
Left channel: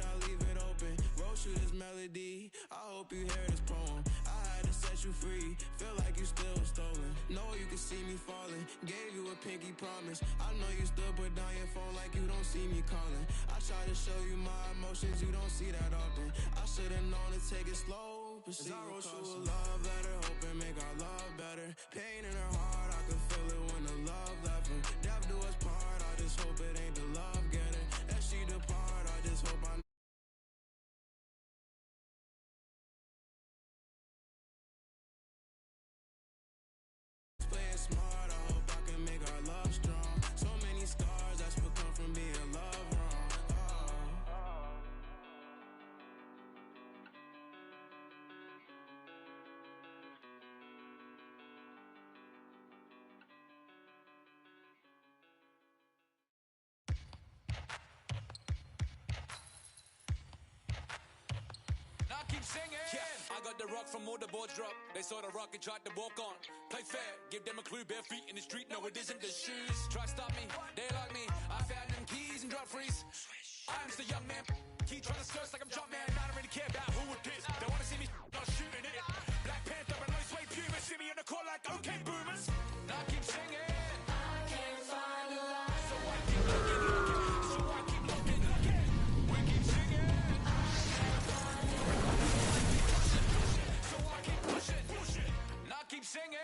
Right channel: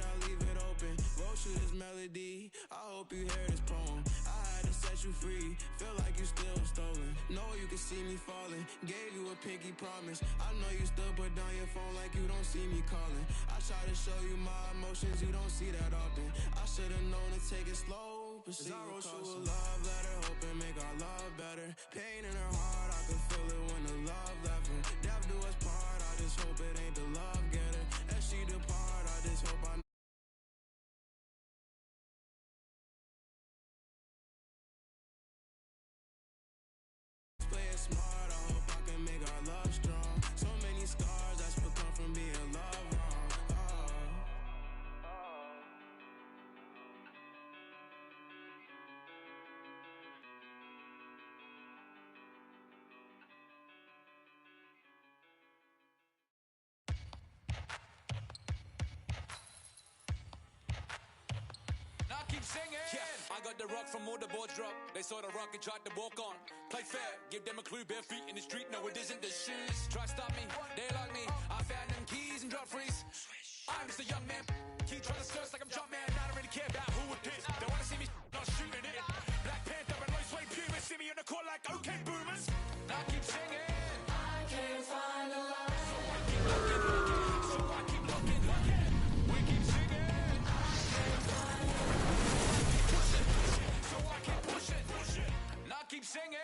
I leave it open. Wrote you this melody, I hope you hear this poem. I had to set you free, feel like you still stolen. Know you can see me falling, gave you a pinky promise. I know you still put down your phone like you don't see me calling. I try to show you my emotions, you don't see that often. I should've known to take it slow, but I wrote you a love letter, hoping make our love better. Pain in her heart, I could feel it when the love left her. Death do us part, I just hope it ain't the love getter. As she depart, I just hope I play it smart, I hope I can make our love strong. So many scars, that's what come from being love wrong. Oh. Now keep singing. Yeah, I got the rock from all the boards drop. They saw the rock and tried to walk on. Play fair, give them a clue. Bare feet in the street, no it isn't the shoes. Try stop me, they like me. I found them keys and drop freeze. I'm just a young man. Keep trying to search like I'm Jumpman. I don't really care about who it is. They wanna see me not shooting it. Black Panther and low sway pumas. See me in the court like okay boomers. Now keep singing. I can't find a line. So I keep looking, looking. So I keep looking, looking. We keep singing. So I keep pushing, pushing. Now keep singing.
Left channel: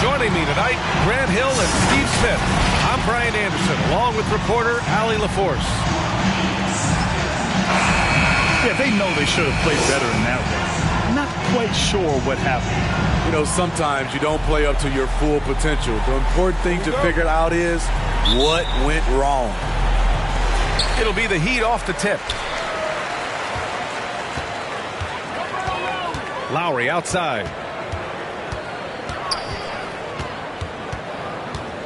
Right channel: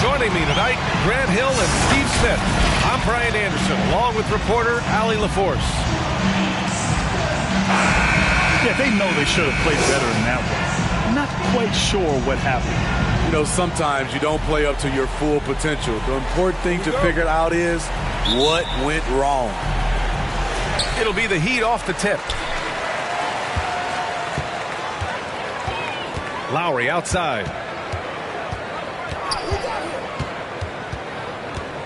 Joining me tonight, Grant Hill and Steve Smith. I'm Brian Anderson, along with reporter Allie LaForce. Yeah, they know they should have played better in that one. Not quite sure what happened. You know, sometimes you don't play up to your full potential. The important thing to figure out is what went wrong. It'll be the Heat off the tip. Lowry outside.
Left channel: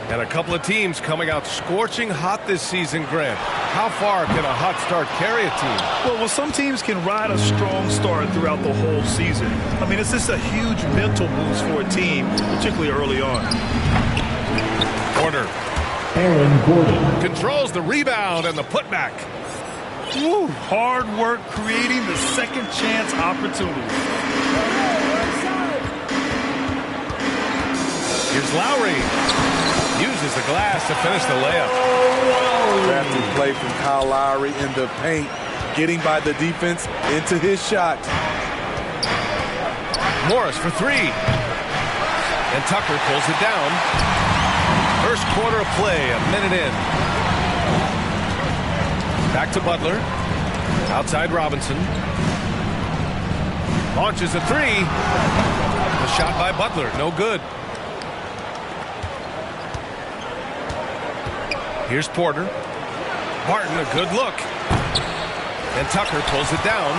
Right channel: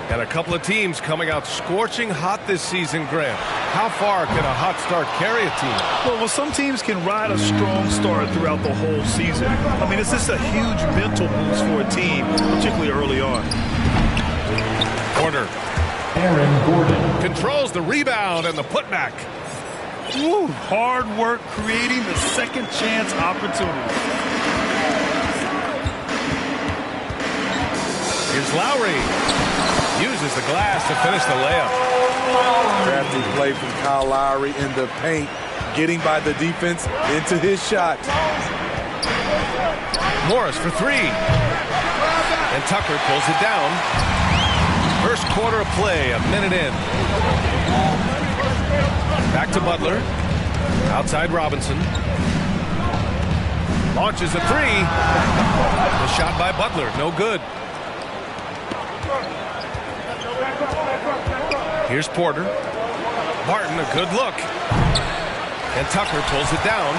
And a couple of teams coming out scorching hot this season, Grant. How far can a hot start carry a team? Well, some teams can ride a strong start throughout the whole season. I mean, it's just a huge mental boost for a team, particularly early on. Corner. Aaron Gordon controls the rebound and the putback. Woo, hard work creating the second chance opportunity. Here's Lowry. Uses the glass to finish the layup. Crafty play from Kyle Lowry in the paint, getting by the defense into his shot. Morris for three. And Tucker pulls it down. First quarter of play, a minute in. Back to Butler. Outside Robinson. Launches a three. The shot by Butler, no good. Here's Porter. Barton, a good look. And Tucker pulls it down.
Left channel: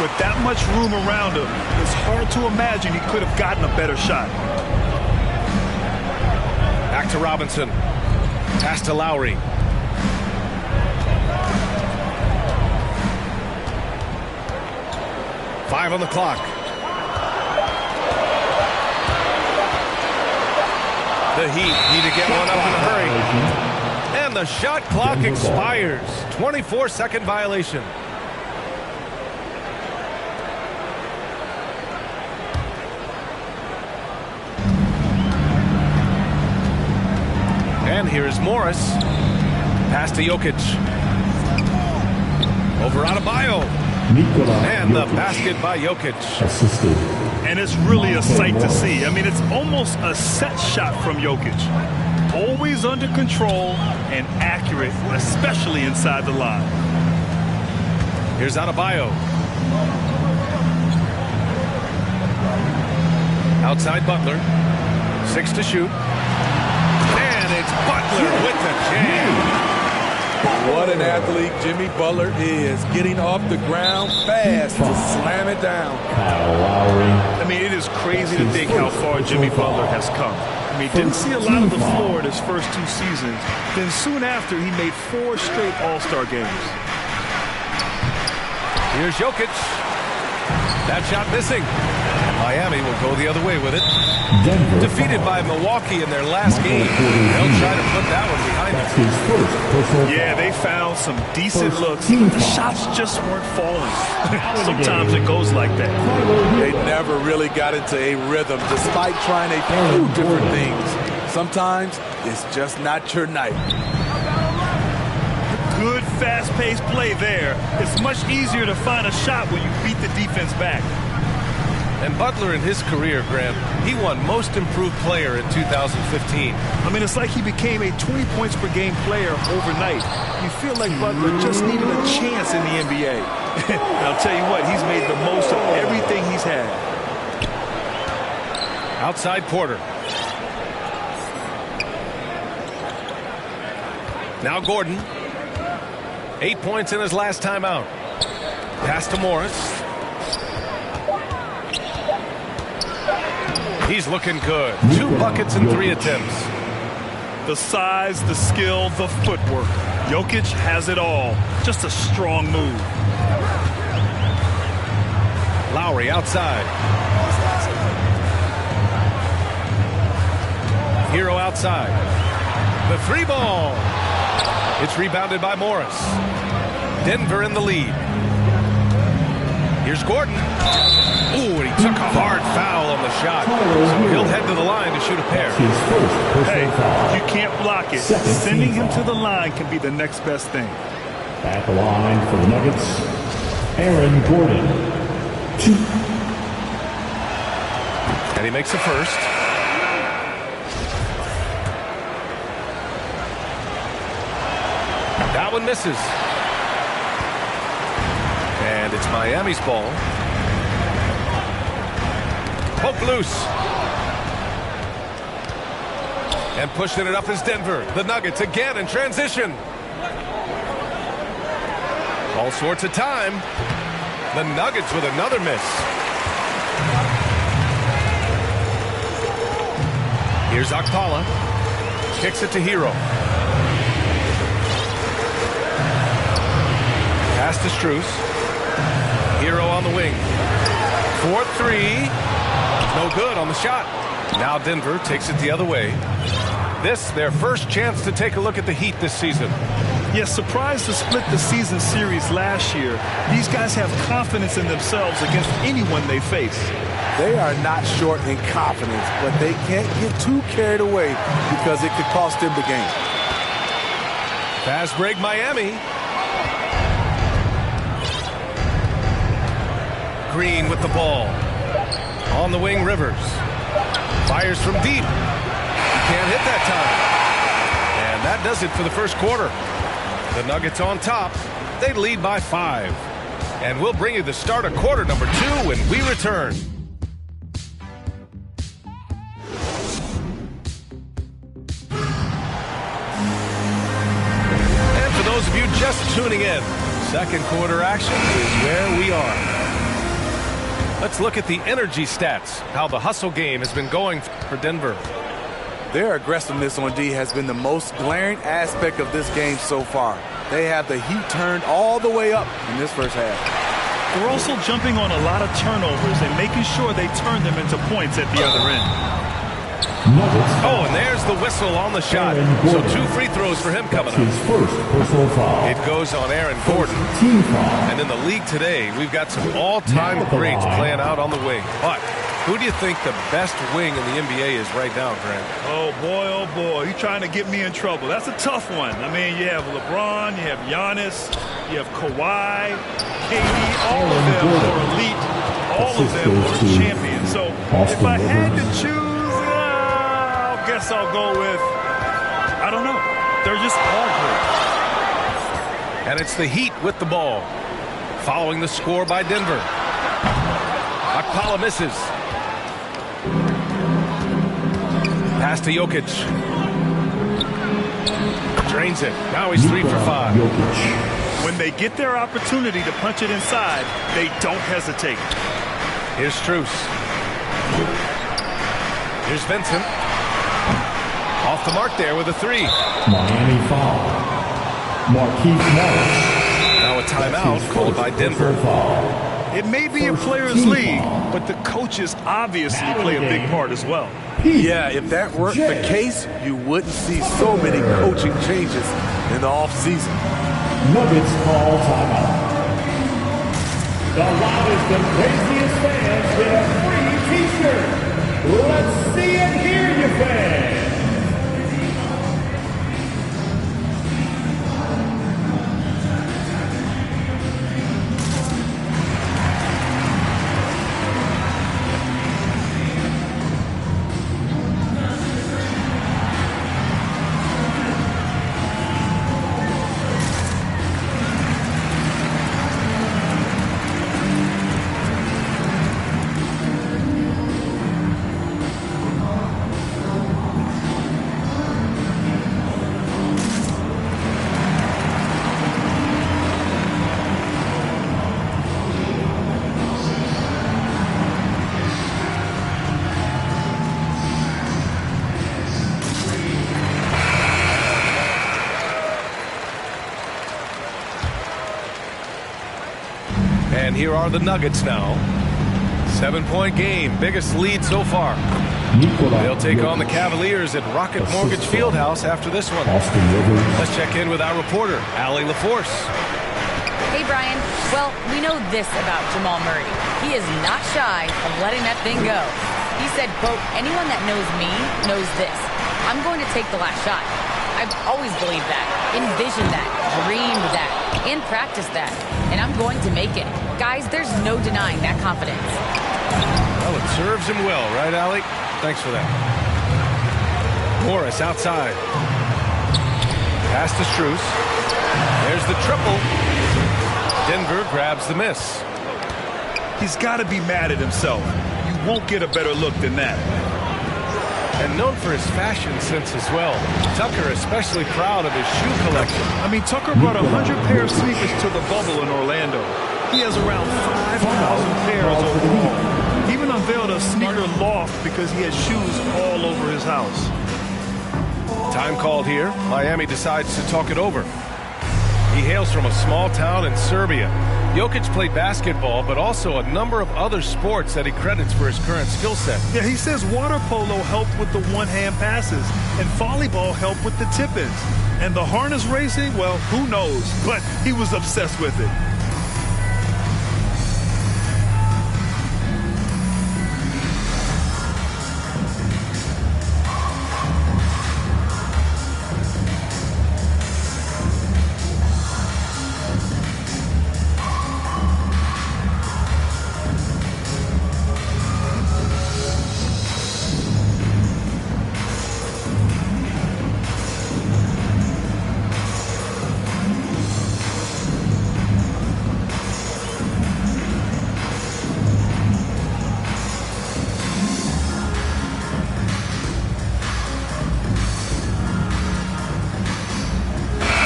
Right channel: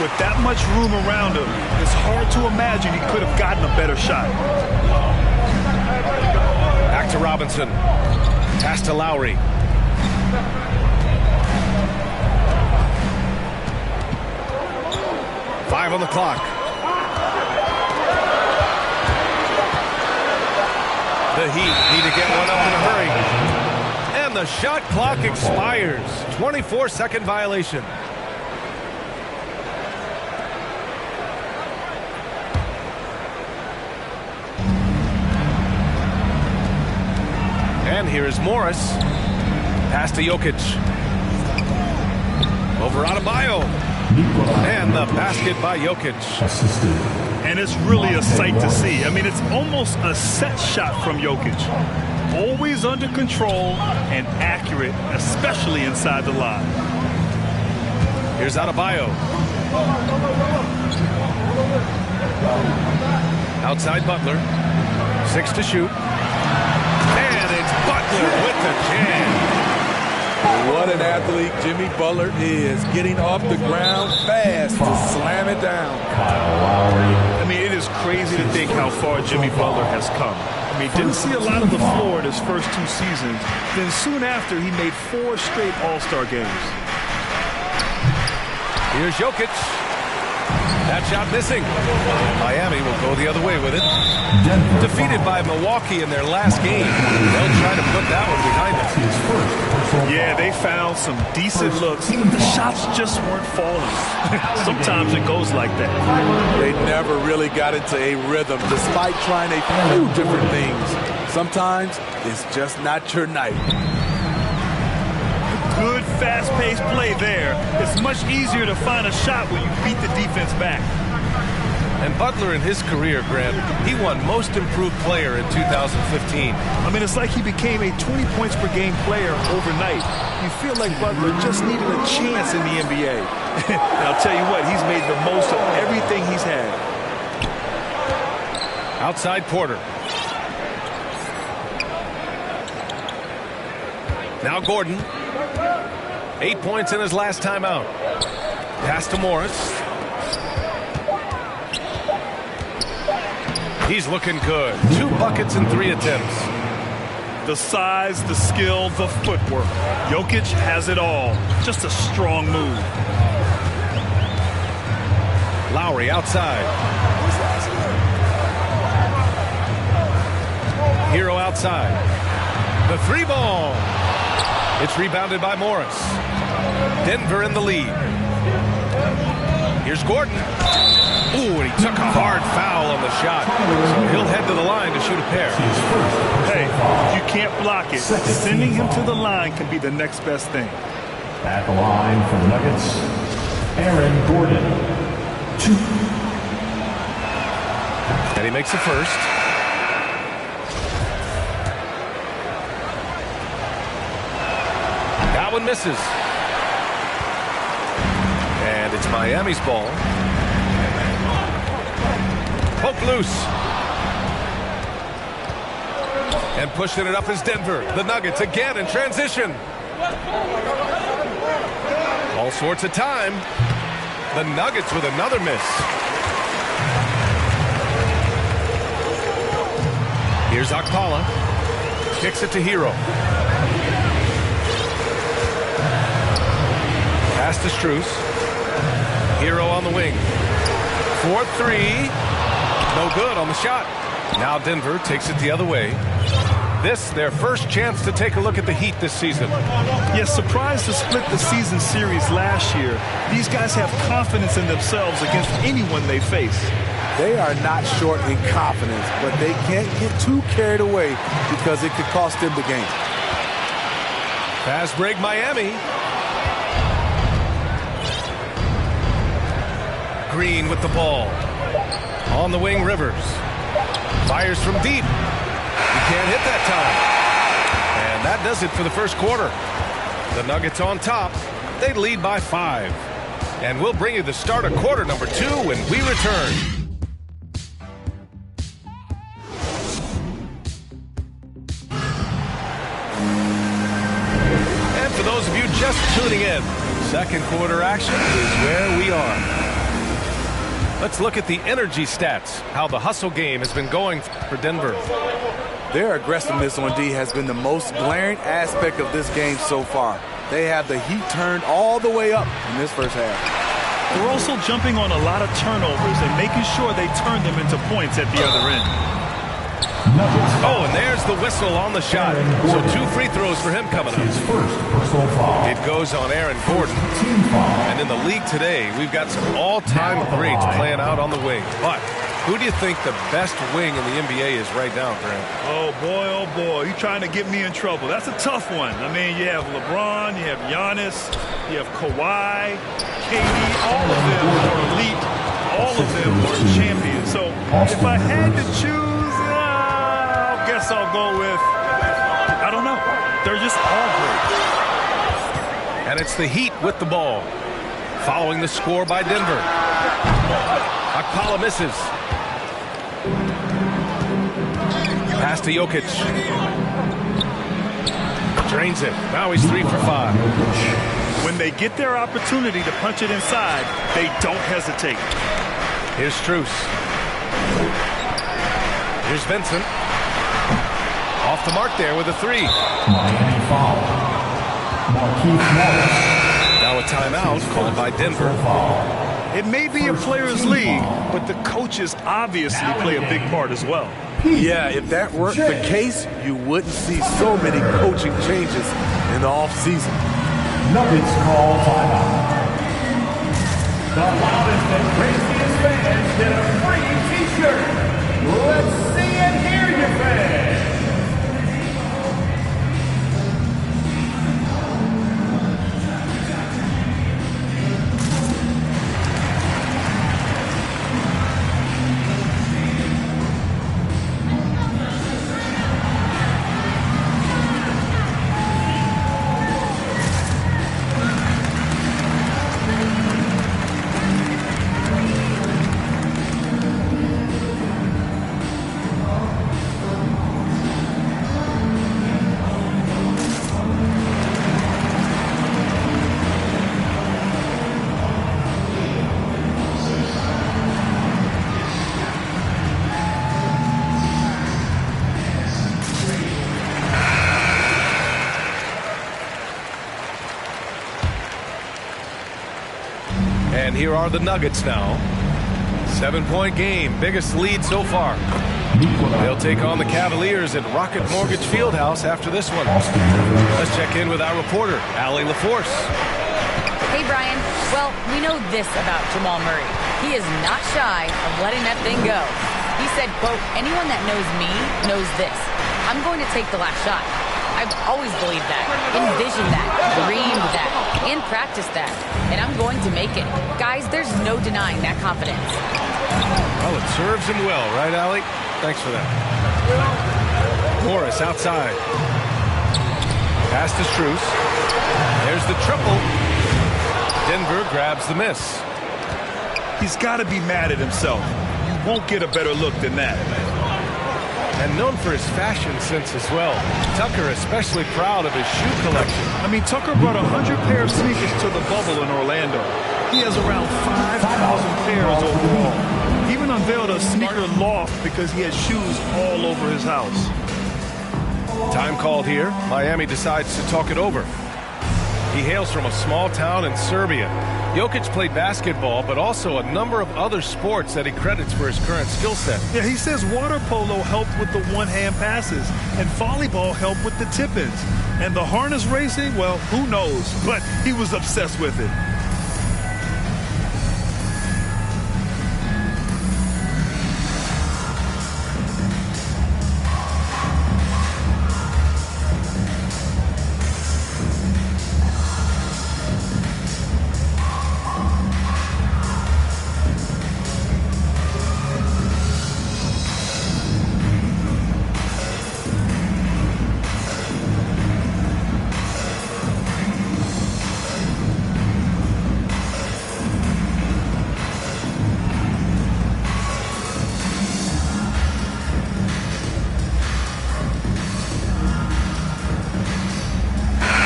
With that much room around him, it's hard to imagine he could have gotten a better shot. Back to Robinson. Pass to Lowry. Five on the clock. The Heat need to get one up in a hurry. And the shot clock expires. 24-second violation. And here is Morris. Pass to Jokic. Over Adebayo. And the basket by Jokic. Assisted. And it's really a sight to see. I mean, it's almost a set shot from Jokic. Always under control and accurate, especially inside the line. Here's Adebayo. Outside Butler. 6 to shoot. And it's Butler with the jam. What an athlete Jimmy Butler is, getting off the ground fast to slam it down. Kyle Lowry. I mean, it is crazy to think how far Jimmy Butler has come. I mean, didn't see a lot of the floor in his first 2 seasons. Then soon after, he made 4 straight All-Star games. Here's Jokic. That shot missing. And Miami will go the other way with it. Denver defeated by Milwaukee in their last game. They'll try to put that one behind them. Yeah, they found some decent looks, but the shots just weren't falling. Sometimes it goes like that. They never really got into a rhythm despite trying a few different things. Sometimes it's just not your night. Good fast-paced play there. It's much easier to find a shot when you beat the defense back. And Butler in his career, Grant, he won Most Improved Player in 2015. I mean, it's like he became a 20 points per game player overnight. You feel like Butler just needed a chance in the NBA. And I'll tell you what, he's made the most of everything he's had. Outside Porter. Now Gordon. 8 points in his last time out. Pass to Morris. He's looking good. 2 buckets in 3 attempts. The size, the skill, the footwork. Jokic has it all. Just a strong move. Lowry outside. Hero outside. The 3 ball. It's rebounded by Morris. Denver in the lead. Here's Gordon. Ooh, and he took a hard foul on the shot. So he'll head to the line to shoot a pair. Hey, if you can't block it, sending him to the line can be the next best thing. At the line for the Nuggets, Aaron Gordon. 2. And he makes the first. That one misses. And it's Miami's ball. Poke loose. And pushing it up is Denver. The Nuggets again in transition. All sorts of time. The Nuggets with another miss. Here's Okpala. Kicks it to Hero. Pass to Strus. Hero on the wing. 4-3. No good on the shot. Now Denver takes it the other way. This, their first chance to take a look at the Heat this season. Yes, surprised to split the season series last year. These guys have confidence in themselves against anyone they face. They are not short in confidence, but they can't get too carried away because it could cost them the game. Fast break Miami. Green with the ball. On the wing, Rivers. Fires from deep. He can't hit that time. And that does it for the first quarter. The Nuggets on top. They lead by 5. And we'll bring you the start of quarter number 2 when we return. And for those of you just tuning in, second quarter action is where we are. Let's look at the energy stats, how the hustle game has been going for Denver. Their aggressiveness on D has been the most glaring aspect of this game so far. They have the heat turned all the way up in this first half. They're also jumping on a lot of turnovers and making sure they turn them into points at the other end. Nuggets. Oh, and there's the whistle on the shot. So 2 free throws for him coming up. His first personal foul. It goes on Aaron Gordon. Team foul. And in the league today, we've got some all-time greats playing out on the wing. But who do you think the best wing in the NBA is right now, Grant? Oh, boy, you're trying to get me in trouble. That's a tough one. I mean, you have LeBron, you have Giannis, you have Kawhi, KD. All of them are elite. All of them are champions. So if I had to choose, I guess I'll go with, I don't know. They're just all great. And it's the Heat with the ball. Following the score by Denver. Okpala misses. Pass to Jokic. Drains it. Now he's 3 for 5. When they get their opportunity to punch it inside, they don't hesitate. Here's Strus. Here's Vincent. Off the mark there with a 3. Miami foul. Markieff Morris. Now a timeout called by Denver. It may be a player's league, but the coaches obviously play a big part as well. Yeah, if that weren't the case, you wouldn't see so many coaching changes in the offseason. Nuggets call timeout. The loudest and craziest fans get a free T-shirt. Let's see and hear you, fans. And here are the Nuggets now. 7-point game, biggest lead so far. They'll take on the Cavaliers at Rocket Mortgage Fieldhouse after this one. Let's check in with our reporter, Allie LaForce. Hey, Brian. Well, we know this about Jamal Murray. He is not shy of letting that thing go. He said, quote, anyone that knows me knows this. I'm going to take the last shot. I've always believed that, envisioned that, dreamed that, and practiced that. And I'm going to make it. Guys, there's no denying that confidence. Well, it serves him well, right, Allie? Thanks for that. Morris outside. Pass to Strus. There's the triple. Denver grabs the miss. He's got to be mad at himself. You won't get a better look than that. And known for his fashion sense as well. Tucker especially proud of his shoe collection. I mean, Tucker brought 100 pair of sneakers to the bubble in Orlando. He has around 5,000 pairs overall. He even unveiled a sneaker loft because he has shoes all over his house. Time called here. Miami decides to talk it over. He hails from a small town in Serbia. Jokic played basketball, but also a number of other sports that he credits for his current skill set. Yeah, he says water polo helped with the one-hand passes, and volleyball helped with the tip-ins. And the harness racing, well, who knows? But he was obsessed with it.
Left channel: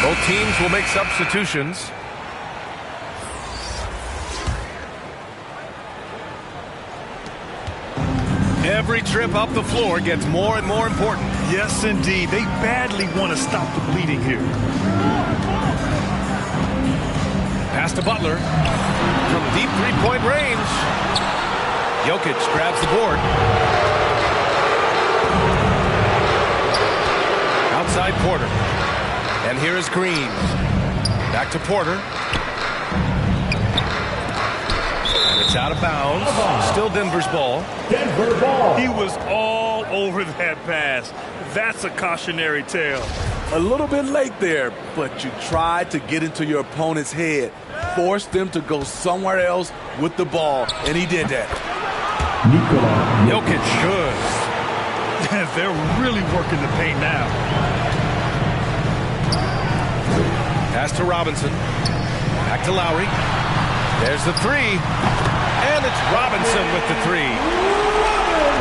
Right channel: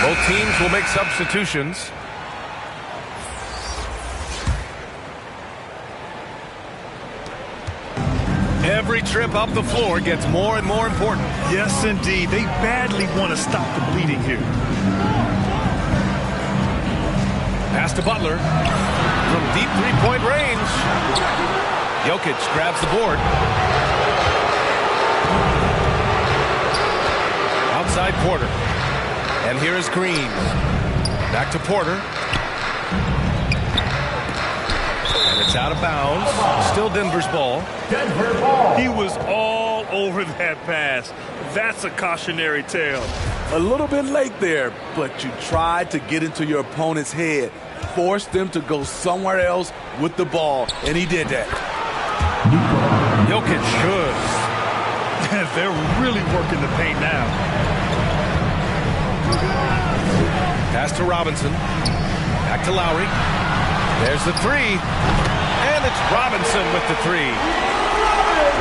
Both teams will make substitutions. Every trip up the floor gets more and more important. Yes, indeed. They badly want to stop the bleeding here. Pass to Butler from deep three-point range. Jokic grabs the board. Outside Porter. And here is Green. Back to Porter. And it's out of bounds. Still Denver's ball. Denver ball. He was all over that pass. That's a cautionary tale. A little bit late there, but you tried to get into your opponent's head. Forced them to go somewhere else with the ball, and he did that. Jokic good. They're really working the paint now. Pass to Robinson. Back to Lowry. There's the three. And it's Robinson with the three.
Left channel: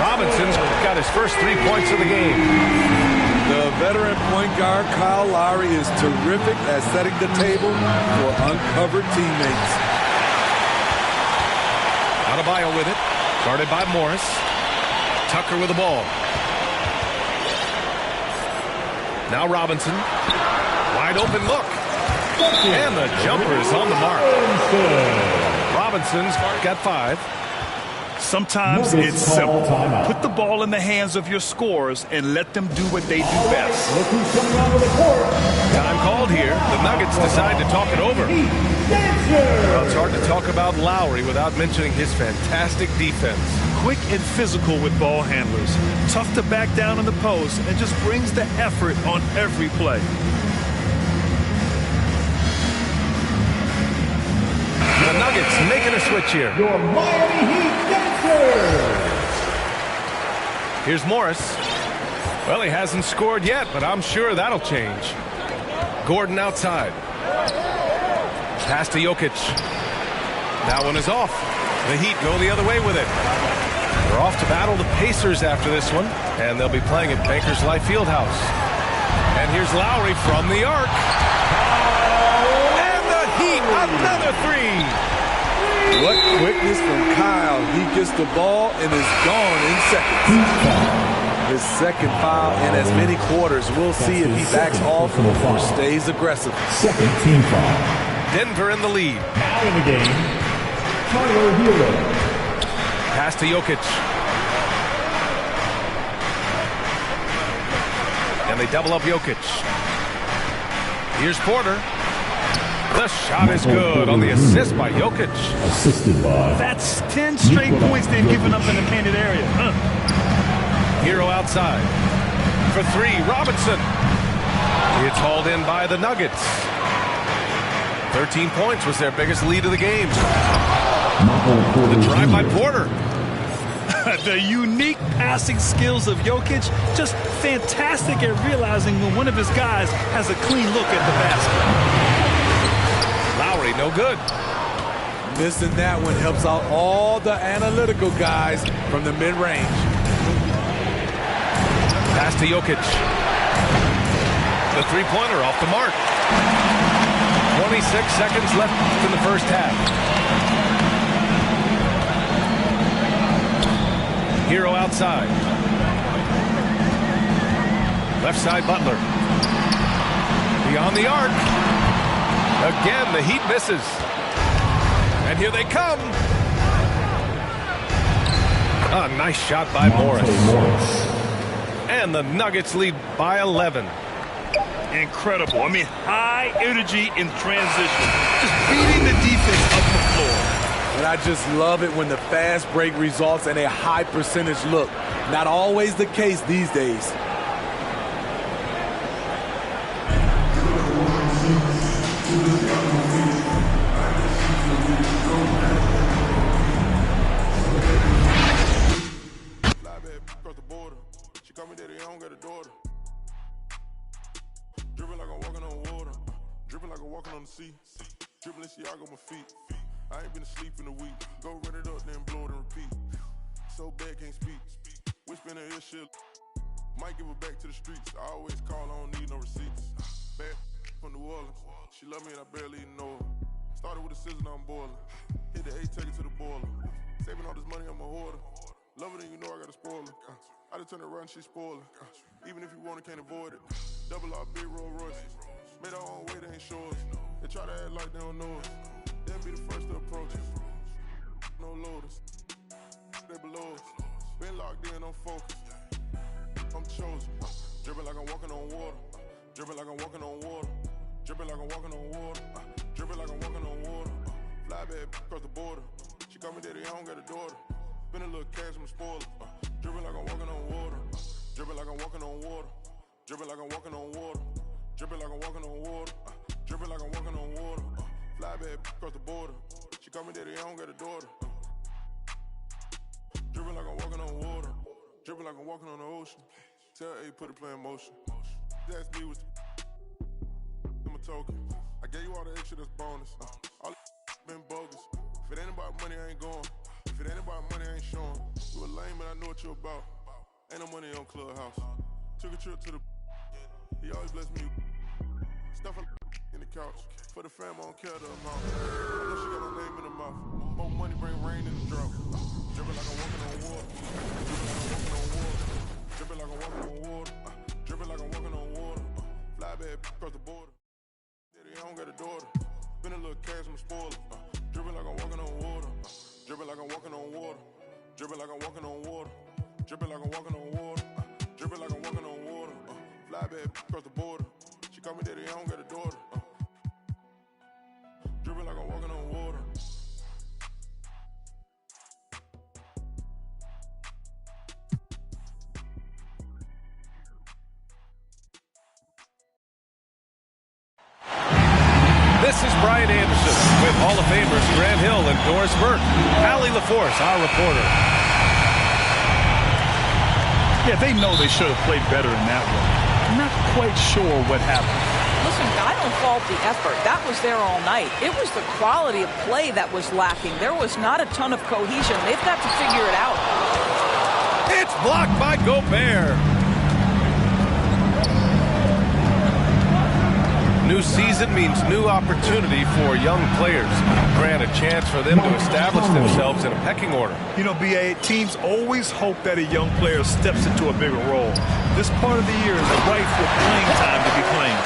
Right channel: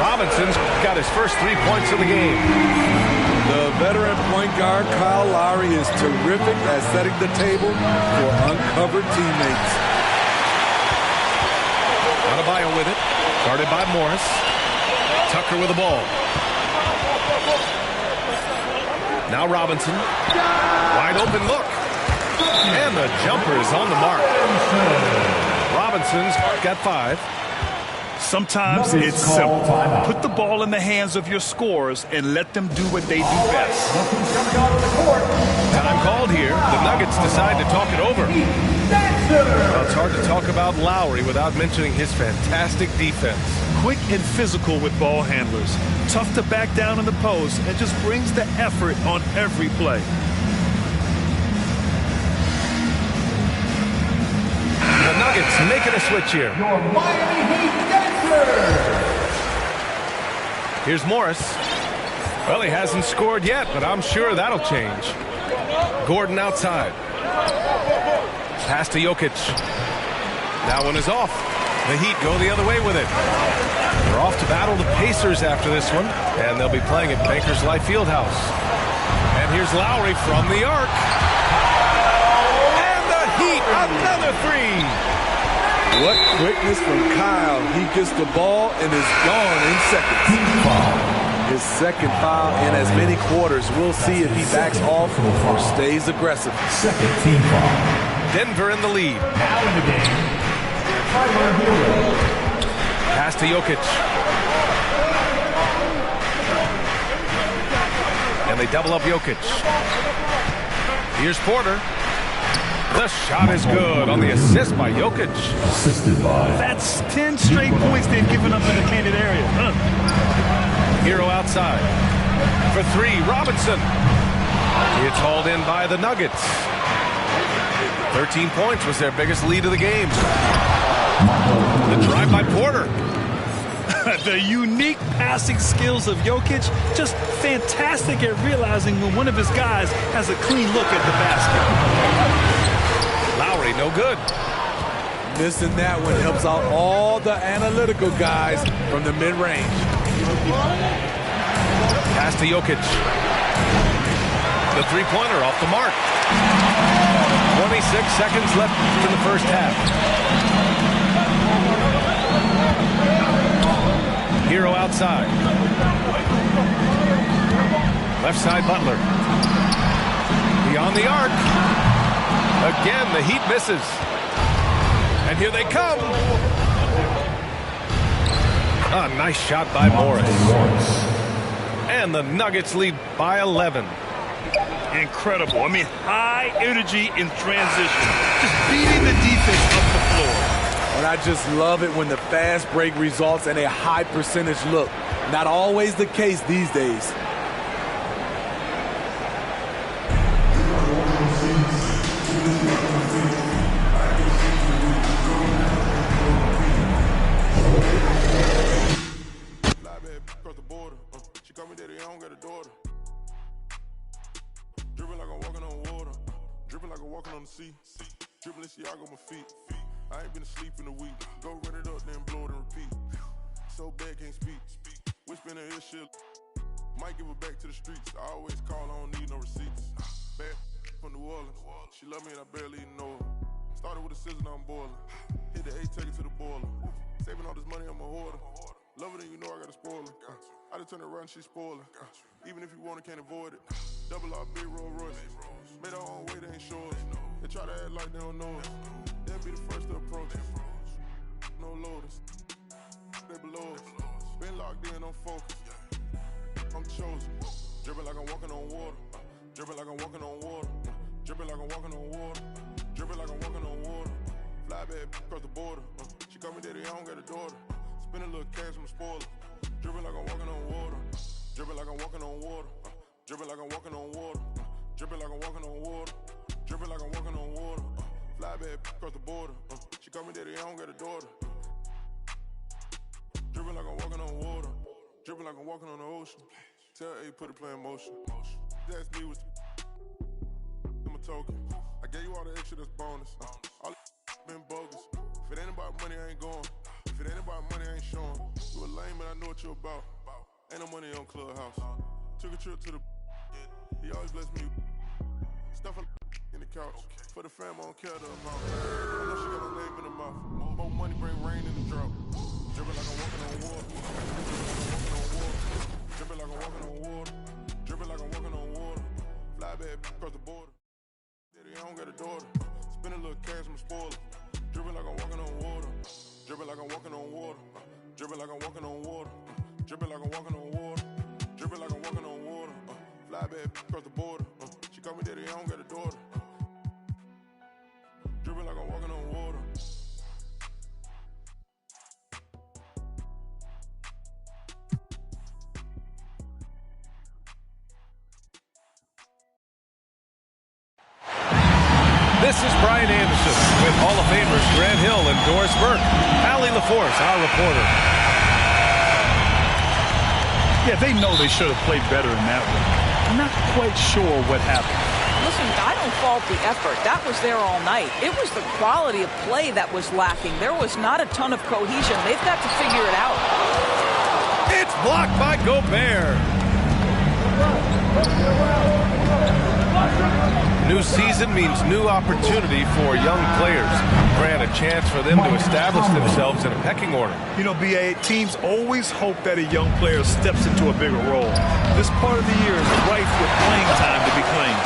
Robinson's got his first 3 points of the game. The veteran point guard, Kyle Lowry, is terrific at setting the table for uncovered teammates. Adebayo with it. Guarded by Morris. Tucker with the ball. Now Robinson. Wide open look. And the jumper is on the mark. Robinson's got 5. Sometimes it's simple. Put the ball in the hands of your scorers and let them do what they do best. Time called here. The Nuggets decide to talk it over. Well, it's hard to talk about Lowry without mentioning his fantastic defense. Quick and physical with ball handlers. Tough to back down in the post and just brings the effort on every play. The Nuggets making a switch here. Your Miami Heat Dancers. Here's Morris. Well, he hasn't scored yet, but I'm sure that'll change. Gordon outside. Pass to Jokic. That one is off. The Heat go the other way with it. They're off to battle the Pacers after this one, and they'll be playing at Bankers Life Fieldhouse. And here's Lowry from the arc. Heat, another three. What quickness from Kyle. He gets the ball and is gone in seconds. His second foul in as many quarters. We'll see if he backs off or stays aggressive. Second team foul. Denver in the lead. Now in the game, Tyler Hero. Pass to Jokic. And they double up Jokic. Here's Porter. The shot is good on the assist by Jokic. Assisted by. That's 10 straight points they've given up in the painted area. Hero outside. For 3, Robinson. It's hauled in by the Nuggets. 13 points was their biggest lead of the game. The drive by Porter. The unique passing skills of Jokic, just fantastic at realizing when one of his guys has a clean look at the basket. Lowry, no good. Missing that one helps out all the analytical guys from the mid-range. Pass to Jokic. The three-pointer off the mark. 26 seconds left in the first half. Hero outside. Left side Butler. Beyond the arc. Again, the Heat misses. And here they come. A nice shot by Morris. And the Nuggets lead by 11. Incredible. I mean, high energy in transition. Just beating the defense up the floor. And I just love it when the fast break results in a high percentage look. Not always the case these days. I ain't been asleep in a week. Go run it up, then blow it and repeat. So bad, can't speak. Whisper in the ear shit. Might give it back to the streets. I always call, I don't need no receipts. Bad. from New Orleans. She love me and I barely even know her. Started with a scissors, now I'm boiling. Hit the 8, take it to the boiler. Saving all this money, I'm a hoarder. Love it and you know I got a spoiler. I just turn it around, she spoiler. Even if you want it, can't avoid it. Double R, big Rolls Royce. Made our own way, they ain't sure us. They try to act like they don't know us. They'll be the first to approach us. No loaders. They below us. Been locked in, I'm focused. I'm chosen. Dripping like I'm walking on water. Dripping like I'm walking on water. Dripping like I'm walking on water. Dripping like I'm walking on water. Fly back across the border. She call me daddy, I don't got a daughter. Spend a little cash, I'm a spoiler. Dripping like I'm walking on water. Dripping like I'm walking on water. Dripping like I'm walking on water. Dripping like I'm walking on water. Dripping like I'm walking on water. Fly back across the border. She call me daddy, I don't got a daughter. Dripping like I'm walking on water. Dripping like I'm walking on the ocean. Tell A, put the play in motion. That's me with I'm a token. I gave you all the extra, that's bonus. All been bogus. If it ain't about money, I ain't going. If it ain't about money, I ain't showing. You a lame, but I know what you about. Ain't no money on Clubhouse. Took a trip to the. He always bless me. Stuff in the couch. For the fam, I don't care the amount. I know she got her name in her mouth. More money bring rain in the drought. Dripping like I'm walking on water. Dripping like I'm walking on water. Dripping like I'm walking on water. Fly back across the border. Daddy, I don't got a daughter. Spend a little cash, I'm a spoiler. Dripping like I'm walking on water. Dripping like I'm walking on water. Dripping like I'm walking on water. Dripping like I'm walking on water. Dripping like I'm walking on water. Fly back across the border. She call me daddy, I don't got a daughter. Dripping like I'm walking on water. This is Brian Anderson with Hall of Famers Grant Hill and Doris Burke. Allie LaForce, our reporter. Yeah, they know they should have played better in that one. I'm not quite sure what happened. Listen, I don't fault the effort. That was there all night. It was the quality of play that was lacking. There was not a ton of cohesion. They've got to figure it out. It's blocked by Gobert. New season means new opportunity for young players. Grant, a chance for them to establish themselves in a pecking order. You know, B.A., teams always hope that a young player steps into a bigger role. This part of the year is rife with playing time to be claimed.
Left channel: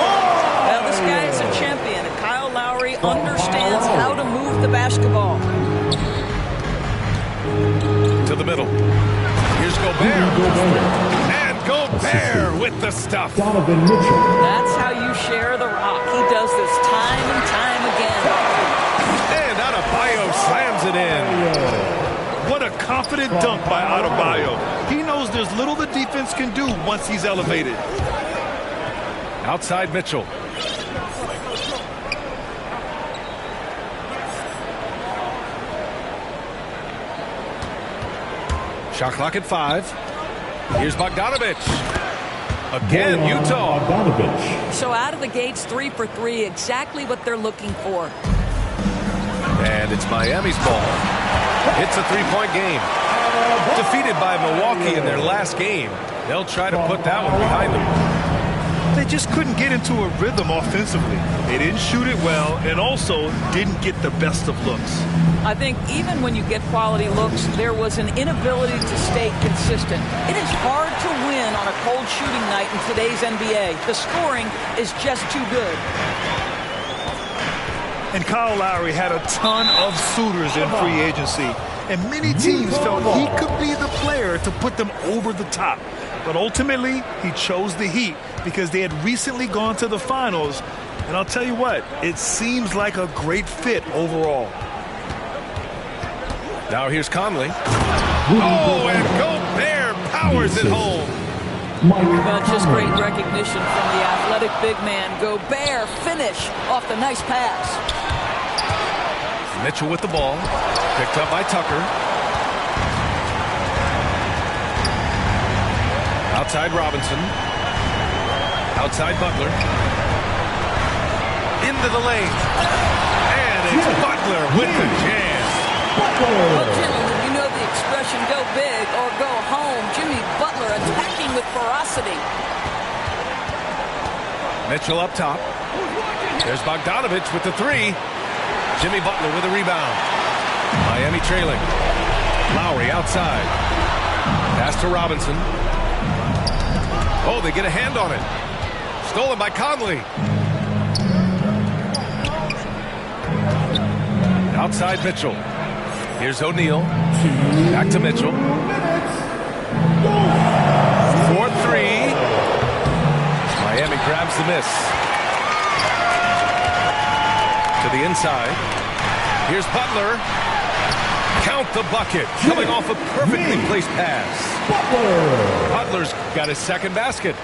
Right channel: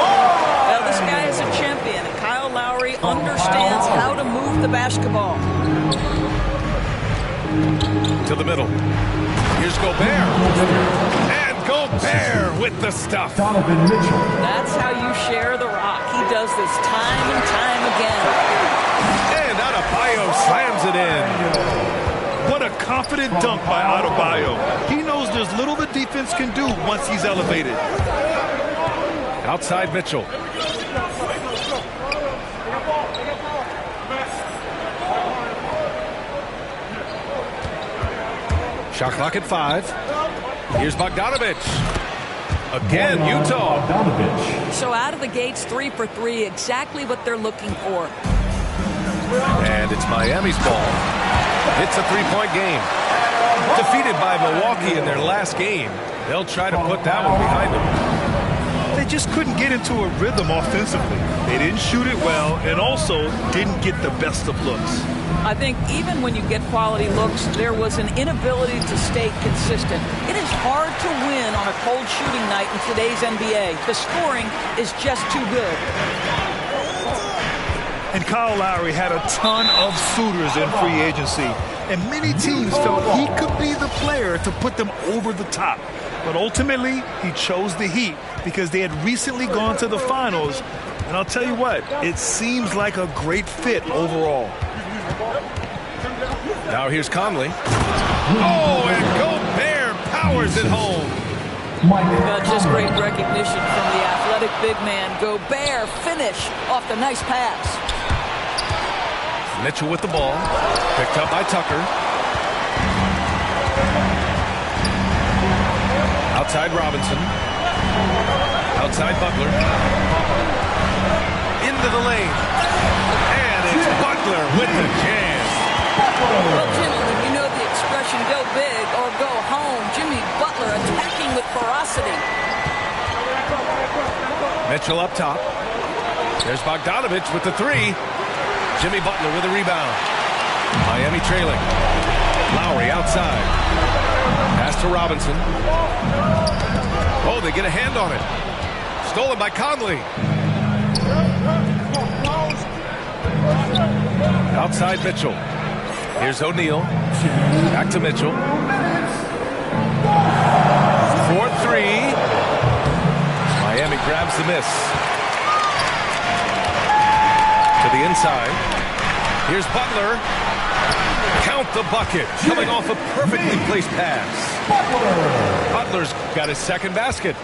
Well, this guy is a champion, and Kyle Lowry understands how to move the basketball. To the middle. Here's Gobert. And Gobert with the stuff. Donovan Mitchell. That's how you share the rock. He does this time and time again. And Adebayo slams it in. What a confident dunk by Adebayo. He knows there's little the defense can do once he's elevated. Outside Mitchell. Shot clock at 5. Here's Bogdanovic. Again, Utah. Bogdanovic. So out of the gates, 3 for 3, exactly what they're looking for. And it's Miami's ball. It's a three-point game. Defeated by Milwaukee in their last game. They'll try to put that one behind them. They just couldn't get into a rhythm offensively. They didn't shoot it well and also didn't get the best of looks. I think even when you get quality looks, there was an inability to stay consistent. It is hard to win on a cold shooting night in today's NBA. The scoring is just too good. And Kyle Lowry had a ton of suitors in free agency, and many teams felt he could be the player to put them over the top. But ultimately, he chose the Heat because they had recently gone to the finals. And I'll tell you what, it seems like a great fit overall. Now here's Conley. Oh, and Gobert powers it home. Just great recognition from the athletic big man. Gobert finish off the nice pass. Mitchell with the ball. Picked up by Tucker. Outside Robinson. Outside Butler. Into the lane. And it's Butler with the jam. Well, gentlemen, you know the expression, go big or go home. Jimmy Butler attacking with ferocity. Mitchell up top. There's Bogdanovich with the three. Jimmy Butler with a rebound. Miami trailing. Lowry outside. Pass to Robinson. Oh, they get a hand on it. Stolen by Conley. Outside Mitchell. Here's O'Neal. Back to Mitchell. 4-3. Miami grabs the miss. To the inside. Here's Butler. Count the bucket. Coming off a perfectly placed pass. Butler's got his second basket.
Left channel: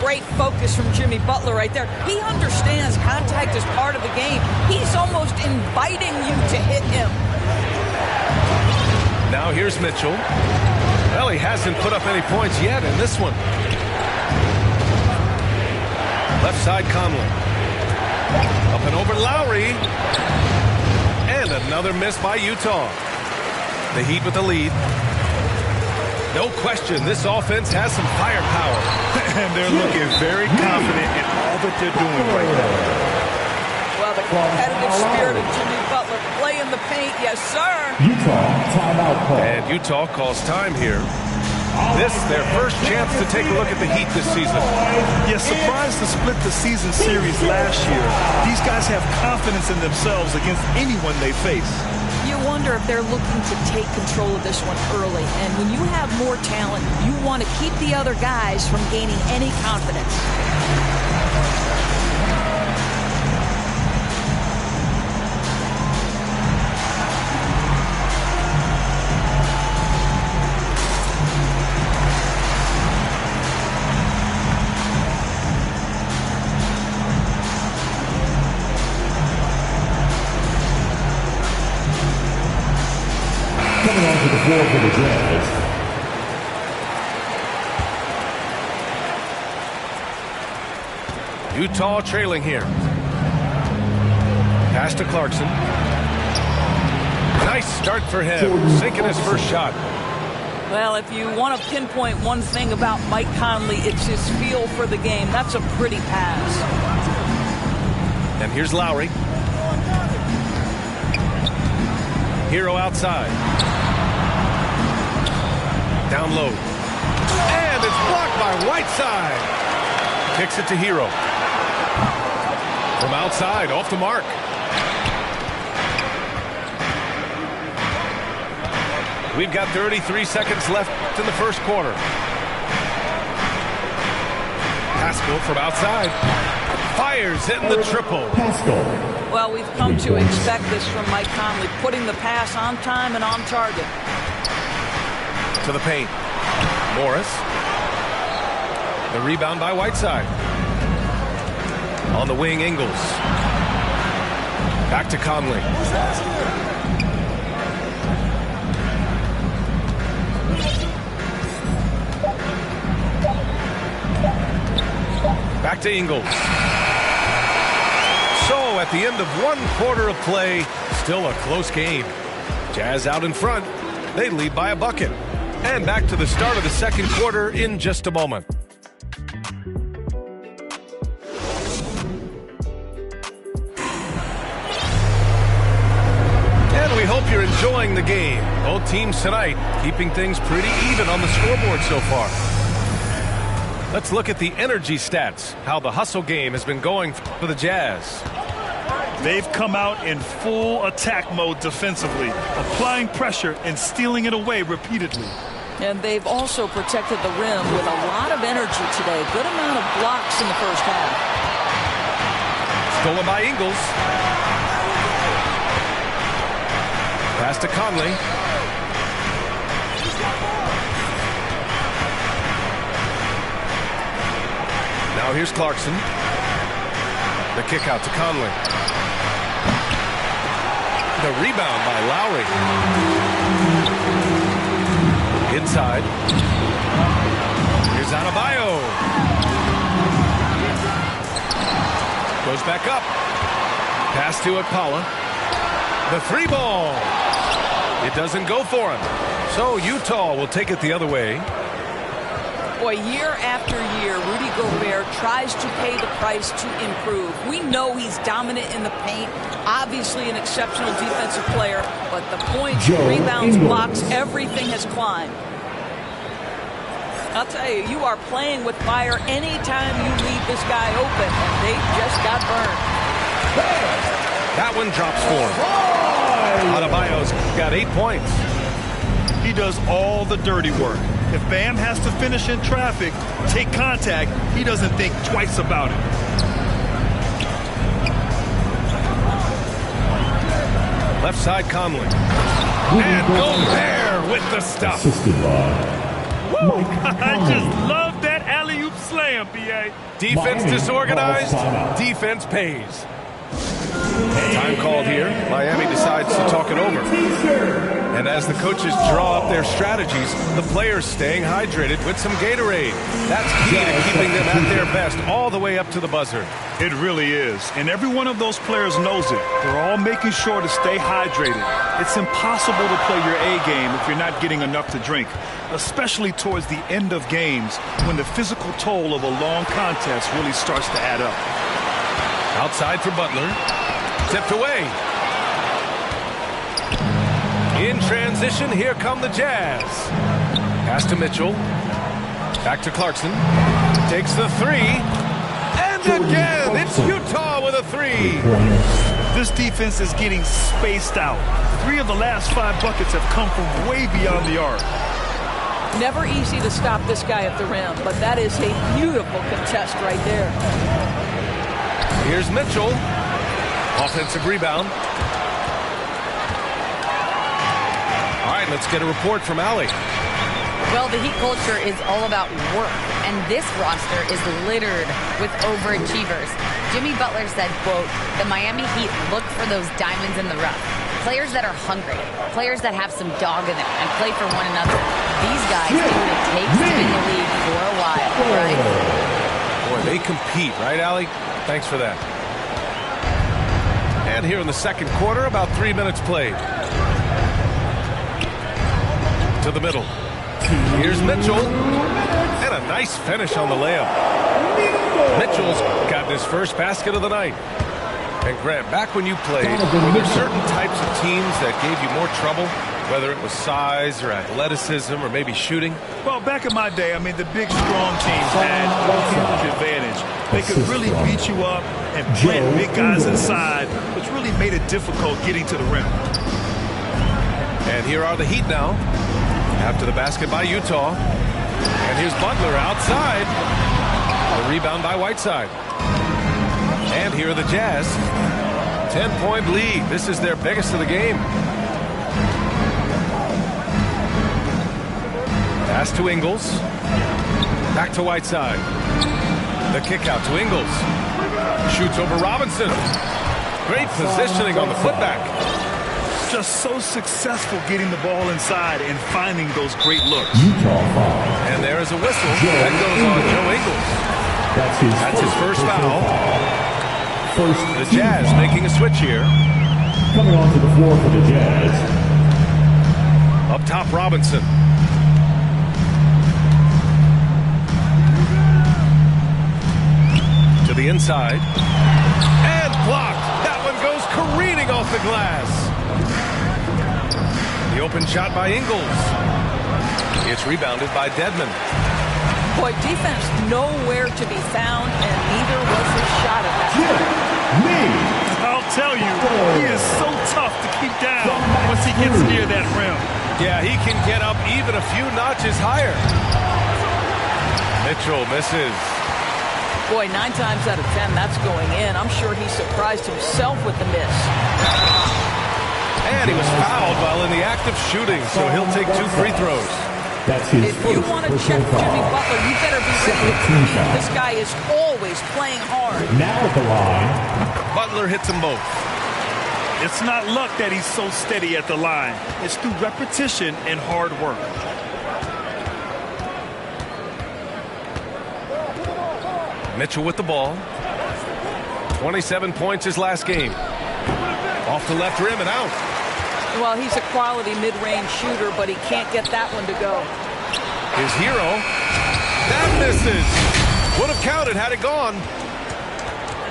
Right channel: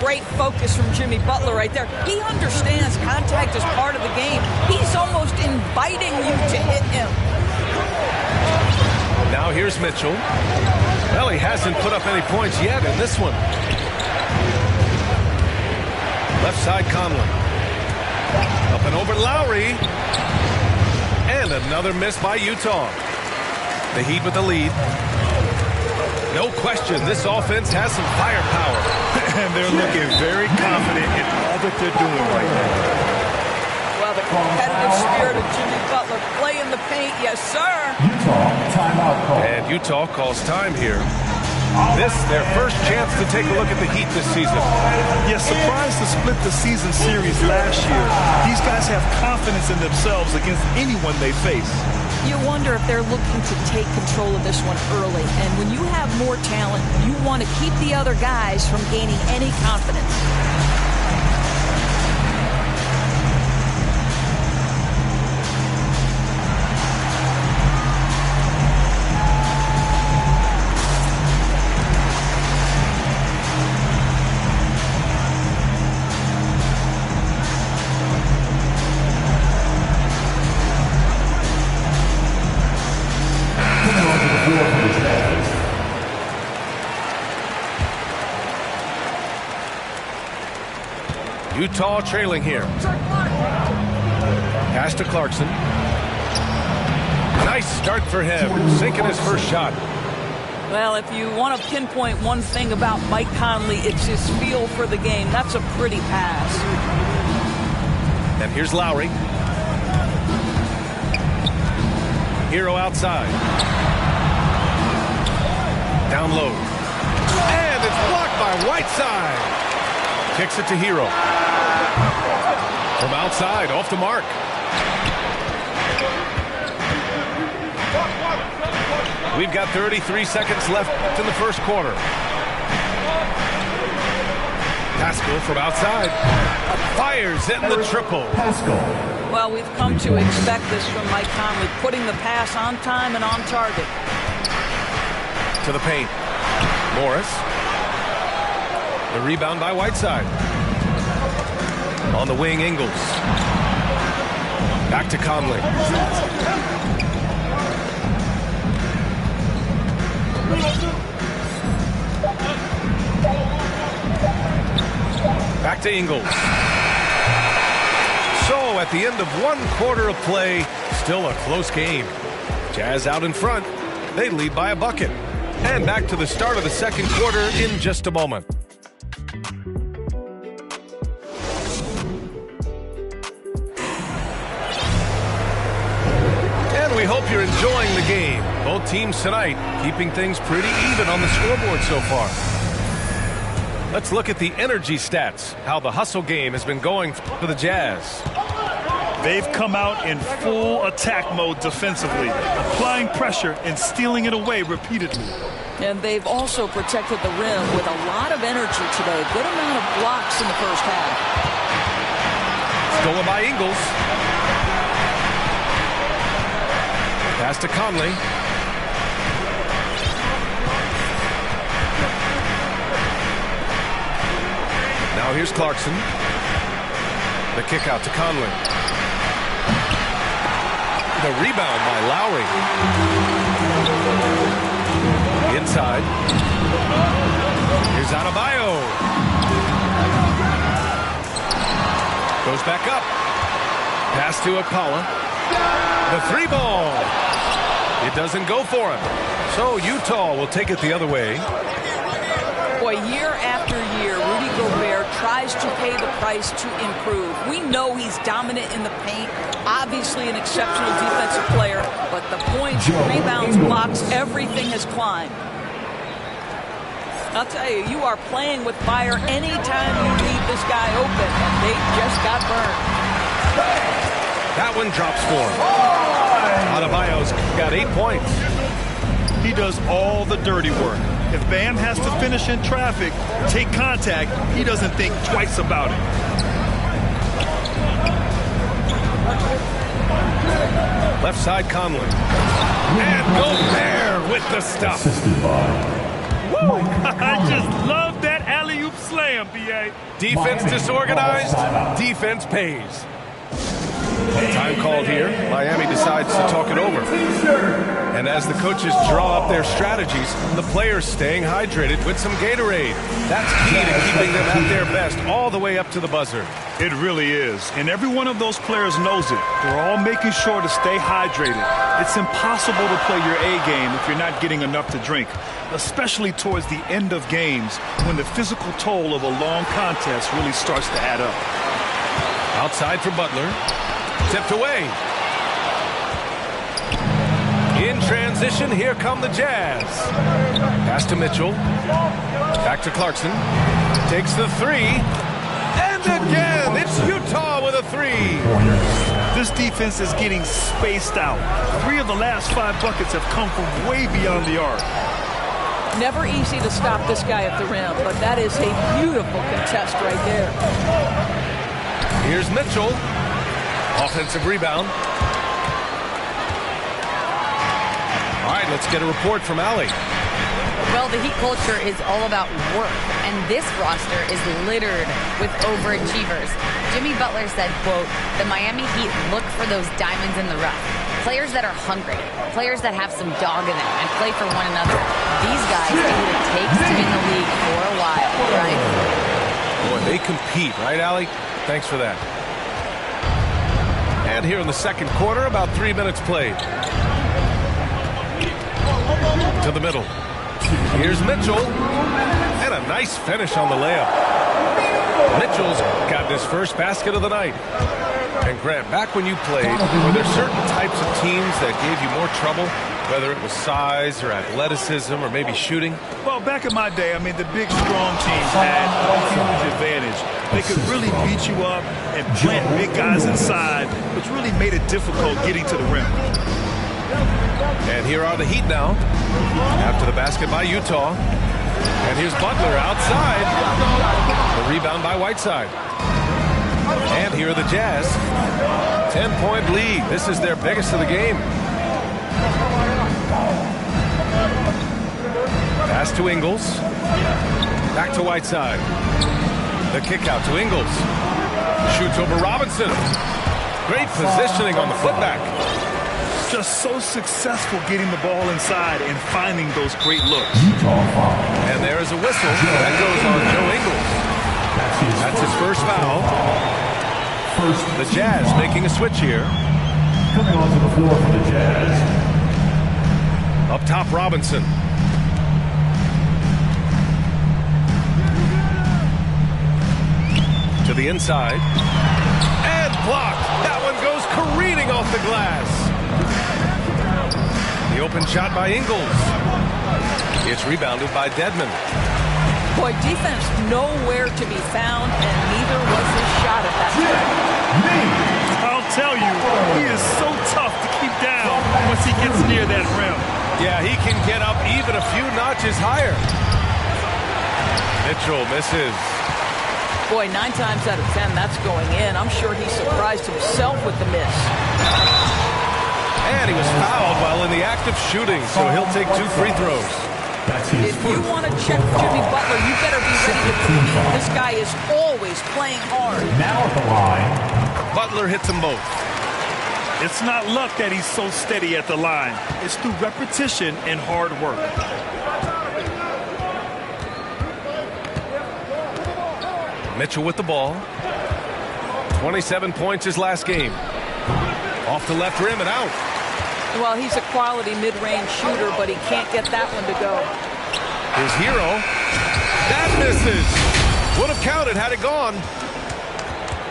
Great focus from Jimmy Butler right there. He understands contact is part of the game. He's almost inviting you to hit him. Now here's Mitchell. Well, he hasn't put up any points yet in this one. Left side Conley. Up and over Lowry. And another miss by Utah. The Heat with the lead. No question, this offense has some firepower. And they're looking very confident in all that they're doing right now. Well, the competitive spirit of Jimmy Butler playing the paint, yes, sir. Utah timeout call. And Utah calls time here. This, their first chance to take a look at the Heat this season. Yeah, surprised to split the season series last year. These guys have confidence in themselves against anyone they face. You wonder if they're looking to take control of this one early. And when you have more talent, you want to keep the other guys from gaining any confidence. For the Jazz. Utah trailing here. Pass to Clarkson. Nice start for him, sinking his first shot. Well, if you want to pinpoint one thing about Mike Conley, it's his feel for the game. That's a pretty pass. And here's Lowry. Hero outside. Down low. And it's blocked by Whiteside. Kicks it to Hero. From outside, off the mark. We've got 33 seconds left in the first quarter. Pascal from outside. Fires in the triple. Pascal. Well, we've come to expect this from Mike Conley, putting the pass on time and on target. To the paint. Morris. The rebound by Whiteside. On the wing, Ingles. Back to Conley. Back to Ingles. So at the end of one quarter of play, still a close game. Jazz out in front. They lead by a bucket. And back to the start of the second quarter in just a moment. And we hope you're enjoying the game. Both teams tonight keeping things pretty even on the scoreboard so far. Let's look at the energy stats, how the hustle game has been going for the Jazz. They've come out in full attack mode defensively, applying pressure and stealing it away repeatedly. And they've also protected the rim with a lot of energy today. Good amount of blocks in the first half. Stolen by Ingles. Pass to Conley. Now here's Clarkson. The kick out to Conley. The rebound by Lowry. Inside. Here's Adebayo. Goes back up. Pass to Okpala. The three ball. It doesn't go for him. So Utah will take it the other way. Boy, year after year, Rudy Gobert tries to pay the price to improve. We know he's dominant in the paint, obviously an exceptional defensive player, but the points, rebounds, blocks, everything has climbed. I'll tell you, you are playing with fire anytime you leave this guy open, and they just got burned. That one drops for him. Adebayo's got 8 points. He does all the dirty work. If Bam has to finish in traffic, take contact, he doesn't think twice about it. Left side, Conley. And Gobert with the stuff. Woo! I just love that alley-oop slam, B.A. Defense disorganized, defense pays. Time called here. Miami decides to talk it over. And as the coaches draw up their strategies, the players staying hydrated with some Gatorade. That's key to keeping them at their best all the way up to the buzzer. It really is. And every one of those players knows it. They're all making sure to stay hydrated. It's impossible to play your A game if you're not getting enough to drink, especially towards the end of games when the physical toll of a long contest really starts to add up. Outside for Butler. Tipped away. In transition, here come the Jazz. Pass to Mitchell. Back to Clarkson. Takes the three. And again, it's Utah with a three. This defense is getting spaced out. 3 of the last 5 buckets have come from way beyond the arc. Never easy to stop this guy at the rim, but that is a beautiful contest right there. Here's Mitchell. Offensive rebound. All right, let's get a report from Allie. Well, the Heat culture is all about work, and this roster is littered with overachievers. Jimmy Butler said, quote, "The Miami Heat look for those diamonds in the rough. Players that are hungry, players that have some dog in them and play for one another. These guys do what it takes to be in the league for a while," right? Boy, they compete, right, Allie? Thanks for that. And here in the second quarter, about 3 minutes played. To the middle. Here's Mitchell. And a nice finish on the layup. Mitchell's gotten his first basket of the night. And Grant, back when you played, were there certain types of teams that gave you more trouble, whether it was size or athleticism or maybe shooting? Well, back in my day, I mean, the big, strong teams had a huge advantage. They could really beat you up and plant big guys inside, which really made it difficult getting to the rim. And here are the Heat now, after the basket by Utah. And here's Butler outside. The rebound by Whiteside. And here are the Jazz. 10-point lead. This is their biggest of the game. Pass to Ingles. Back to Whiteside. The kick out to Ingles. Shoots over Robinson. Great positioning on the putback. Just so successful getting the ball inside and finding those great looks. And there is a whistle. That goes on Joe Ingles. That's his first foul. The Jazz making a switch here. Coming onto the floor for the Jazz. Up top, Robinson. To the inside. And blocked. That one goes careening off the glass. The open shot by Ingles. It's rebounded by Dedmon. Boy, defense nowhere to be found, and neither was his shot at that time. I'll tell you, he is so tough to keep down once he gets near that rim. Yeah, he can get up even a few notches higher. Mitchell misses. Boy, 9 times out of 10, that's going in. I'm sure he surprised himself with the miss. And he was fouled while in the act of shooting, so he'll take 2 free throws. If you want to check Jimmy Butler, you better be ready to compete. This guy is always playing hard. Now at the line. Butler hits them both. It's not luck that he's so steady at the line. It's through repetition and hard work. Mitchell with the ball. 27 points his last game. Off the left rim and out. Well, he's a quality mid-range shooter, but he can't get that one to go. His hero. That misses. Would have counted had it gone.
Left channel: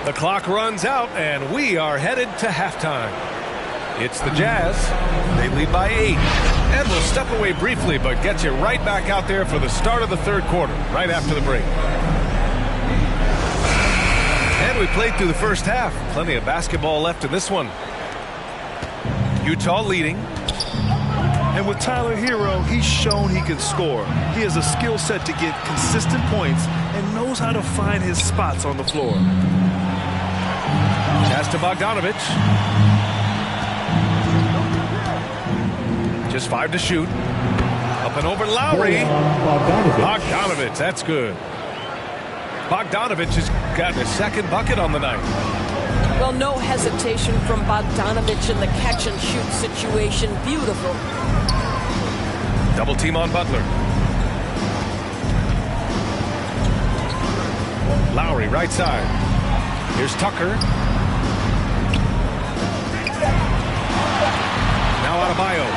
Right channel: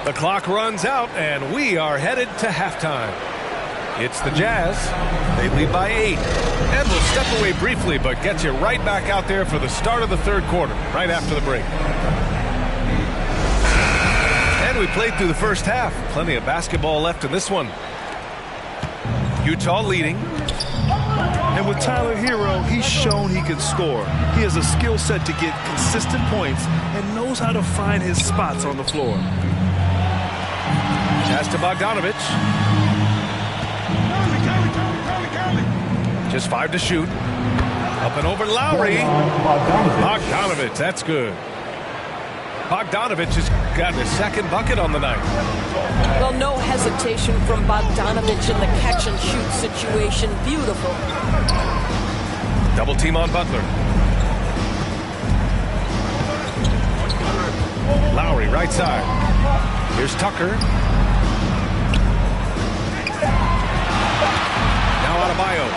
The clock runs out, and we are headed to halftime. It's the Jazz. They lead by 8. And we'll step away briefly, but get you right back out there for the start of the third quarter, right after the break. And we played through the first half. Plenty of basketball left in this one. Utah leading. And with Tyler Hero, he's shown he can score. He has a skill set to get consistent points and knows how to find his spots on the floor. Pass to Bogdanovic. Just 5 to shoot. Up and over Lowry. Bogdanovic, that's good. Bogdanovic has gotten his second bucket on the night. Well, no hesitation from Bogdanovic in the catch-and-shoot situation. Beautiful. Double team on Butler. Lowry, right side. Here's Tucker. Now Adebayo.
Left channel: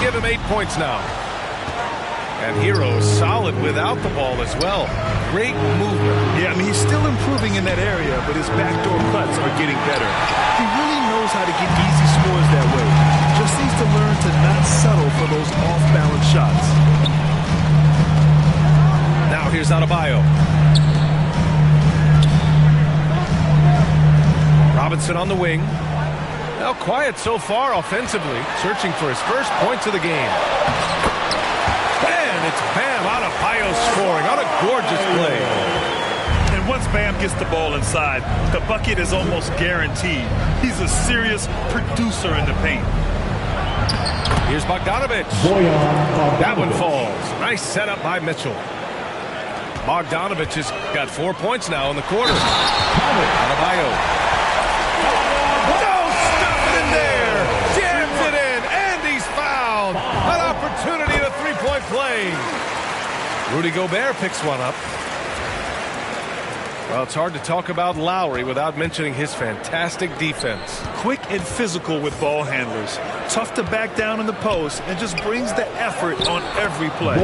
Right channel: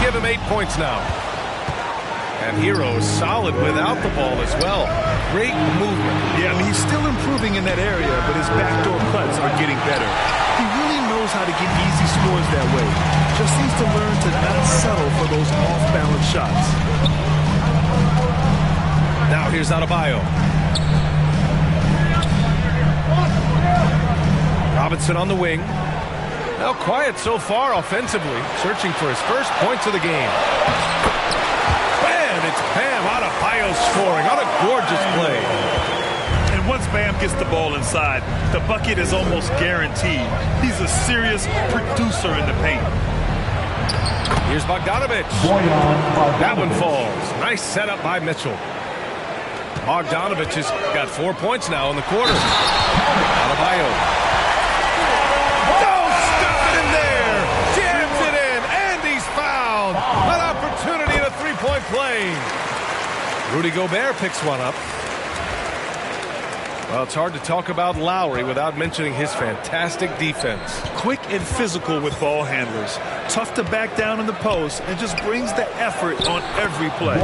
Give him 8 points now. And Hero solid without the ball as well. Great movement. Yeah, I mean, he's still improving in that area, but his backdoor cuts are getting better. He really knows how to get easy scores that way. Just needs to learn to not settle for those off-balance shots. Now here's Adebayo. Robinson on the wing. Now quiet so far offensively, searching for his first points of the game. And it's Bam Adebayo scoring on a gorgeous play. And once Bam gets the ball inside, the bucket is almost guaranteed. He's a serious producer in the paint. Here's Bogdanovic. That one falls. Nice setup by Mitchell. Bogdanovic has got 4 points now in the quarter. Adebayo. No, stop it in there. Jams it in, and he's fouled. An opportunity in a three-point play. Rudy Gobert picks one up. Well, it's hard to talk about Lowry without mentioning his fantastic defense. Quick and physical with ball handlers. Tough to back down in the post and just brings the effort on every play.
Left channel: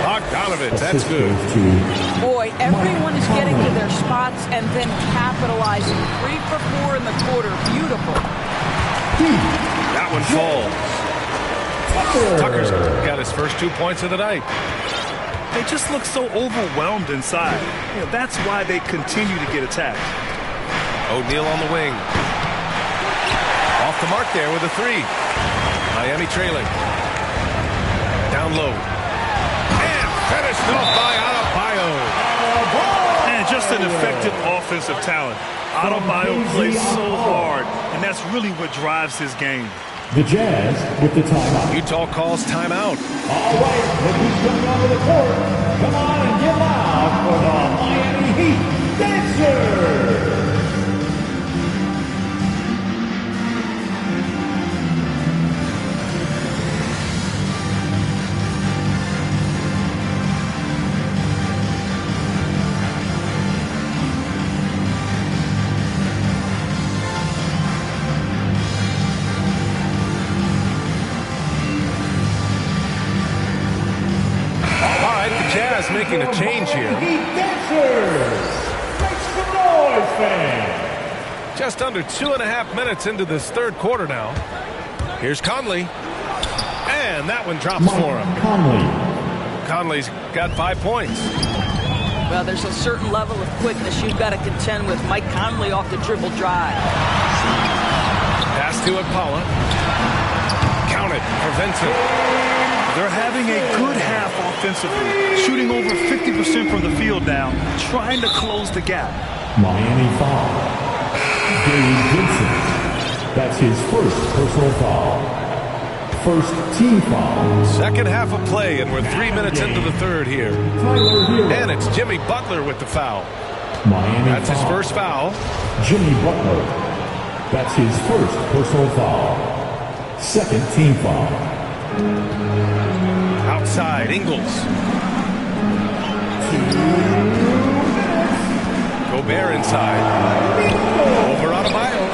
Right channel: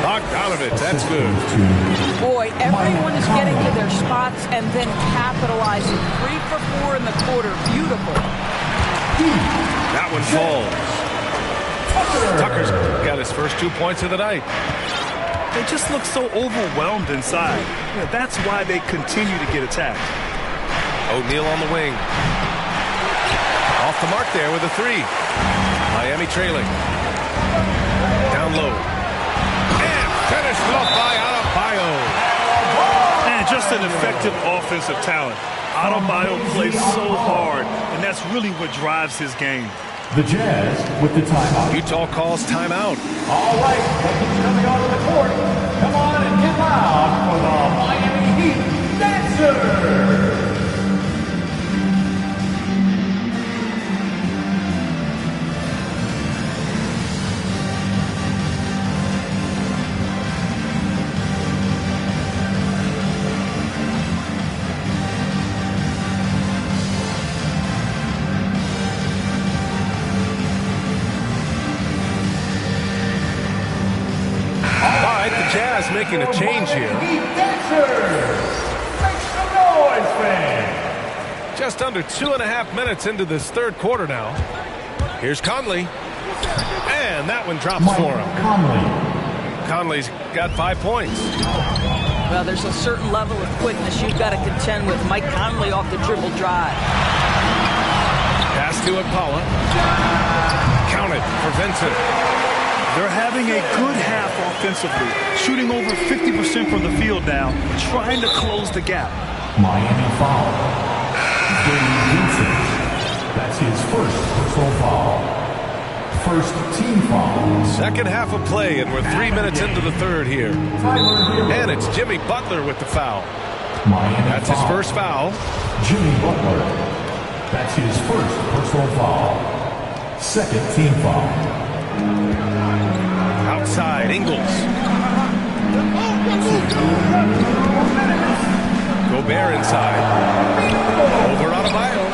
Bogdanovic, that's good. Boy, everyone is getting to their spots and then capitalizing. 3 for 4 in the quarter. Beautiful. That one falls. Tucker's got his first 2 points of the night. They just look so overwhelmed inside. You know, that's why they continue to get attacked. O'Neal on the wing. Off the mark there with a 3. Miami trailing. Down low. And finished off by Adebayo. And just an effective offensive talent. Adebayo plays so hard, and that's really what drives his game. The Jazz with the timeout. Utah calls timeout. All right, look who's coming onto the court. Come on and get loud for the Miami Heat Dancers. Jazz making a change here. Heat Dancers. Make some noise, fans. Just under 2.5 minutes into this third quarter now. Here's Conley. And that one drops for him. Conley's got 5 points. Well, there's a certain level of quickness you've got to contend with. Mike Conley off the dribble drive. Pass to Akpala. Counted for Vincent. They're having a good half offensively, shooting over 50% from the field now, trying to close the gap. Miami foul. Gabe Vincent. That's his first personal foul. First team foul. Second half of play, and we're 3 minutes into the third here. And it's Jimmy Butler with the foul. Miami That's his first foul. Jimmy Butler. That's his first personal foul. Second team foul. Outside, Ingles. Gobert inside. Over Adebayo.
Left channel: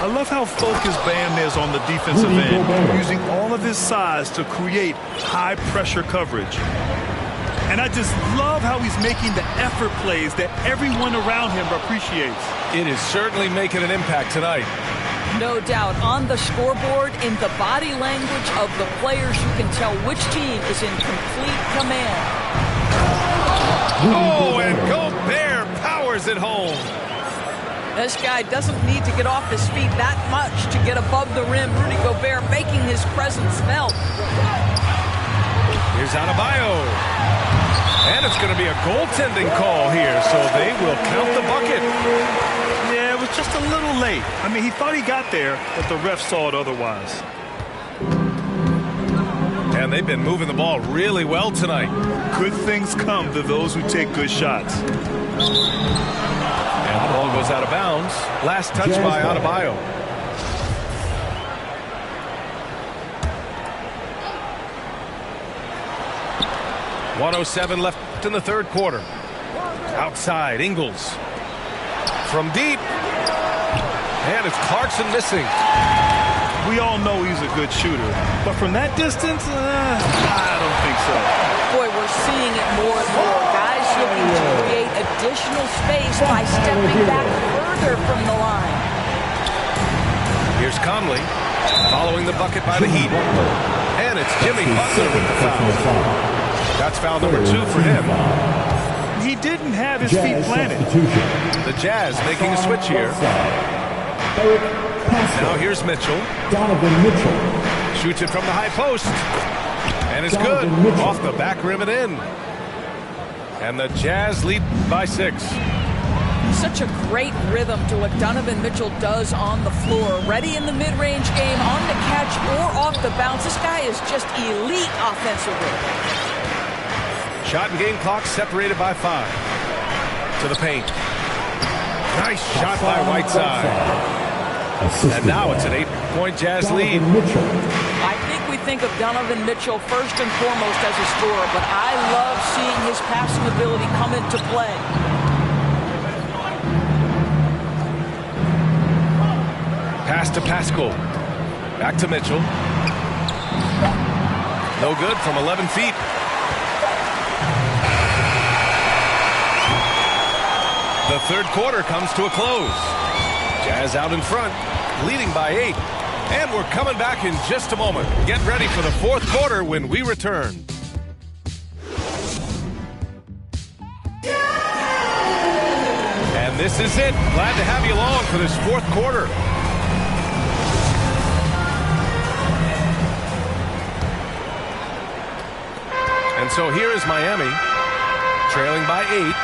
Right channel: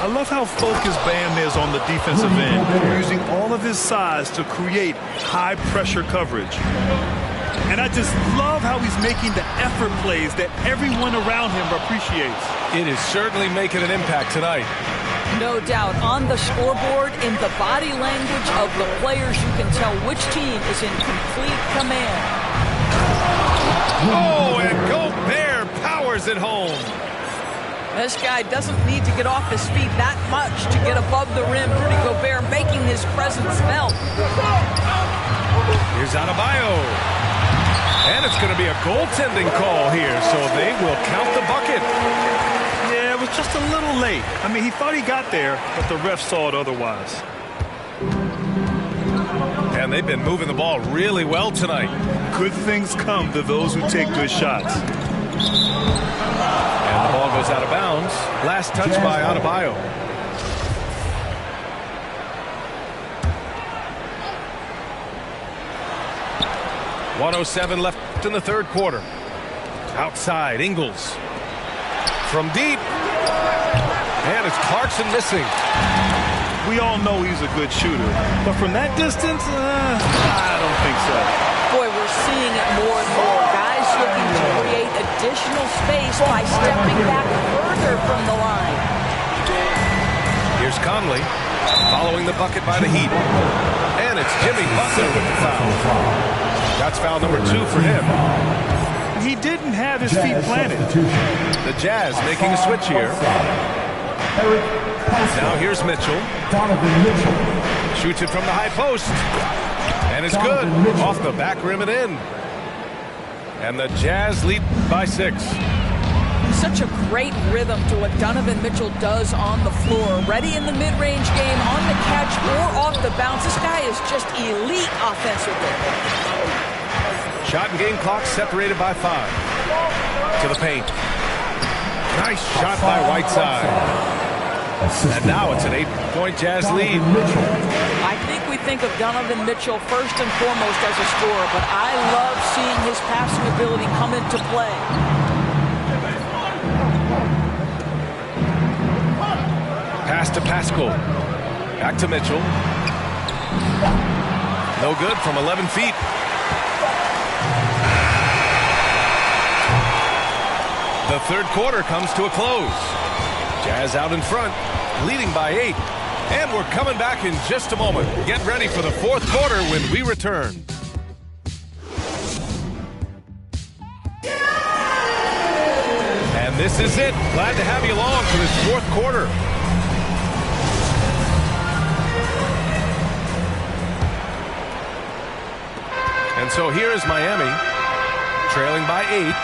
I love how focused Bam is on the defensive end, using all of his size to create high-pressure coverage. And I just love how he's making the effort plays that everyone around him appreciates. It is certainly making an impact tonight. No doubt. On the scoreboard, in the body language of the players, you can tell which team is in complete command. Oh, and Gobert powers it home. This guy doesn't need to get off his feet that much to get above the rim. Rudy Gobert making his presence felt. Here's Adebayo. And it's going to be a goaltending call here, so they will count the bucket. Yeah, it was just a little late. I mean, he thought he got there, but the ref saw it otherwise. And they've been moving the ball really well tonight. Good things come to those who take good shots. And the ball goes out of bounds. Last touch by Adebayo. .107 left in the third quarter. Outside, Ingles. From deep. And it's Clarkson missing. We all know he's a good shooter. But from that distance, I don't think so. Boy, we're seeing it more and more. Guys looking to create additional space by stepping back further from the line. Here's Conley following the bucket by the Heat. And it's Jimmy Butler with the foul. That's foul number 2 for him. He didn't have his feet planted. The Jazz making a switch here. Now here's Mitchell. Donovan Mitchell. Shoots it from the high post. And it's good. Off the back rim and in. And the Jazz lead by 6. Such a great rhythm to what Donovan Mitchell does on the floor. Ready in the mid-range game, on the catch, or off the bounce. This guy is just elite offensively. Shot and game clock separated by 5. To the paint. Nice shot by Whiteside. And now it's an 8-point Jazz lead. I think we think of Donovan Mitchell first and foremost as a scorer, but I love seeing his passing ability come into play. Pass to Pascal. Back to Mitchell. No good from 11 feet. The third quarter comes to a close. Jazz out in front, leading by 8. And we're coming back in just a moment. Get ready for the fourth quarter when we return. And this is it. Glad to have you along for this fourth quarter. And so here is Miami, trailing by 8.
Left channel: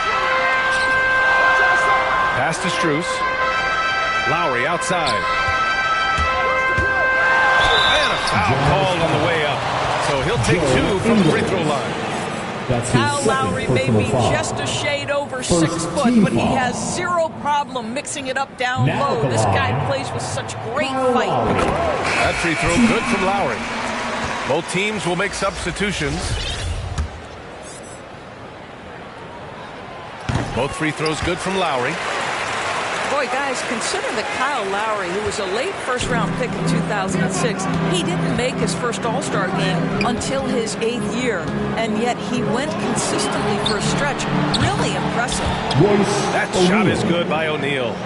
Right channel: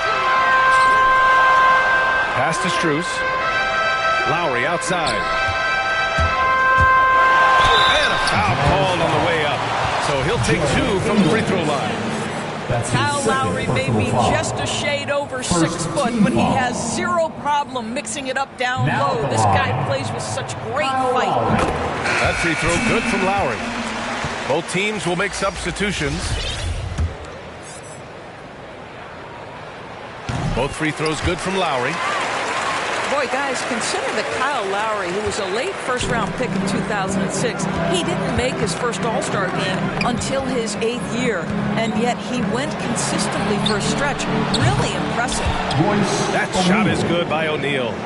Pass to Strus. Lowry outside. And a foul called on the way up. So he'll take 2 from the free throw line. Kyle Lowry may be just a shade over 6 foot, but he has zero problem mixing it up down low. This guy plays with such great fight. That free throw good from Lowry. Both teams will make substitutions. Both free throws good from Lowry. Boy, guys, consider that Kyle Lowry, who was a late first-round pick in 2006, he didn't make his first All-Star game until his 8th year, and yet he went consistently for a stretch. Really impressive. That shot is good by O'Neal.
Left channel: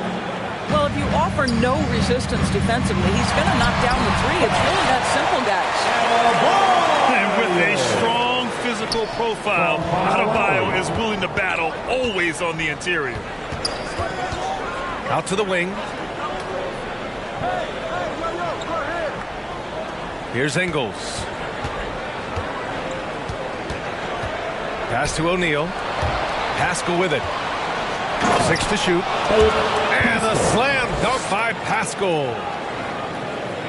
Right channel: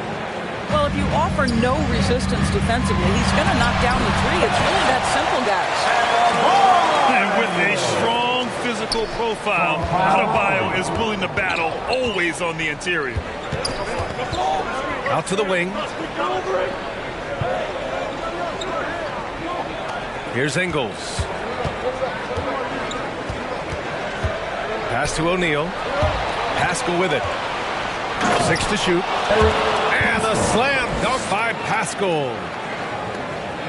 Well, if you offer no resistance defensively, he's going to knock down the 3. It's really that simple, guys. And with a strong physical profile, Adebayo is willing to battle, always on the interior. Out to the wing. Here's Ingles. Pass to O'Neal. Pascal with it. 6 to shoot. And a slam dunk by Pascal.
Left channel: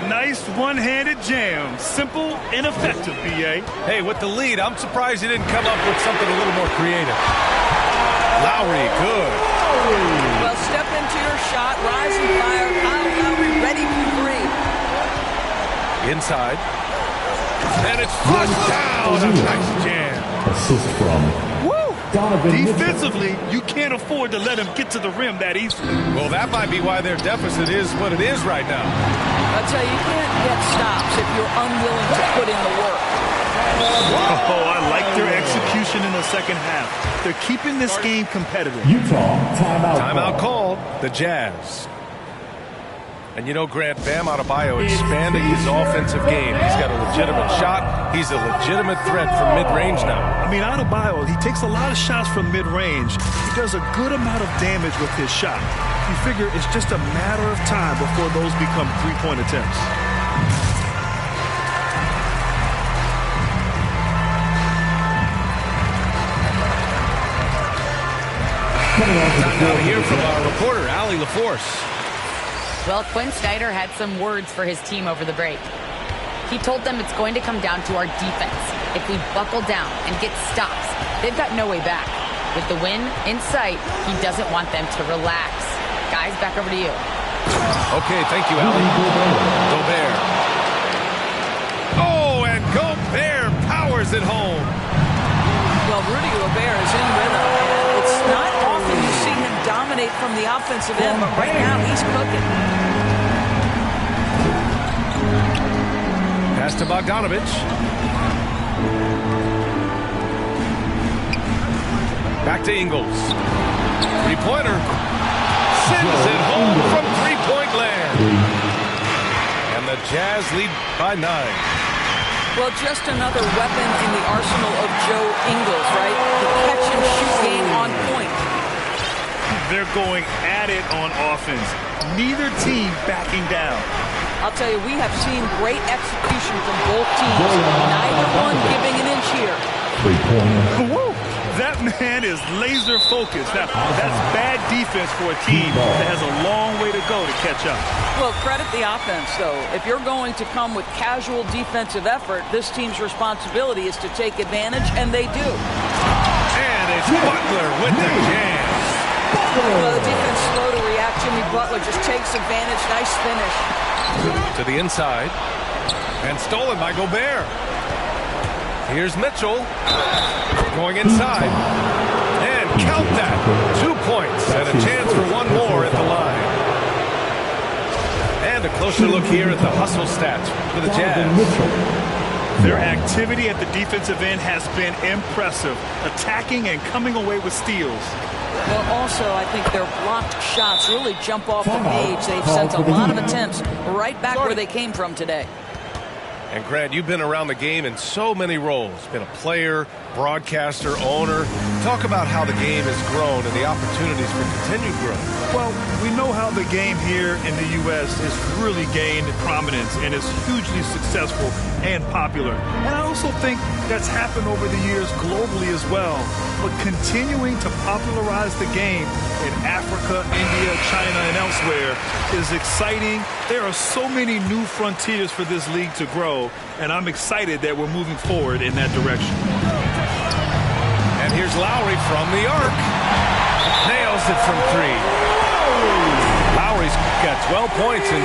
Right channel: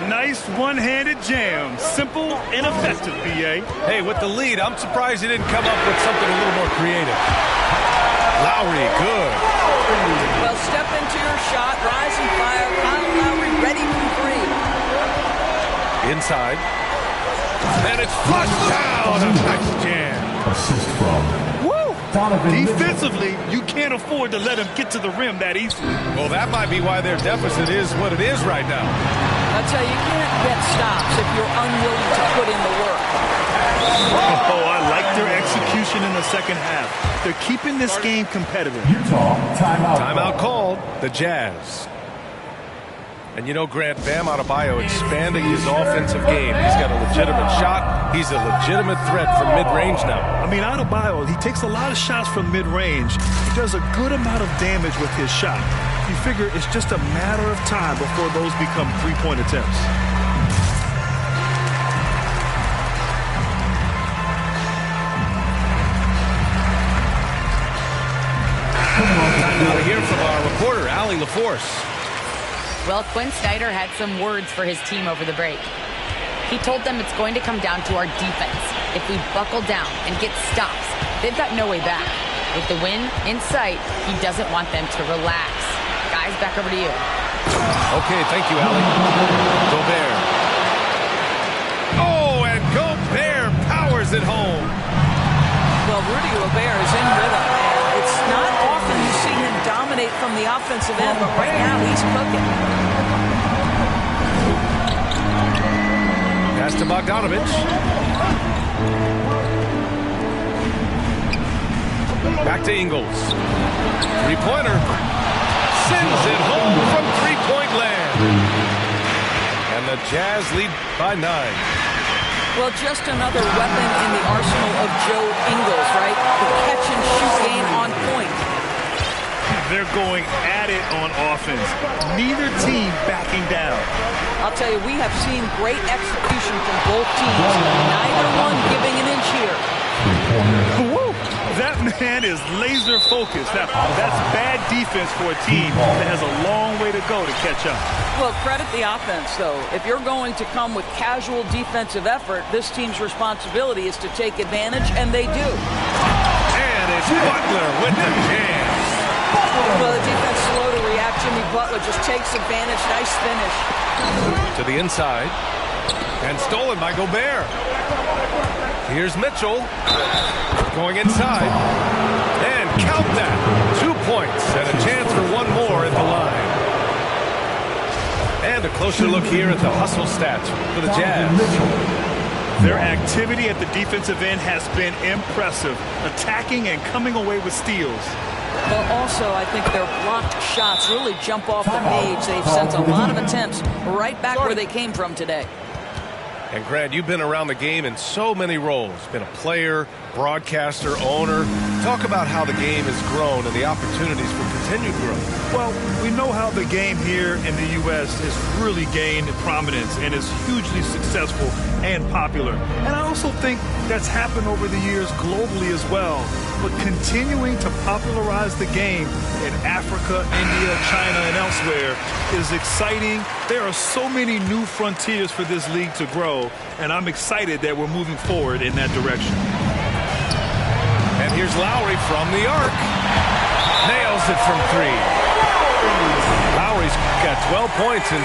Nice one-handed jam. Simple and effective, B.A. Hey, with the lead, I'm surprised he didn't come up with something a little more creative. Lowry, good. Well, step into your shot, rise and fire. Kyle Lowry ready from 3. Inside. And it's flushed down. A nice jam. Assist from Donovan Defensively, you can't afford to let him get to the rim that easily. Well, that might be why their deficit is what it is right now. I'll tell you, you can't get stops if you're unwilling to put in the work. Oh, I like their execution in the second half. They're keeping this game competitive. Utah, timeout. Timeout called. The Jazz. And you know, Grant, Bam Adebayo expanding his offensive game. He's got a legitimate shot. He's a legitimate threat from mid-range now. I mean, Adebayo, he takes a lot of shots from mid-range. He does a good amount of damage with his shot. You figure it's just a matter of time before those become three-point attempts. Time now to hear from our reporter, Allie LaForce. Well, Quinn Snyder had some words for his team over the break. He told them it's going to come down to our defense. If we buckle down and get stops, they've got no way back. With the win in sight, he doesn't want them to relax. Guys, back over to you. Okay, thank you, Allie. Gobert. Oh, and Gobert powers it home. Well, Rudy Gobert is in rhythm, and it's not often you see him dominate from the offensive end, but right now he's cooking. Pass to Bogdanovich. Back to Ingles. Three-pointer. Sends it home from three-point land. And the Jazz lead by 9. Well, just another weapon in the arsenal of Joe Ingles, right? The catch-and-shoot game on point. They're going at it on offense. Neither team backing down. I'll tell you, we have seen great execution from both teams. Neither one giving an inch here. Woo! That man is laser focused. Now, that's bad defense for a team that has a long way to go to catch up. Well, credit the offense, though. If you're going to come with casual defensive effort, this team's responsibility is to take advantage, and they do. And it's Butler with the jam. Well, the defense slow to react. Jimmy Butler just takes advantage. Nice finish. To the inside. And stolen by Gobert. Here's Mitchell. Going inside. And count that. 2 points and a chance for one more at the line. And a closer look here at the hustle stats for the Jazz. Their activity at the defensive end has been impressive. Attacking and coming away with steals. Well, also, I think their blocked shots really jump off the page. They've sent a lot of attempts right back where they came from today. And Grant, you've been around the game in so many roles. Been a player, broadcaster, owner. Talk about how the game has grown and the opportunities for continued growth. Well, we know how the game here in the U.S. has really gained prominence and is hugely successful and popular. And I also think that's happened over the years globally as well. But continuing to popularize the game in Africa, India, China, and elsewhere is exciting. There are so many new frontiers for this league to grow, and I'm excited that we're moving forward in that direction. And here's Lowry from the arc. Nails it from 3. Lowry's got 12 points in.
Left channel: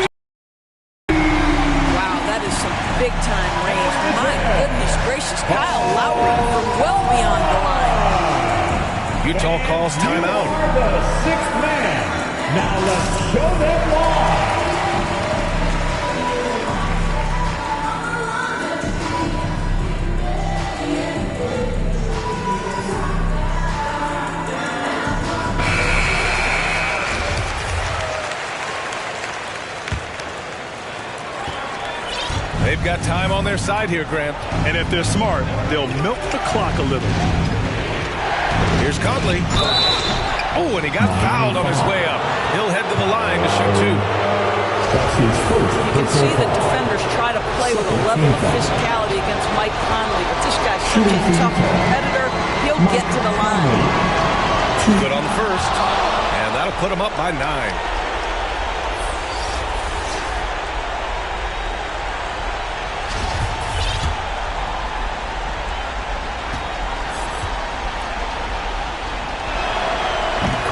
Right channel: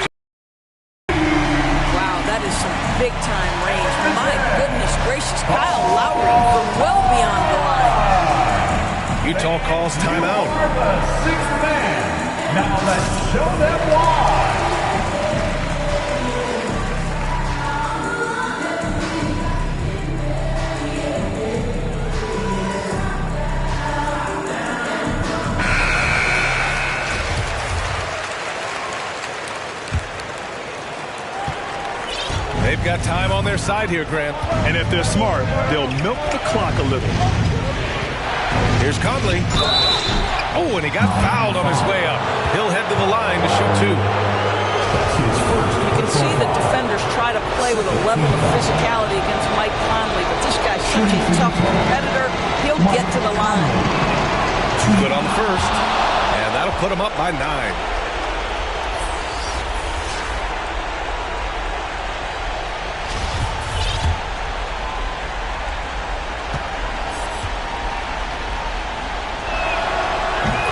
Wow, that is some big-time range. My goodness gracious, Kyle Lowry from well beyond the line. Utah calls timeout. The sixth man. Now let's show them why. They've got time on their side here, Grant. And if they're smart, they'll milk the clock a little. Here's Conley. Oh, and he got fouled on his way up. He'll head to the line to shoot 2. You can see the defenders try to play with a level of physicality against Mike Conley, but this guy's such a tough competitor, he'll get to the line. Good on the first, and that'll put him up by 9.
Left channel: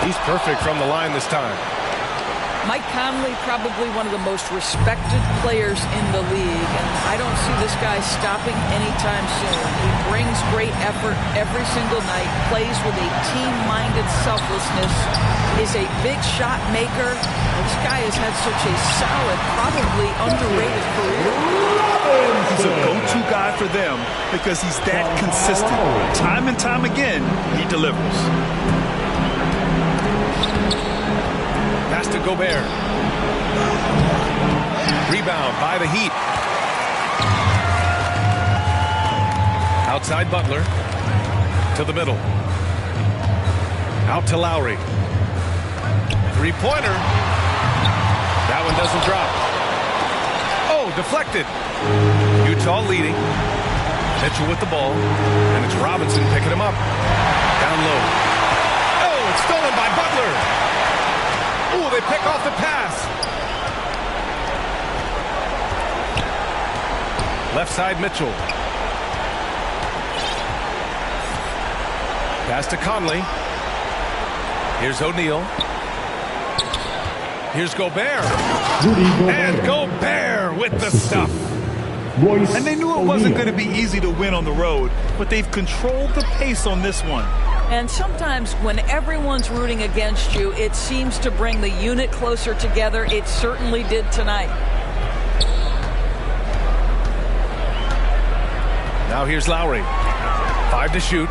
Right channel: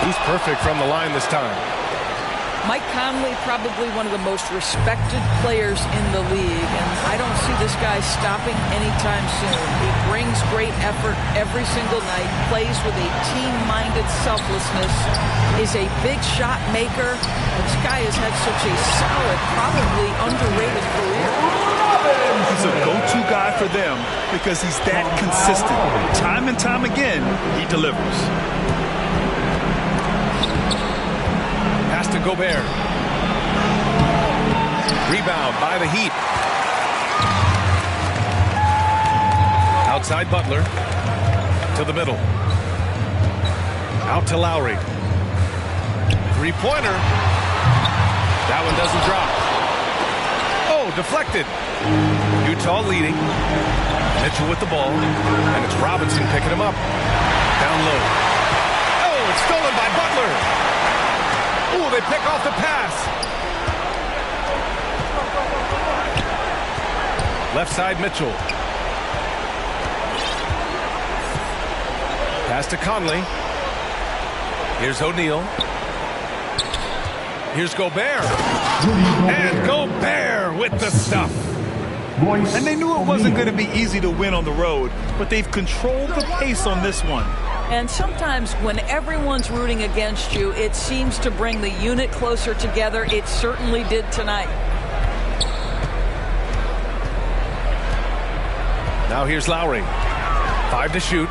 He's perfect from the line this time. Mike Conley, probably one of the most respected players in the league, and I don't see this guy stopping anytime soon. He brings great effort every single night, plays with a team-minded selflessness, is a big shot maker. This guy has had such a solid, probably underrated career. He's a go-to guy for them because he's that consistent. Time and time again, he delivers. Pass to Gobert. Rebound by the Heat. Outside Butler. To the middle. Out to Lowry. Three-pointer. That one doesn't drop. Oh, deflected. Utah leading. Mitchell with the ball. And it's Robinson picking him up. Down low. Oh, it's stolen by Butler. Oh, they pick off the pass. Left side, Mitchell. Pass to Conley. Here's O'Neal. Here's Gobert. And Gobert with the stuff. And they knew it wasn't going to be easy to win on the road, but they've controlled the pace on this one. And sometimes when everyone's rooting against you, it seems to bring the unit closer together. It certainly did tonight. Now here's Lowry. 5 to shoot.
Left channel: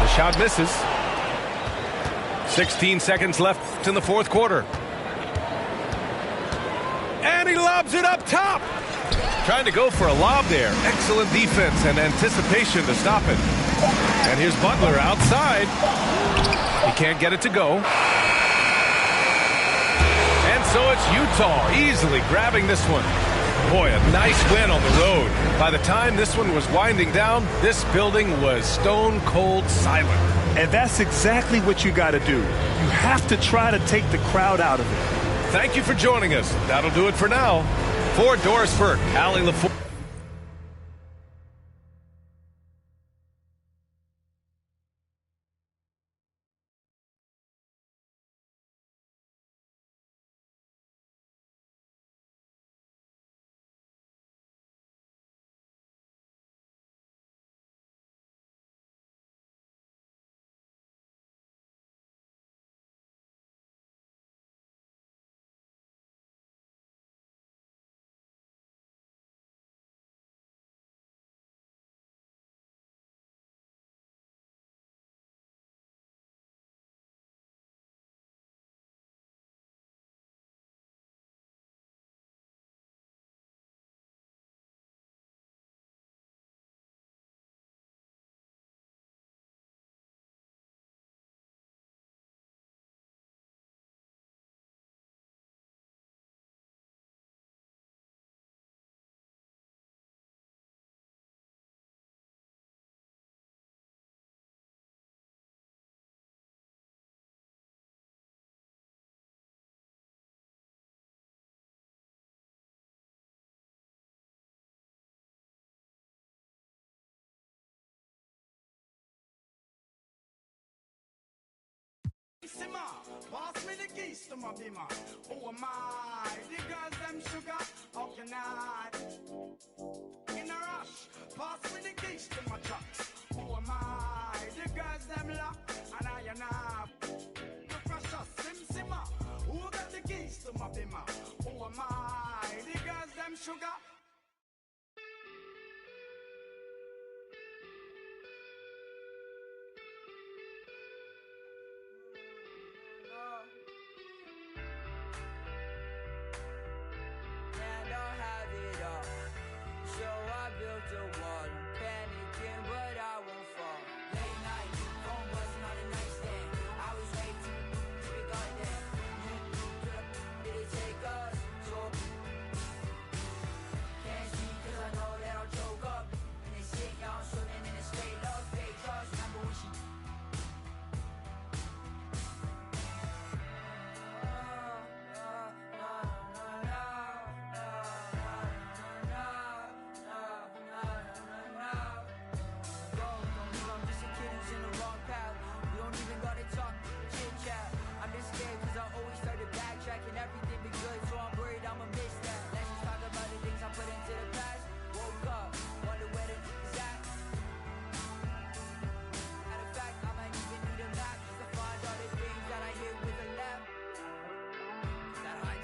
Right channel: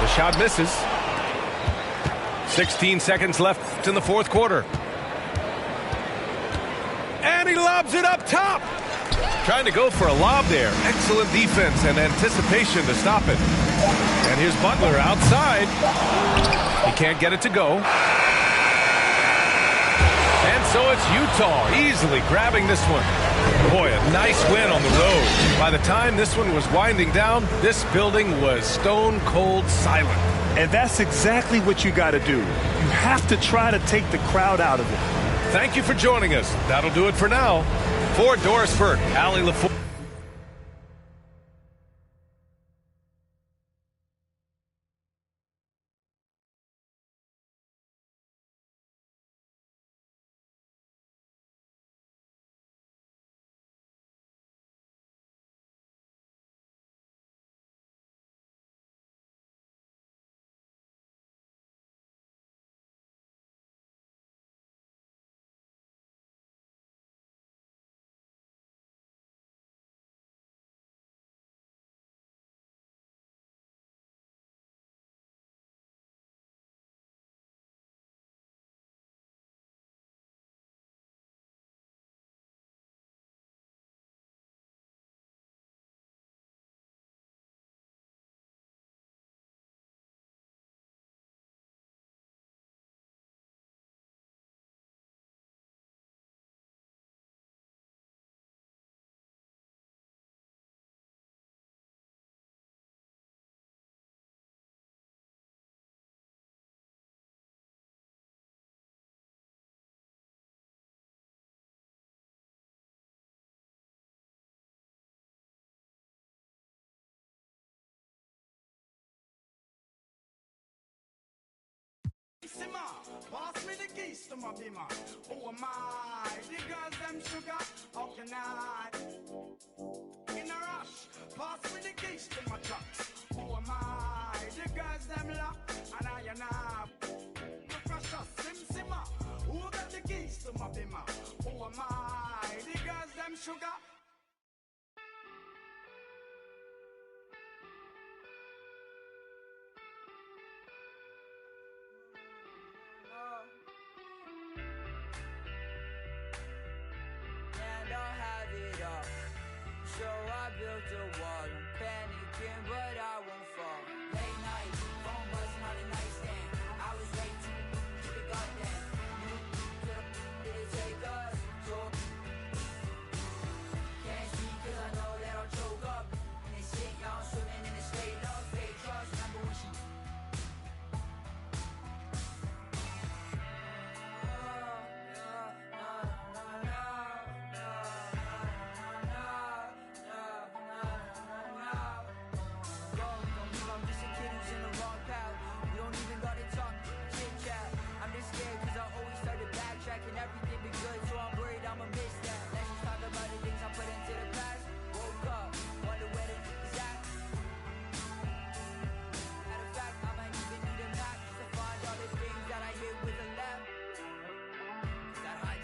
The shot misses. 16 seconds left in the fourth quarter. And he lobs it up top. Trying to go for a lob there. Excellent defense and anticipation to stop it. And here's Butler outside. He can't get it to go. And so it's Utah easily grabbing this one. Boy, a nice win on the road. By the time this one was winding down, this building was stone cold silent. And that's exactly what you got to do. You have to try to take the crowd out of it. Thank you for joining us. That'll do it for now. For Doris Burke, Allie LaFour. Pass me the keys to my bimmer. Oh my, the girls them sugar. How can I? In a rush, pass me the keys to my trucks. Oh my, the girls them lock. And I and I. The precious Sim Simmer. Who got the keys to my bimmer? Oh my, the girls them sugar. So I built a wall, I'm panicking, but I won't fall. Late night, phone buzzing on the nightstand. I was way too to be goddamn. You did it take us? So can't see 'cause I know that I'll choke up. And they sit y'all swimming in a state of fake trust. Remember when she everything be good, so I'm worried I'ma miss that. Let's just talk about the things I put into the past. Woke up, wonder where the is at. Matter of fact, I might even need a map just to find all the things that I hit with a left. That high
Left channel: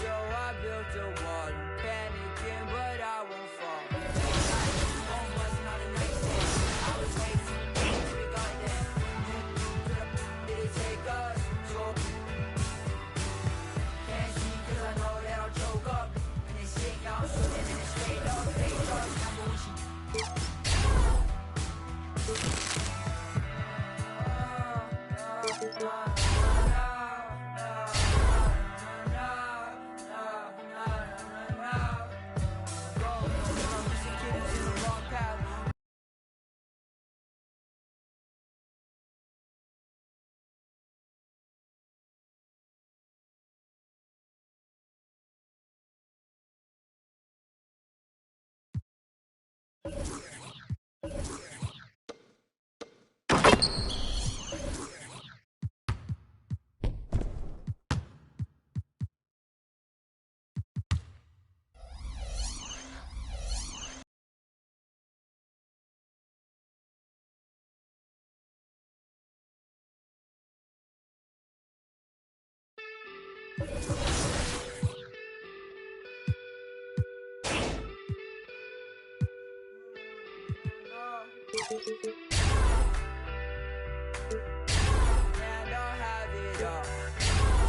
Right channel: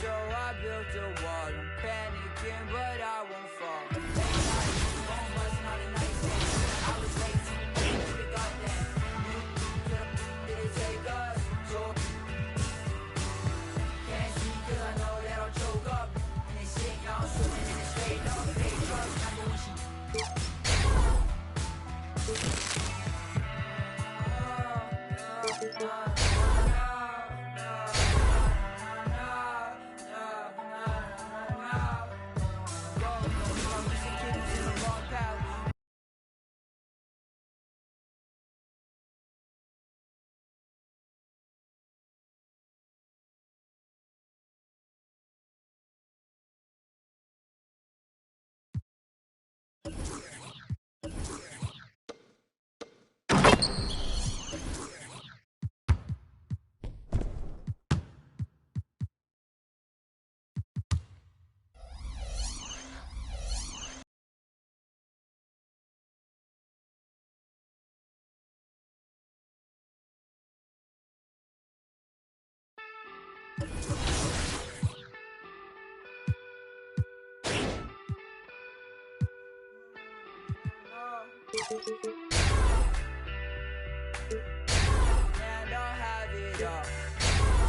So I built a wall. I'm panicking, but I won't fall. I was way too big on that. Did it take us? So can't see 'cause I know that I'll choke up. And they sick, I'm shooting and it's straight up. They trust, remember when she. And I'll have it all.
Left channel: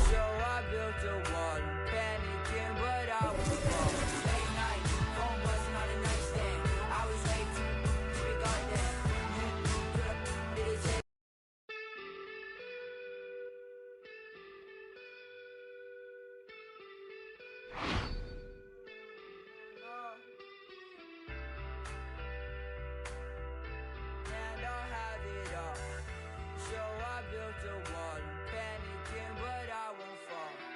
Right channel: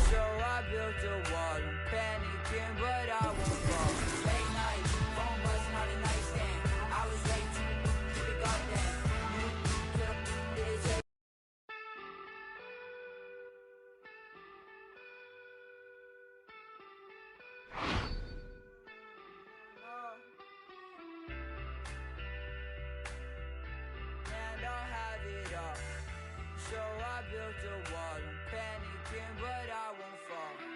So I built a wall. I'm panicking, but I won't fall. Late night, phone buzzing on the nightstand. I was way too big on that. Did it take? And I'll have it all. So I built a wall. I'm panicking, but I won't fall.